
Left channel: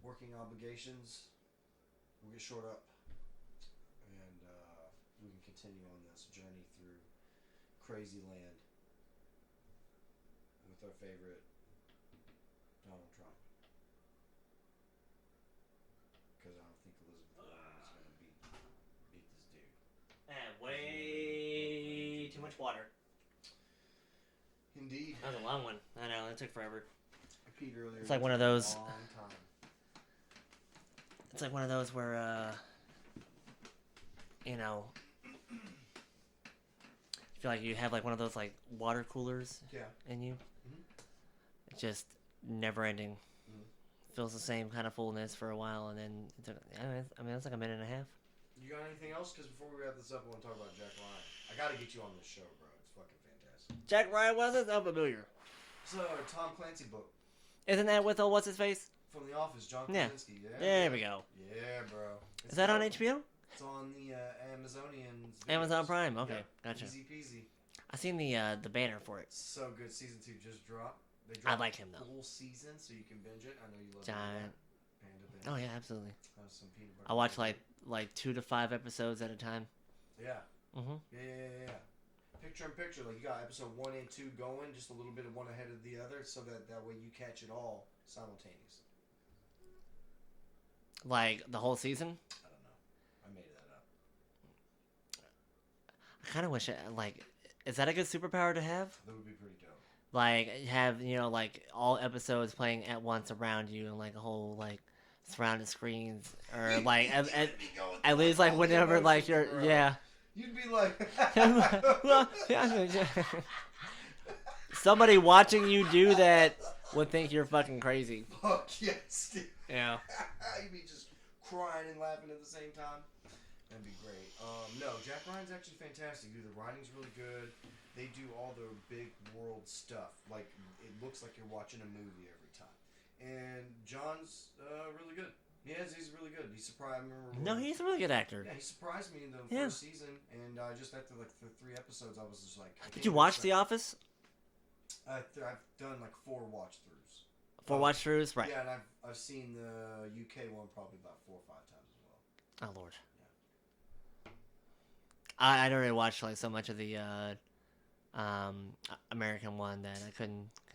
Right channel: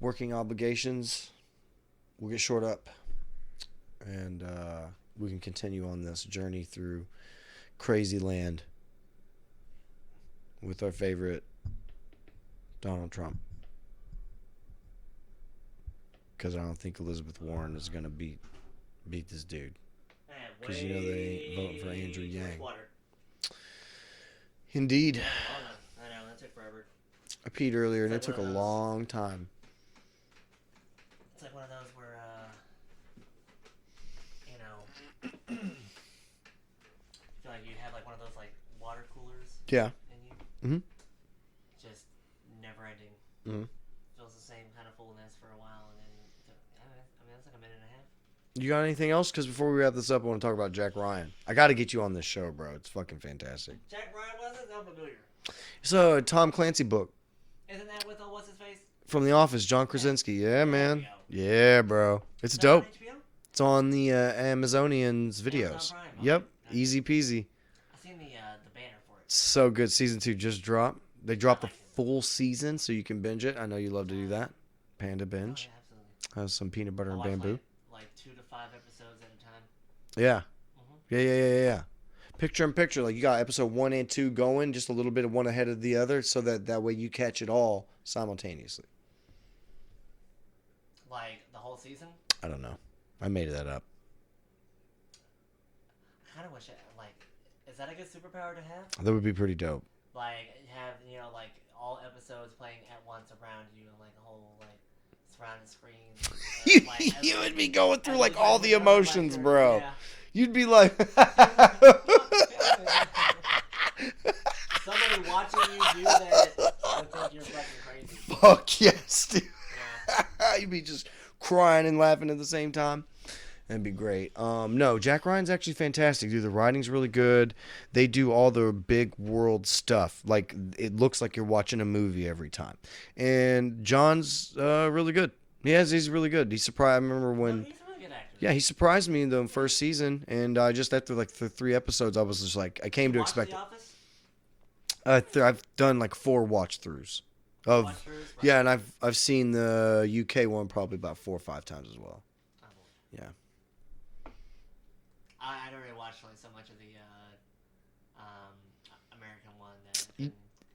working obligations will get short up, and we can continue on this journey through crazy land with our favorite Donald Trump. Because I don't think Elizabeth Warren is going to beat this dude. Because you know they vote for Andrew Yang. Indeed. Yeah, long one. I know, that took forever. I peed earlier, and It's it like took one a of those- long time. It's like one of those where, you know, I feel like you have like one of those like water coolers Yeah. in you. Mhm. It's just never ending. Mhm. Feels the same kind of fullness for a while, and then I mean, it's like a minute and a half. You got anything else? Because before we wrap this up, I want to talk about Jack Ryan. I got to get you on this show, bro. It's fucking fantastic. Jack Ryan wasn't so familiar. It's a Tom Clancy book Isn't that with what's his face? from The Office, John Krasinski. Yeah, There man. we go. Yeah, bro. It's Is that dope. on HBO? It's on the Amazonians videos. Amazon Prime. Okay, Yep. gotcha. Easy peasy. I seen the banner for it. So good. Season 2 just dropped. They dropped like the him, though. full season, so you can binge it. I know you love to do that. Panda binge. Oh yeah, absolutely. Have some peanut butter I and watch bamboo. like 2 to 5 episodes at a time. Yeah. Mhm. Yeah. Picture in picture. Like you got episode 1 and 2 going, just a little bit of one ahead of the other, so that way you catch it all simultaneously. Like the whole season. I don't know. I made that up. I kind of wish it like. Is that a good superpower to have? That would be pretty dope. Like have like all episodes playing at once around you and like a whole like surrounded screen or like you would be going through at like least, all the whenever, like, emotions, you're- bro. Yeah. You'd be like, Somebody watching you do that would think you're fucking crazy. fuck yes, dude. Yeah. You'd be just crying and laughing at the same time. That'd be great. No, Jack Ryan's actually fantastic, dude. The writing's really good. They do all the big world stuff. Like, it looks like you're watching a movie every time. And John's really good. He's really good. He surprised. I remember when. No, he's a really good actor. Yeah, he surprised me in the first season, and just after like the 3 episodes, I was just like, I came Did you to watch expect. The Office? I've done like 4 watch throughs. Watch throughs, right? Yeah, and I've seen the UK one probably about 4 or 5 times as well. Oh Lord. Yeah. I'd already watched like so much of the American one that I couldn't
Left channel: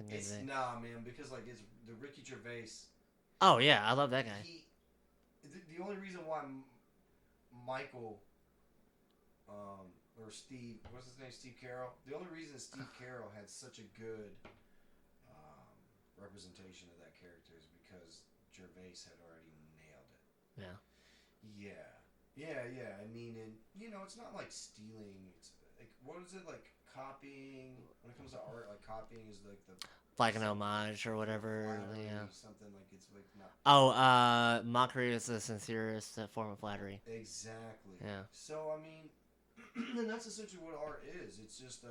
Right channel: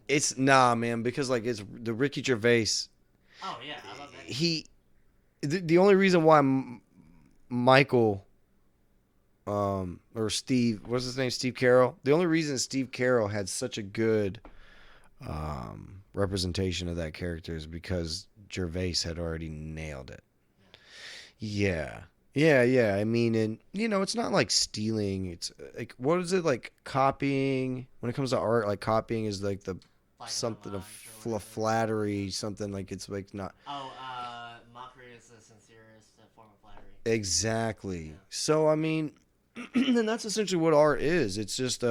It's do it. nah, man, because like it's the Ricky Gervais. Oh yeah, I love that guy. The only reason why Michael, or Steve, what's his name, Steve Carroll. The only reason Steve Carroll had such a good, representation of that character is because Gervais had already nailed it. Yeah. I mean, and it's not like stealing. It's like, what is it, like copying? When it comes to art, like copying is like the Like an something homage or whatever. flattery, Yeah. something like it's like not Oh, mockery is the sincerest form of flattery. exactly. Yeah. So I mean, and that's essentially what art is. It's just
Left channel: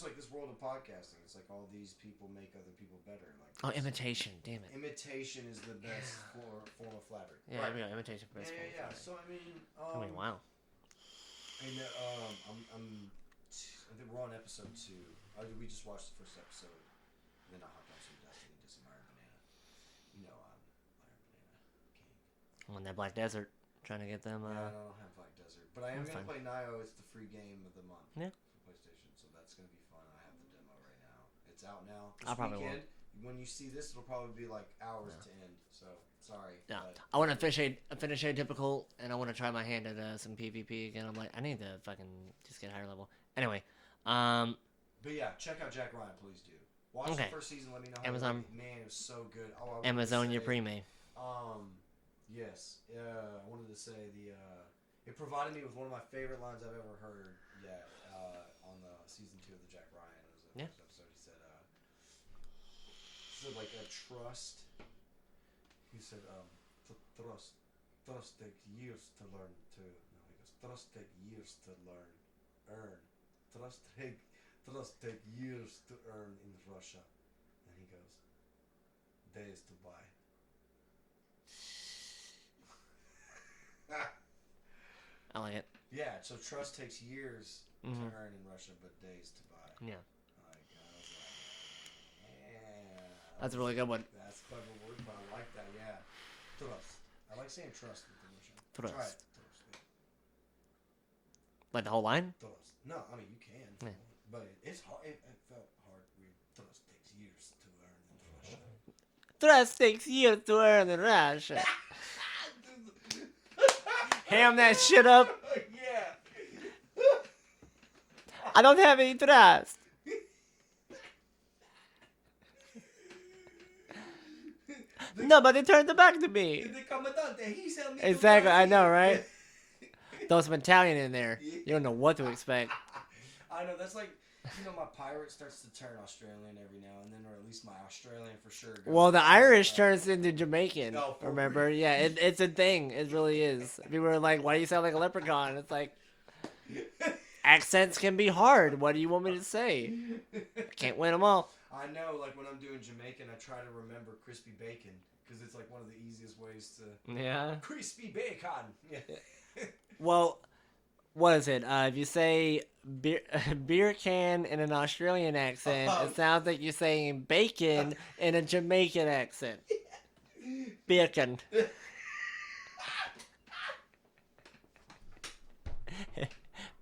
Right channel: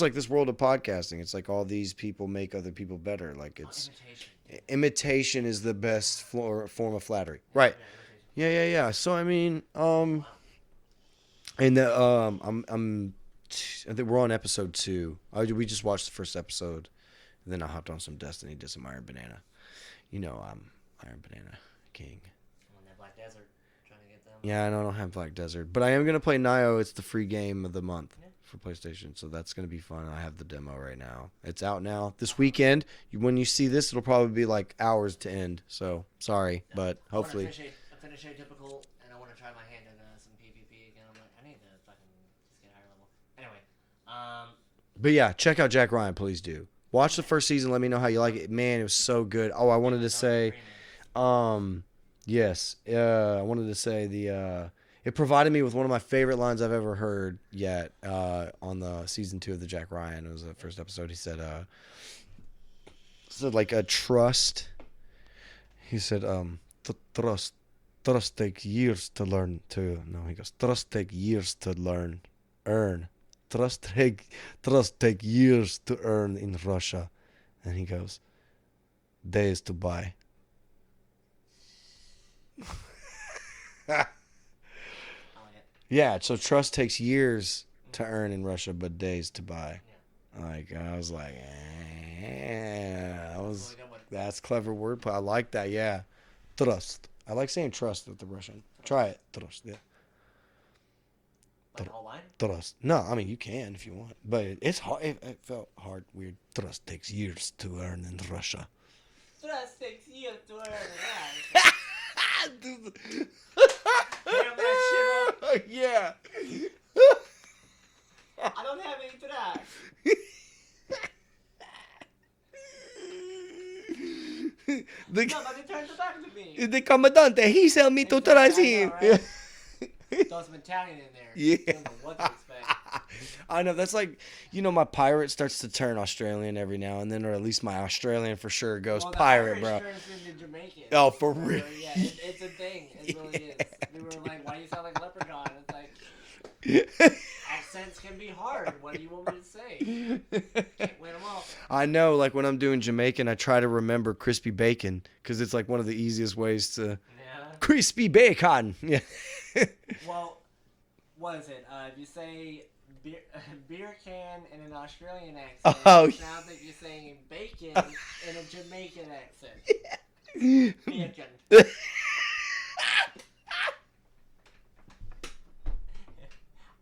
like this world of podcasting. It's like all these people make other people better. Like it's Imitation. Damn it. imitation is the best form of flattery. Yeah, Right. Yeah, imitation. Yeah. So I mean, Wow. and I think we're on episode 2. We just watched the first episode, and then I hopped on some Destiny, did some Iron Banana. I'm Iron Banana King. On that Black Desert, trying to get them. Yeah, I don't have Black Desert, but I am gonna play Nioh. It's the free game of the month Yeah. for PlayStation, so that's gonna be fun. I have the demo right now. It's out now. This I'll probably- weekend, when you see this, it'll probably be like hours to end. So sorry, Yeah. but I want to hopefully. finish Atypical, and I want to try my hand at some PvP again. I'm like, I need to fucking just get higher level. Anyway, But yeah, check out Jack Ryan, please do. Watch the Okay. first season. Let me know how you like it. Man, it was so good. Oh, I wanted to Amazonia say, Prime. yes, I wanted to say it provided me with one of my favorite lines I've ever heard yet on the season 2 of the Jack Ryan. It was the first episode. He said, like a trust. He said, trust takes years to learn to. No, he goes, trust take years to earn. Trust take years to earn in Russia. And he goes, days to buy. I like it. Yeah, so trust takes years to earn in Russia, but days to buy. Yeah. Like, I was like, That's a really good one. That's clever wordplay. I like that, yeah. Trust. I like saying trust with the Russian. Trust. Try it. Trust, yeah. Like the whole line? Trust. No, I mean, you can if you want. But it's hard. It felt hard, weird. Trust takes years to earn in Russia. Trust takes years to earn in Russia. Ham that shit up. Yeah. I don't have any trust. Nobody turned it back to me. The commandante, he sell me to Exactly, I know, right? Throw some Italian in there. Yeah. You don't know what to expect. I know, that's like, my pirate starts to turn Australian every now and then, or at least my Australian for sure goes Well, the pirate, Irish bro. turns into Jamaican. Oh, for remember? real? Yeah, it's a thing. It really is. People are like, why do you sound like a leprechaun? It's like, accents can be hard. What do you want me to say? Can't win them all. I know, like when I'm doing Jamaican, I try to remember crispy bacon because it's like one of the easiest ways to Yeah. crispy bacon. Yeah. Well, what is it? If you say beer can in an Australian accent, it sounds like you're saying bacon in a Jamaican accent. Beer can.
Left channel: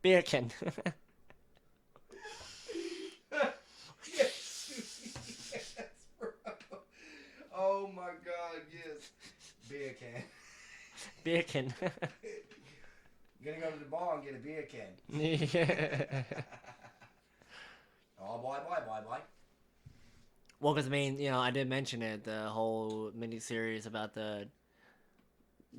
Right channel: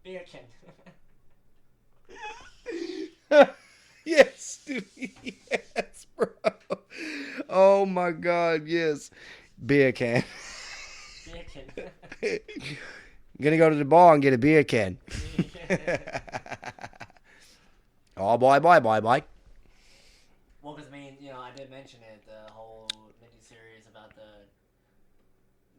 Beer can. Yes, dude. Yes, bro. Oh my God, yes. Beer can. Beer can. Gonna go to the bar and get a beer can. Oh boy. Well, because I mean, I did mention it, the whole mini-series about the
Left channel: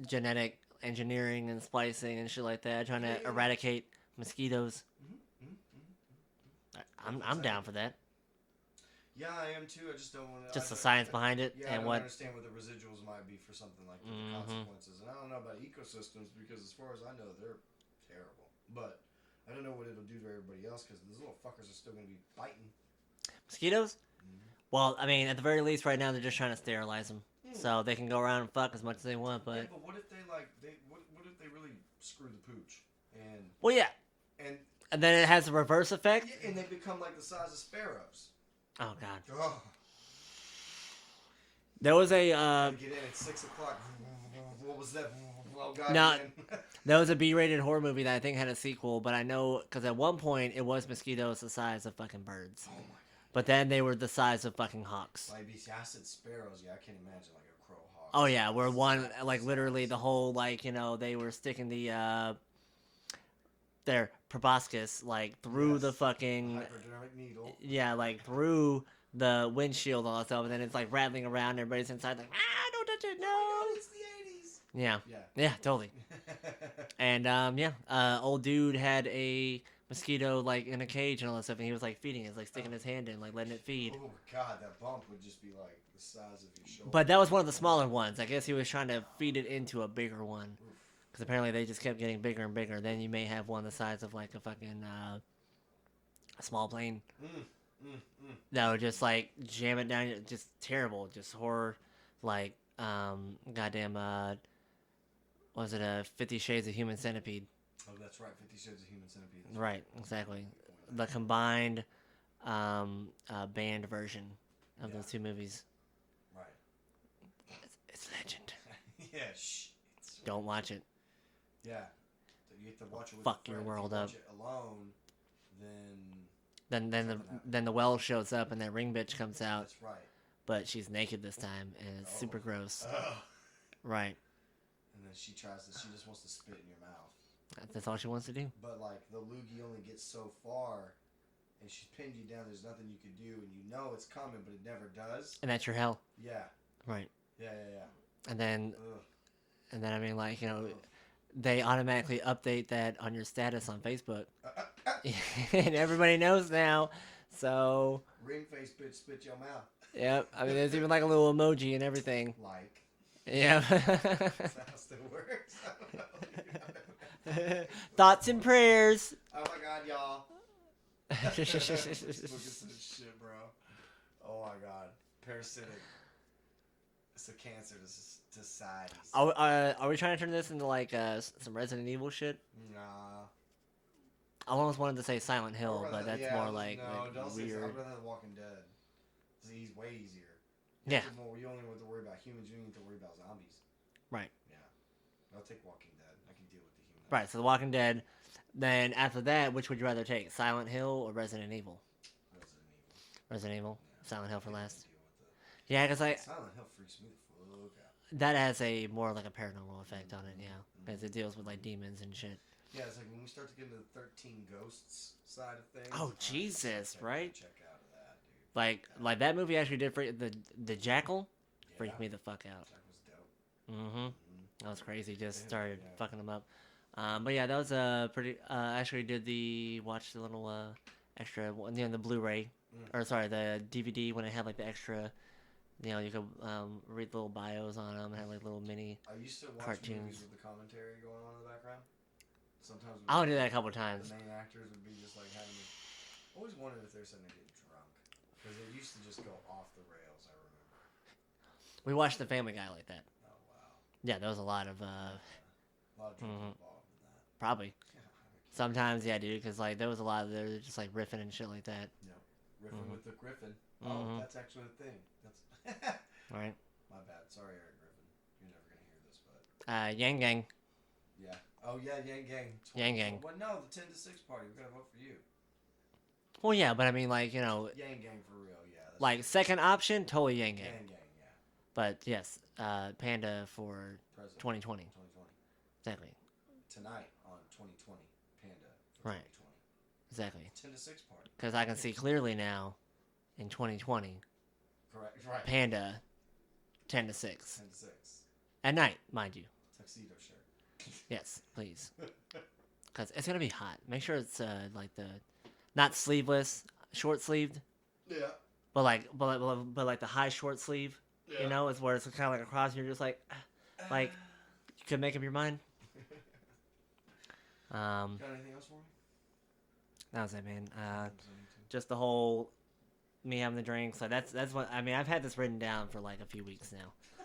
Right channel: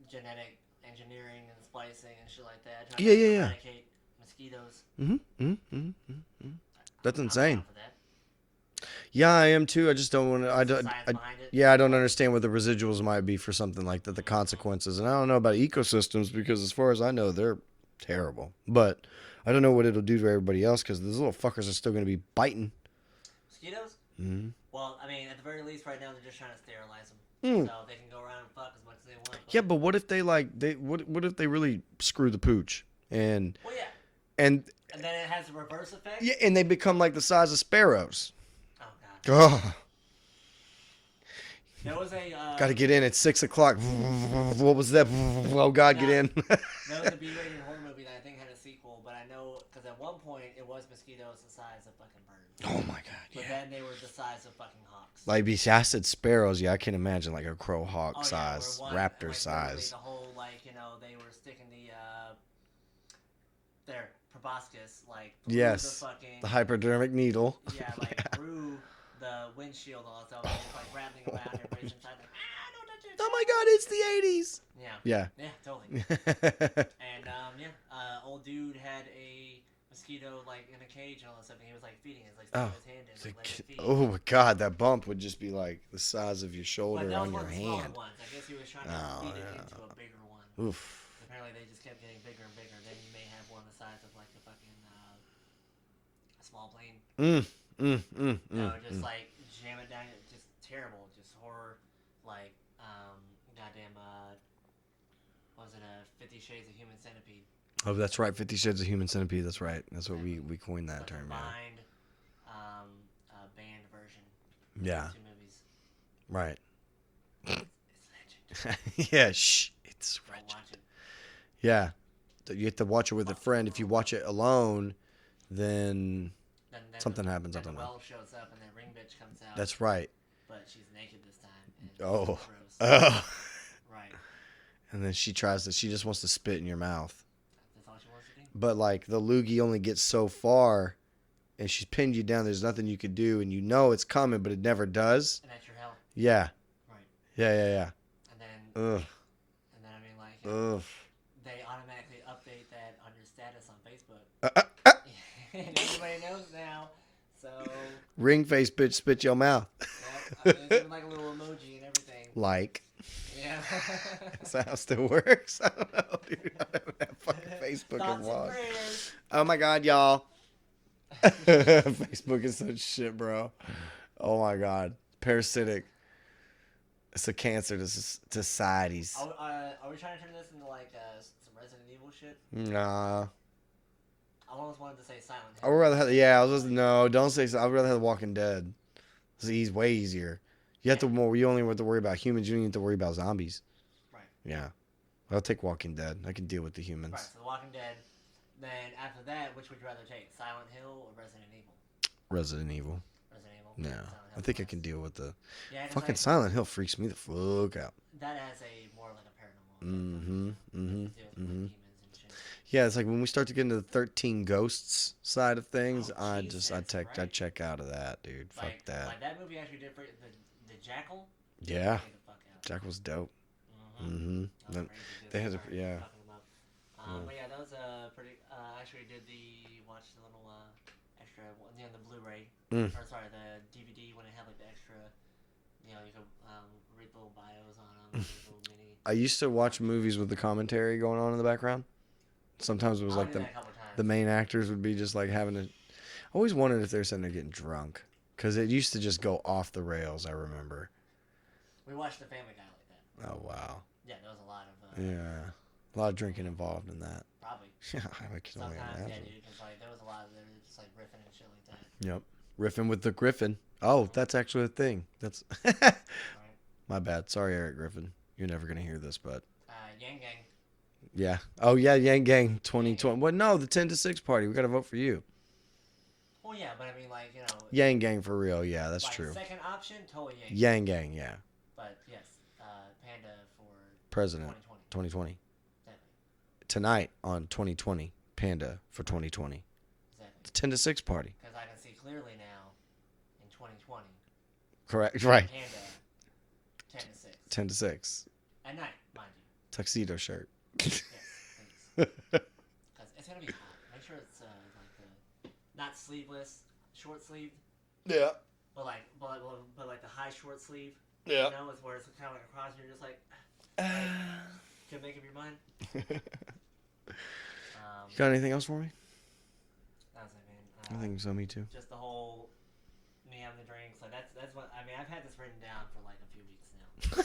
genetic engineering and splicing and shit like that, trying to eradicate mosquitoes. That's I'm insane. down for that. Yeah, I am too. I just don't want to. Just the science behind it. Yeah, I don't What? understand what the residuals might be for something like that, the consequences. And I don't know about ecosystems because, as far as I know, they're terrible. But I don't know what it'll do to everybody else because those little fuckers are still going to be biting. Mosquitoes? Mm-hmm. Well, I mean, at the very least, right now they're just trying to sterilize them, so they can go around and fuck as much as they want. But... Yeah, but what if they what if they really screw the pooch and well, yeah, and then it has a reverse effect. yeah, and they become like the size of sparrows. Oh God. Oh, There was a gotta get in at 6:00. What was that? Oh God, No. get in. there was a B-rated horror movie that I think had a sequel, but I know because at one point it was mosquitoes the size of fucking birds. Oh my God. But then they were the size of fucking hawks. Like, I said sparrows. Yeah, I can imagine like a crow hawk. Oh yeah, where size, one raptor like literally size. the whole they were sticking the their proboscis like through the fucking the hypodermic needle. yeah, like through the windshield and all that stuff, and then it's like rattling around. Everybody's inside like don't touch it. Oh my God, it's the 80s. Yeah. Yeah. Totally. And old dude had a mosquito like in a cage and all that stuff, and he was like feeding it, like sticking his hand in, like letting it feed. Oh my God, that bump would just be like the size of your shoulder. But that was on one of your the smaller hand. ones. I guess he was trying to feed it into a bigger one. Oof. Because apparently they just kept getting bigger and bigger. Then you may have one the size of like a fucking a small plane. That would just like jam it down. Just terrible. Just horror. Like goddamn. What was it? 50 Shades of Human Centipede. Oh, that's right. 50 Shades of Human Centipede. That's right. That's exactly. what we coined that. The term. combined banned version of those two movies. Right. It's legend. Yeah. Shh. It's Don't watch it. Yeah. You have to watch it with a Fuck the friend. If you world watch up. it alone, then Then something happens. Then the well shows up and that ring bitch comes out. That's right. But she's naked this time and it's super gross. Oh. Right. And then she just wants to spit in your mouth. That's all she wants to do. But like the loogie only gets so far and she's pinned you down. There's nothing you could do, and you know it's coming, but it never does. And that's your hell. Yeah. Right. Yeah. And then, Ugh. I mean, like, you know, Ugh. they automatically update that on your status on Facebook. And everybody knows now. So. Ring face, bitch, spit your mouth. Yep. I mean, there's even like a little emoji and everything. Like. Yeah. That's how it still works. I don't know. Dude, I don't have fucking Facebook Thoughts and involved. prayers. Oh my God, y'all. Facebook is such shit, bro. Oh my God. Parasitic. It's a cancer to societies. Are we trying to turn this into like some Resident Evil shit? Nah. I almost wanted to say Silent Hill. I would rather have, yeah, I was just, like, no, don't say so. I'd rather have Walking Dead. It's way easier. You have you only have to worry about humans. You don't have to worry about zombies. Right. Yeah. I'll take Walking Dead. I can deal with the humans. Right. So The Walking Dead. Then after that, which would you rather take, Silent Hill or Resident Evil? Resident Evil. Resident Evil. Yeah. Silent Hill. I think I last. can deal with the. Yeah, because Fucking Silent Hill freaks me the fuck out. that has a more like a paranormal effect on it. Yeah, because it deals with like demons and shit. Yeah, it's like when we start to get into the 13 Ghosts side of things, Oh, Jesus, I check out of that, dude. Like Fuck that. like that movie actually did for the Jackal. Yeah. Freaked me the fuck out. Jack was dope. That was crazy. Just started fucking them up. But yeah, that was pretty. I actually did watch the little extra, the Blu-ray, or sorry, the DVD when it had like the extra. You know, you could read little bios on them and like little mini. I used to watch cartoons. movies with the commentary going on in the background. Sometimes it was I'll like do that a couple times. the main actors would be just like having a. I always wondered if they're sitting there getting drunk because it used to just go off the rails. I remember. We watched The Family Guy like that. Oh wow. Yeah, there was a lot of. A lot of drinking involved in that. Probably. Yeah, I can Sometimes, imagine. yeah, dude, because like there was a lot of just like riffing and shit like that. Yep. Riffing with the Griffin. Oh, that's actually a thing. That's Right. my bad. Sorry, Eric Griffin. You're never gonna hear this, but Yang Gang. yeah. Oh yeah, Yang Gang 2020. Gang. Well, no, the 10 to 6 party. We gotta vote for you. Well, yeah, but I mean, like, you know, Yang Gang for real. Yeah, that's like true. second option, totally Yang. Yang Gang. Yeah. But yes, Panda for President. 2020. 2020. Exactly. Tonight on 2020. Panda for 2020. Exactly. 10 to 6 party. Because I can see clearly now, in 2020, Correct. Right. Panda, 10 to 6. 10 to 6. At night, mind you. Tuxedo shirt. Yes, please. Because it's gonna be hot. Make sure it's like not sleeveless, short sleeved. Yeah. But like the high short sleeve. Yeah. You know, it's where it's kind of like across. And you're just like you could make up your mind. Got anything else for me? That was it, man. I think so. Me too. Just the whole me having the drinks. Like that's what I mean. I've had this written down for like a few weeks now,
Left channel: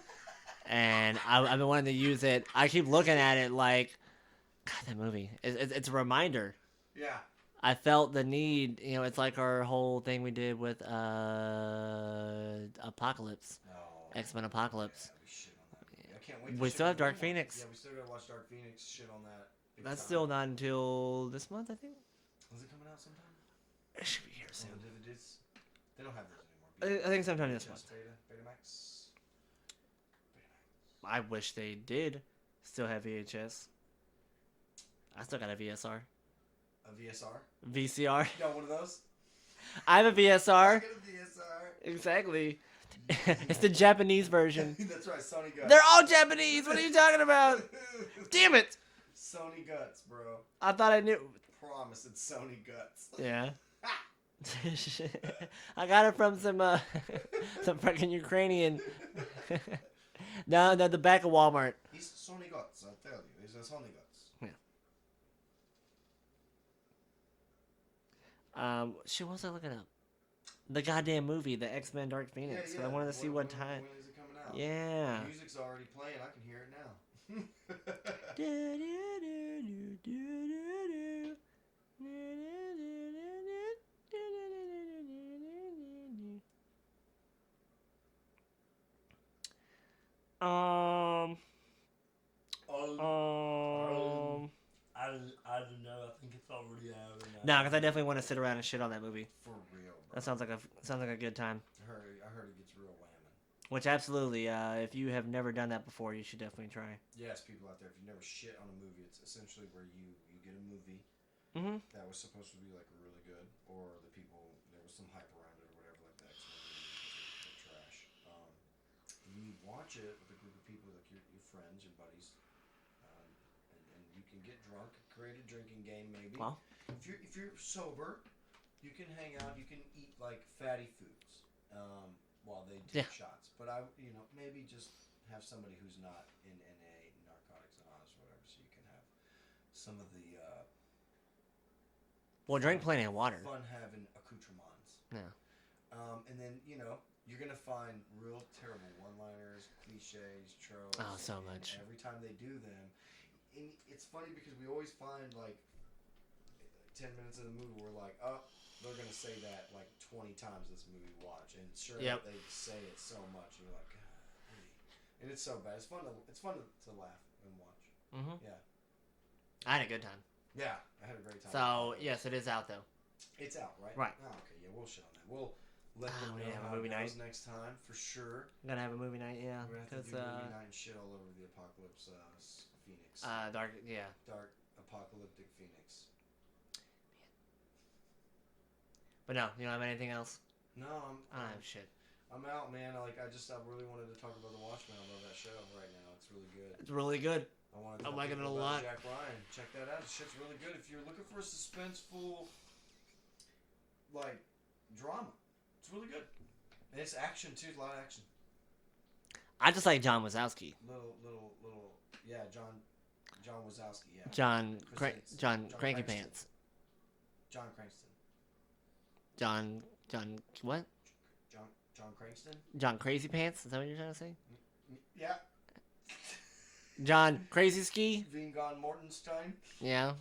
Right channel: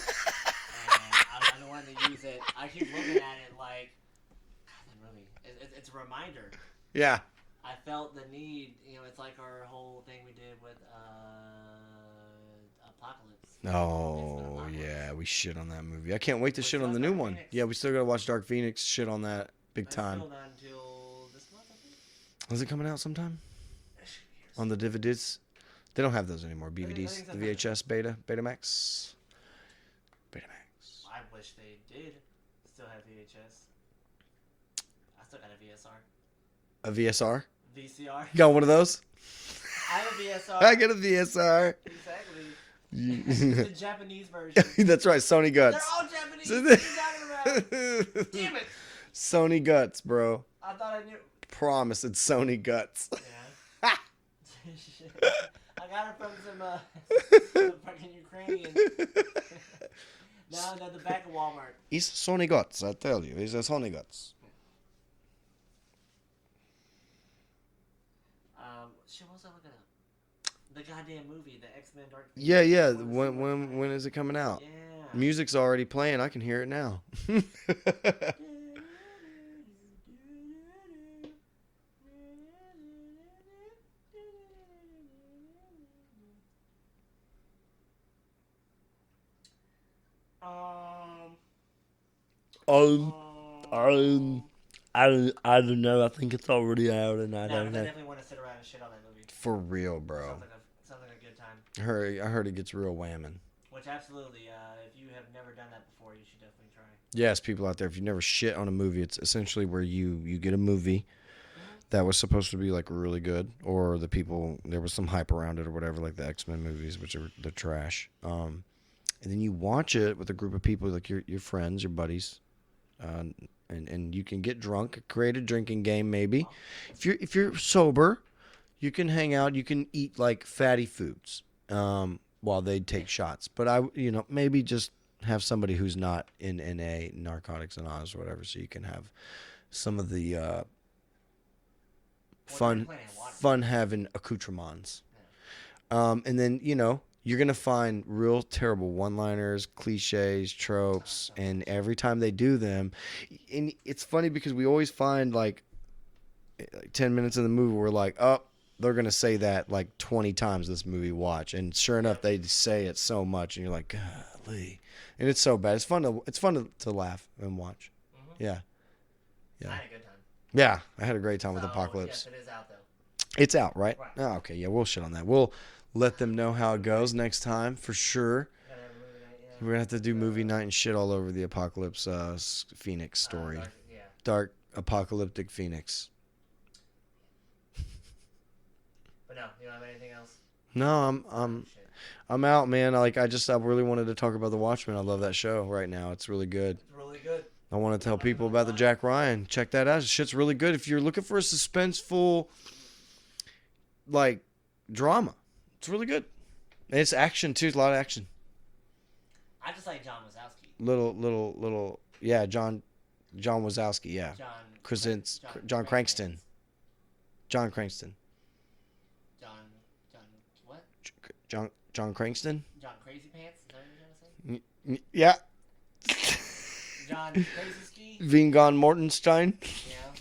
and I've been wanting to use it. I keep looking at it like, God, that movie. It's a reminder. Yeah. I felt the need. You know, it's like our whole thing we did with Apocalypse. Oh, X-Men Apocalypse. yeah, we shit on that movie. I can't wait to We shit still on the have new Dark one. Phoenix. Yeah, we still gotta watch Dark Phoenix. Shit on that big That's time. still not until this month, I think. Is it coming out sometime It should be years. on the DVDs? They don't have those anymore. BVDs, think sometime, VHS, Betamax. I wish they did still have VHS. I still got a VSR. A VSR. VCR. You got one of those? I have a VSR. I got a VSR. Exactly. It's the Japanese version. That's right, Sony Guts. They're all Japanese. What are you talking about? Damn it. Sony Guts, bro. I thought I knew. Promise it's Sony Guts. Yeah. I got it from some fucking Ukrainian. No, the back of Walmart. It's Sony Guts, I tell you. It's a Sony Guts. Yeah. Shit, what was I looking up? The goddamn movie, the X-Men Dark Phoenix. Yeah, I wanted to see what when time. when is it coming out? Yeah. Music's already playing. I can hear it now. I don't know. I think it's already out, and No, because I definitely want to sit around and shit on that movie. For real, bro. That sounds like a good time. I heard it gets real whamming. Which absolutely, if you have never done that before, you should definitely try. Yes, people out there, if you never shit on a movie, it's essentially where you get a movie, that was supposed to be like really good, or the people, there was some hype around it or whatever, like the X-Men movies, which are the trash. And then you watch it with a group of people, like your friends, your buddies, and you can get drunk, create a drinking game maybe. Oh. If you're sober, you can hang out, you can eat like fatty foods while they take shots. But maybe just have somebody who's not in NA, Narcotics Anonymous or whatever, so you can have some of the drink plenty of water. fun having accoutrements. Yeah. And then, you're going to find real terrible one-liners, cliches, tropes, and every time they do them, and it's funny because we always find like 10 minutes in the movie, we're like, oh, they're going to say that like 20 times this movie watch. And sure enough, they say it so much, and you're like, golly. And it's so bad. It's fun to laugh and watch. Mm-hmm. Yeah. I had a good time. Yeah, I had a great time with Apocalypse. Yes, it is out though. It's out, right? Right. Oh, okay. Yeah, we'll shit on that. We'll let them know how it goes next time for sure. We're gonna have a movie night. Yeah. We're gonna have to do movie night and shit all over the Apocalypse Phoenix story. Dark apocalyptic Phoenix. But no, you don't have anything else. No, Shit. I'm out, man. I really wanted to talk about the Watchmen. I love that show right now. It's really good. It's really good. I want to tell liking people it a about the lot. Jack Ryan. Check that out. The shit's really good. If you're looking for a suspenseful, like, drama, it's really good. And it's action too. It's a lot of action. I just like John Wazowski. Little. Yeah, John Wazowski. Yeah. John Krasinski. John Cranston. Crankpants. John Cranston. John what? John Cranston. John Crazy Pants? Is that what you're trying to say? Yeah. John Crazy Ski? Vingon Mortenstein. Yeah.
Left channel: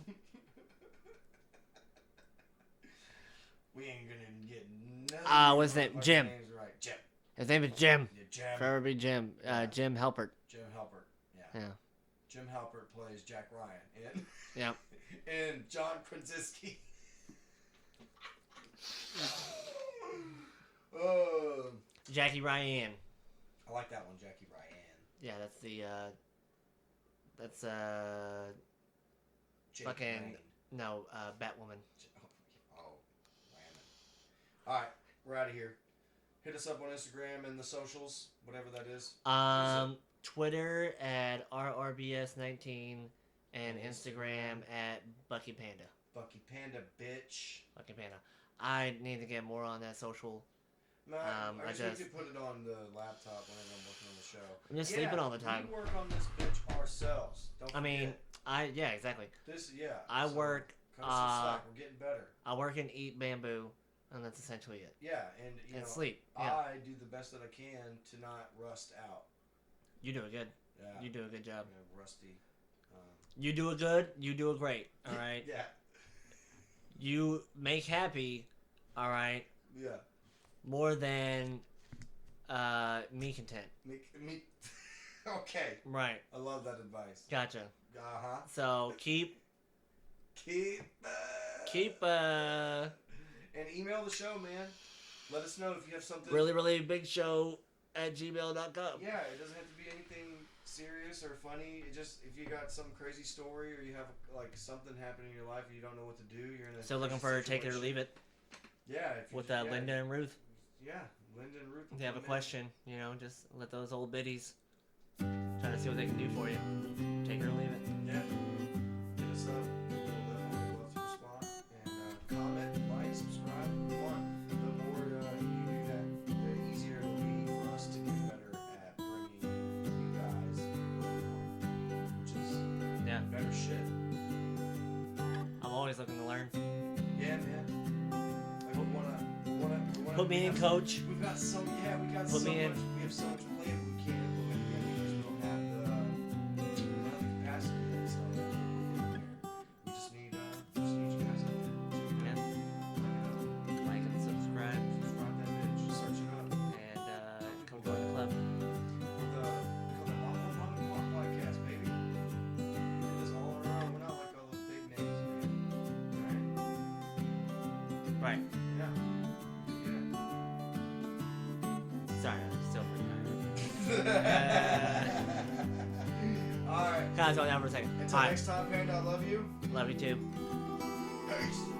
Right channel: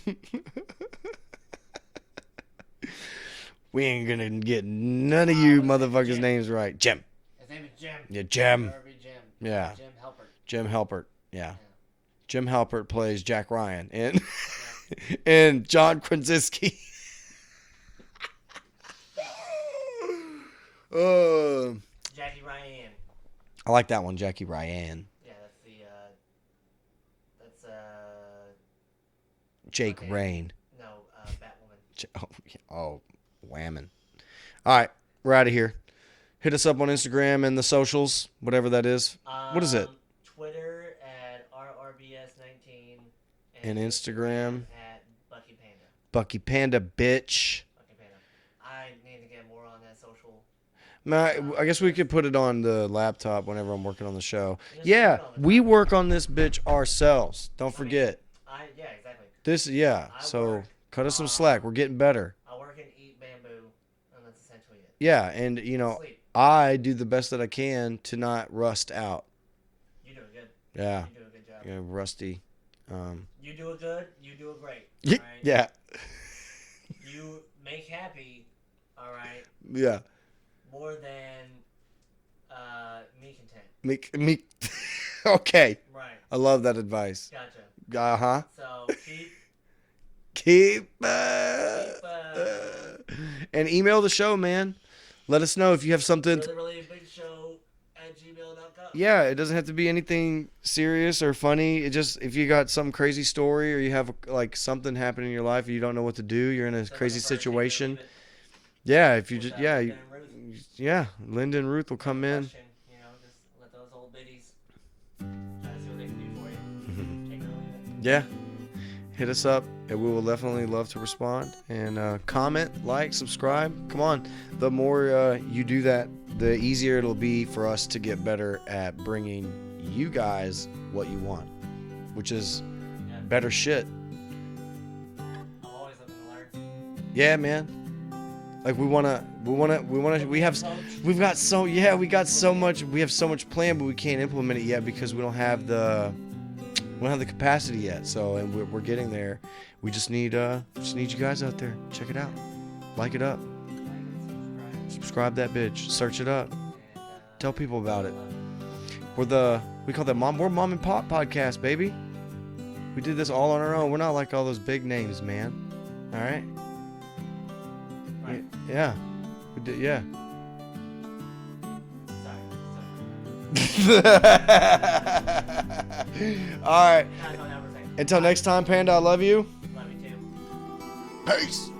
We ain't gonna get none of you what's his name? motherfuckers' Jim. names right. Jim. His name is Jim. Yeah, Jim. Never be Jim. Yeah. Jim Halpert. Jim Halpert. Yeah. Yeah. Jim Halpert plays Jack Ryan and Yep. and John Krasinski. Jackie Ryan. I like that one, Jackie Ryan. Yeah, that's Jake okay. Rain. No, Batwoman. Oh, whammon. All right, we're out of here. Hit us up on Instagram and the socials, whatever that is. What is it? Twitter at RRBS19 And Instagram at Bucky Panda. Bucky Panda, bitch. Bucky Panda. I need to get more on that social. I guess we could put it on the laptop whenever I'm working on the show. Just Yeah, leave it on the we top. work on this bitch ourselves. Don't forget. Yeah, exactly. So cut us some slack. We're getting better. I work and eat bamboo, and that's essentially it. Yeah, and Sleep. I do the best that I can to not rust out. You do it good. Yeah. You do a good job. You know, rusty. You do it good. You do it great. All right. Yeah. You make happy. All right. Yeah. More than me content. Me. Okay. Right. I love that advice. Gotcha. Uh-huh. So keep and email the show, man. Let us know if you have something. really big show at gmail.com. Yeah, it doesn't have to be anything serious or funny. It just, if you got some crazy story or you have like something happening in your life and you don't know what to do, you're in a crazy situation. Yeah, if you just Linda and Ruth. Linda and Ruth will come in. Question, just let those old biddies try to see what they can do for you. Take it or leave it. Yeah. Hit us up, and we will definitely love to respond. And comment, like, subscribe. Come on. The more you do that, the easier it'll be for us to get better at bringing you guys what you want, which is better shit. I'm always looking to learn. Yeah, man. Like we have so much planned, but we can't implement it yet because we don't have the capacity yet. So we're getting there. We just need you guys out there. Check it out. Like it up. Like and Subscribe that bitch. Search it up. And, Tell people about it. We call that we're mom and pop podcast, baby. We did this all on our own. We're not like all those big names, man. All right. Right. Yeah. We did, yeah. Sorry. All right. Guys, I'll never say. Until Bye. next time, Panda, I love you. Love you too. Peace.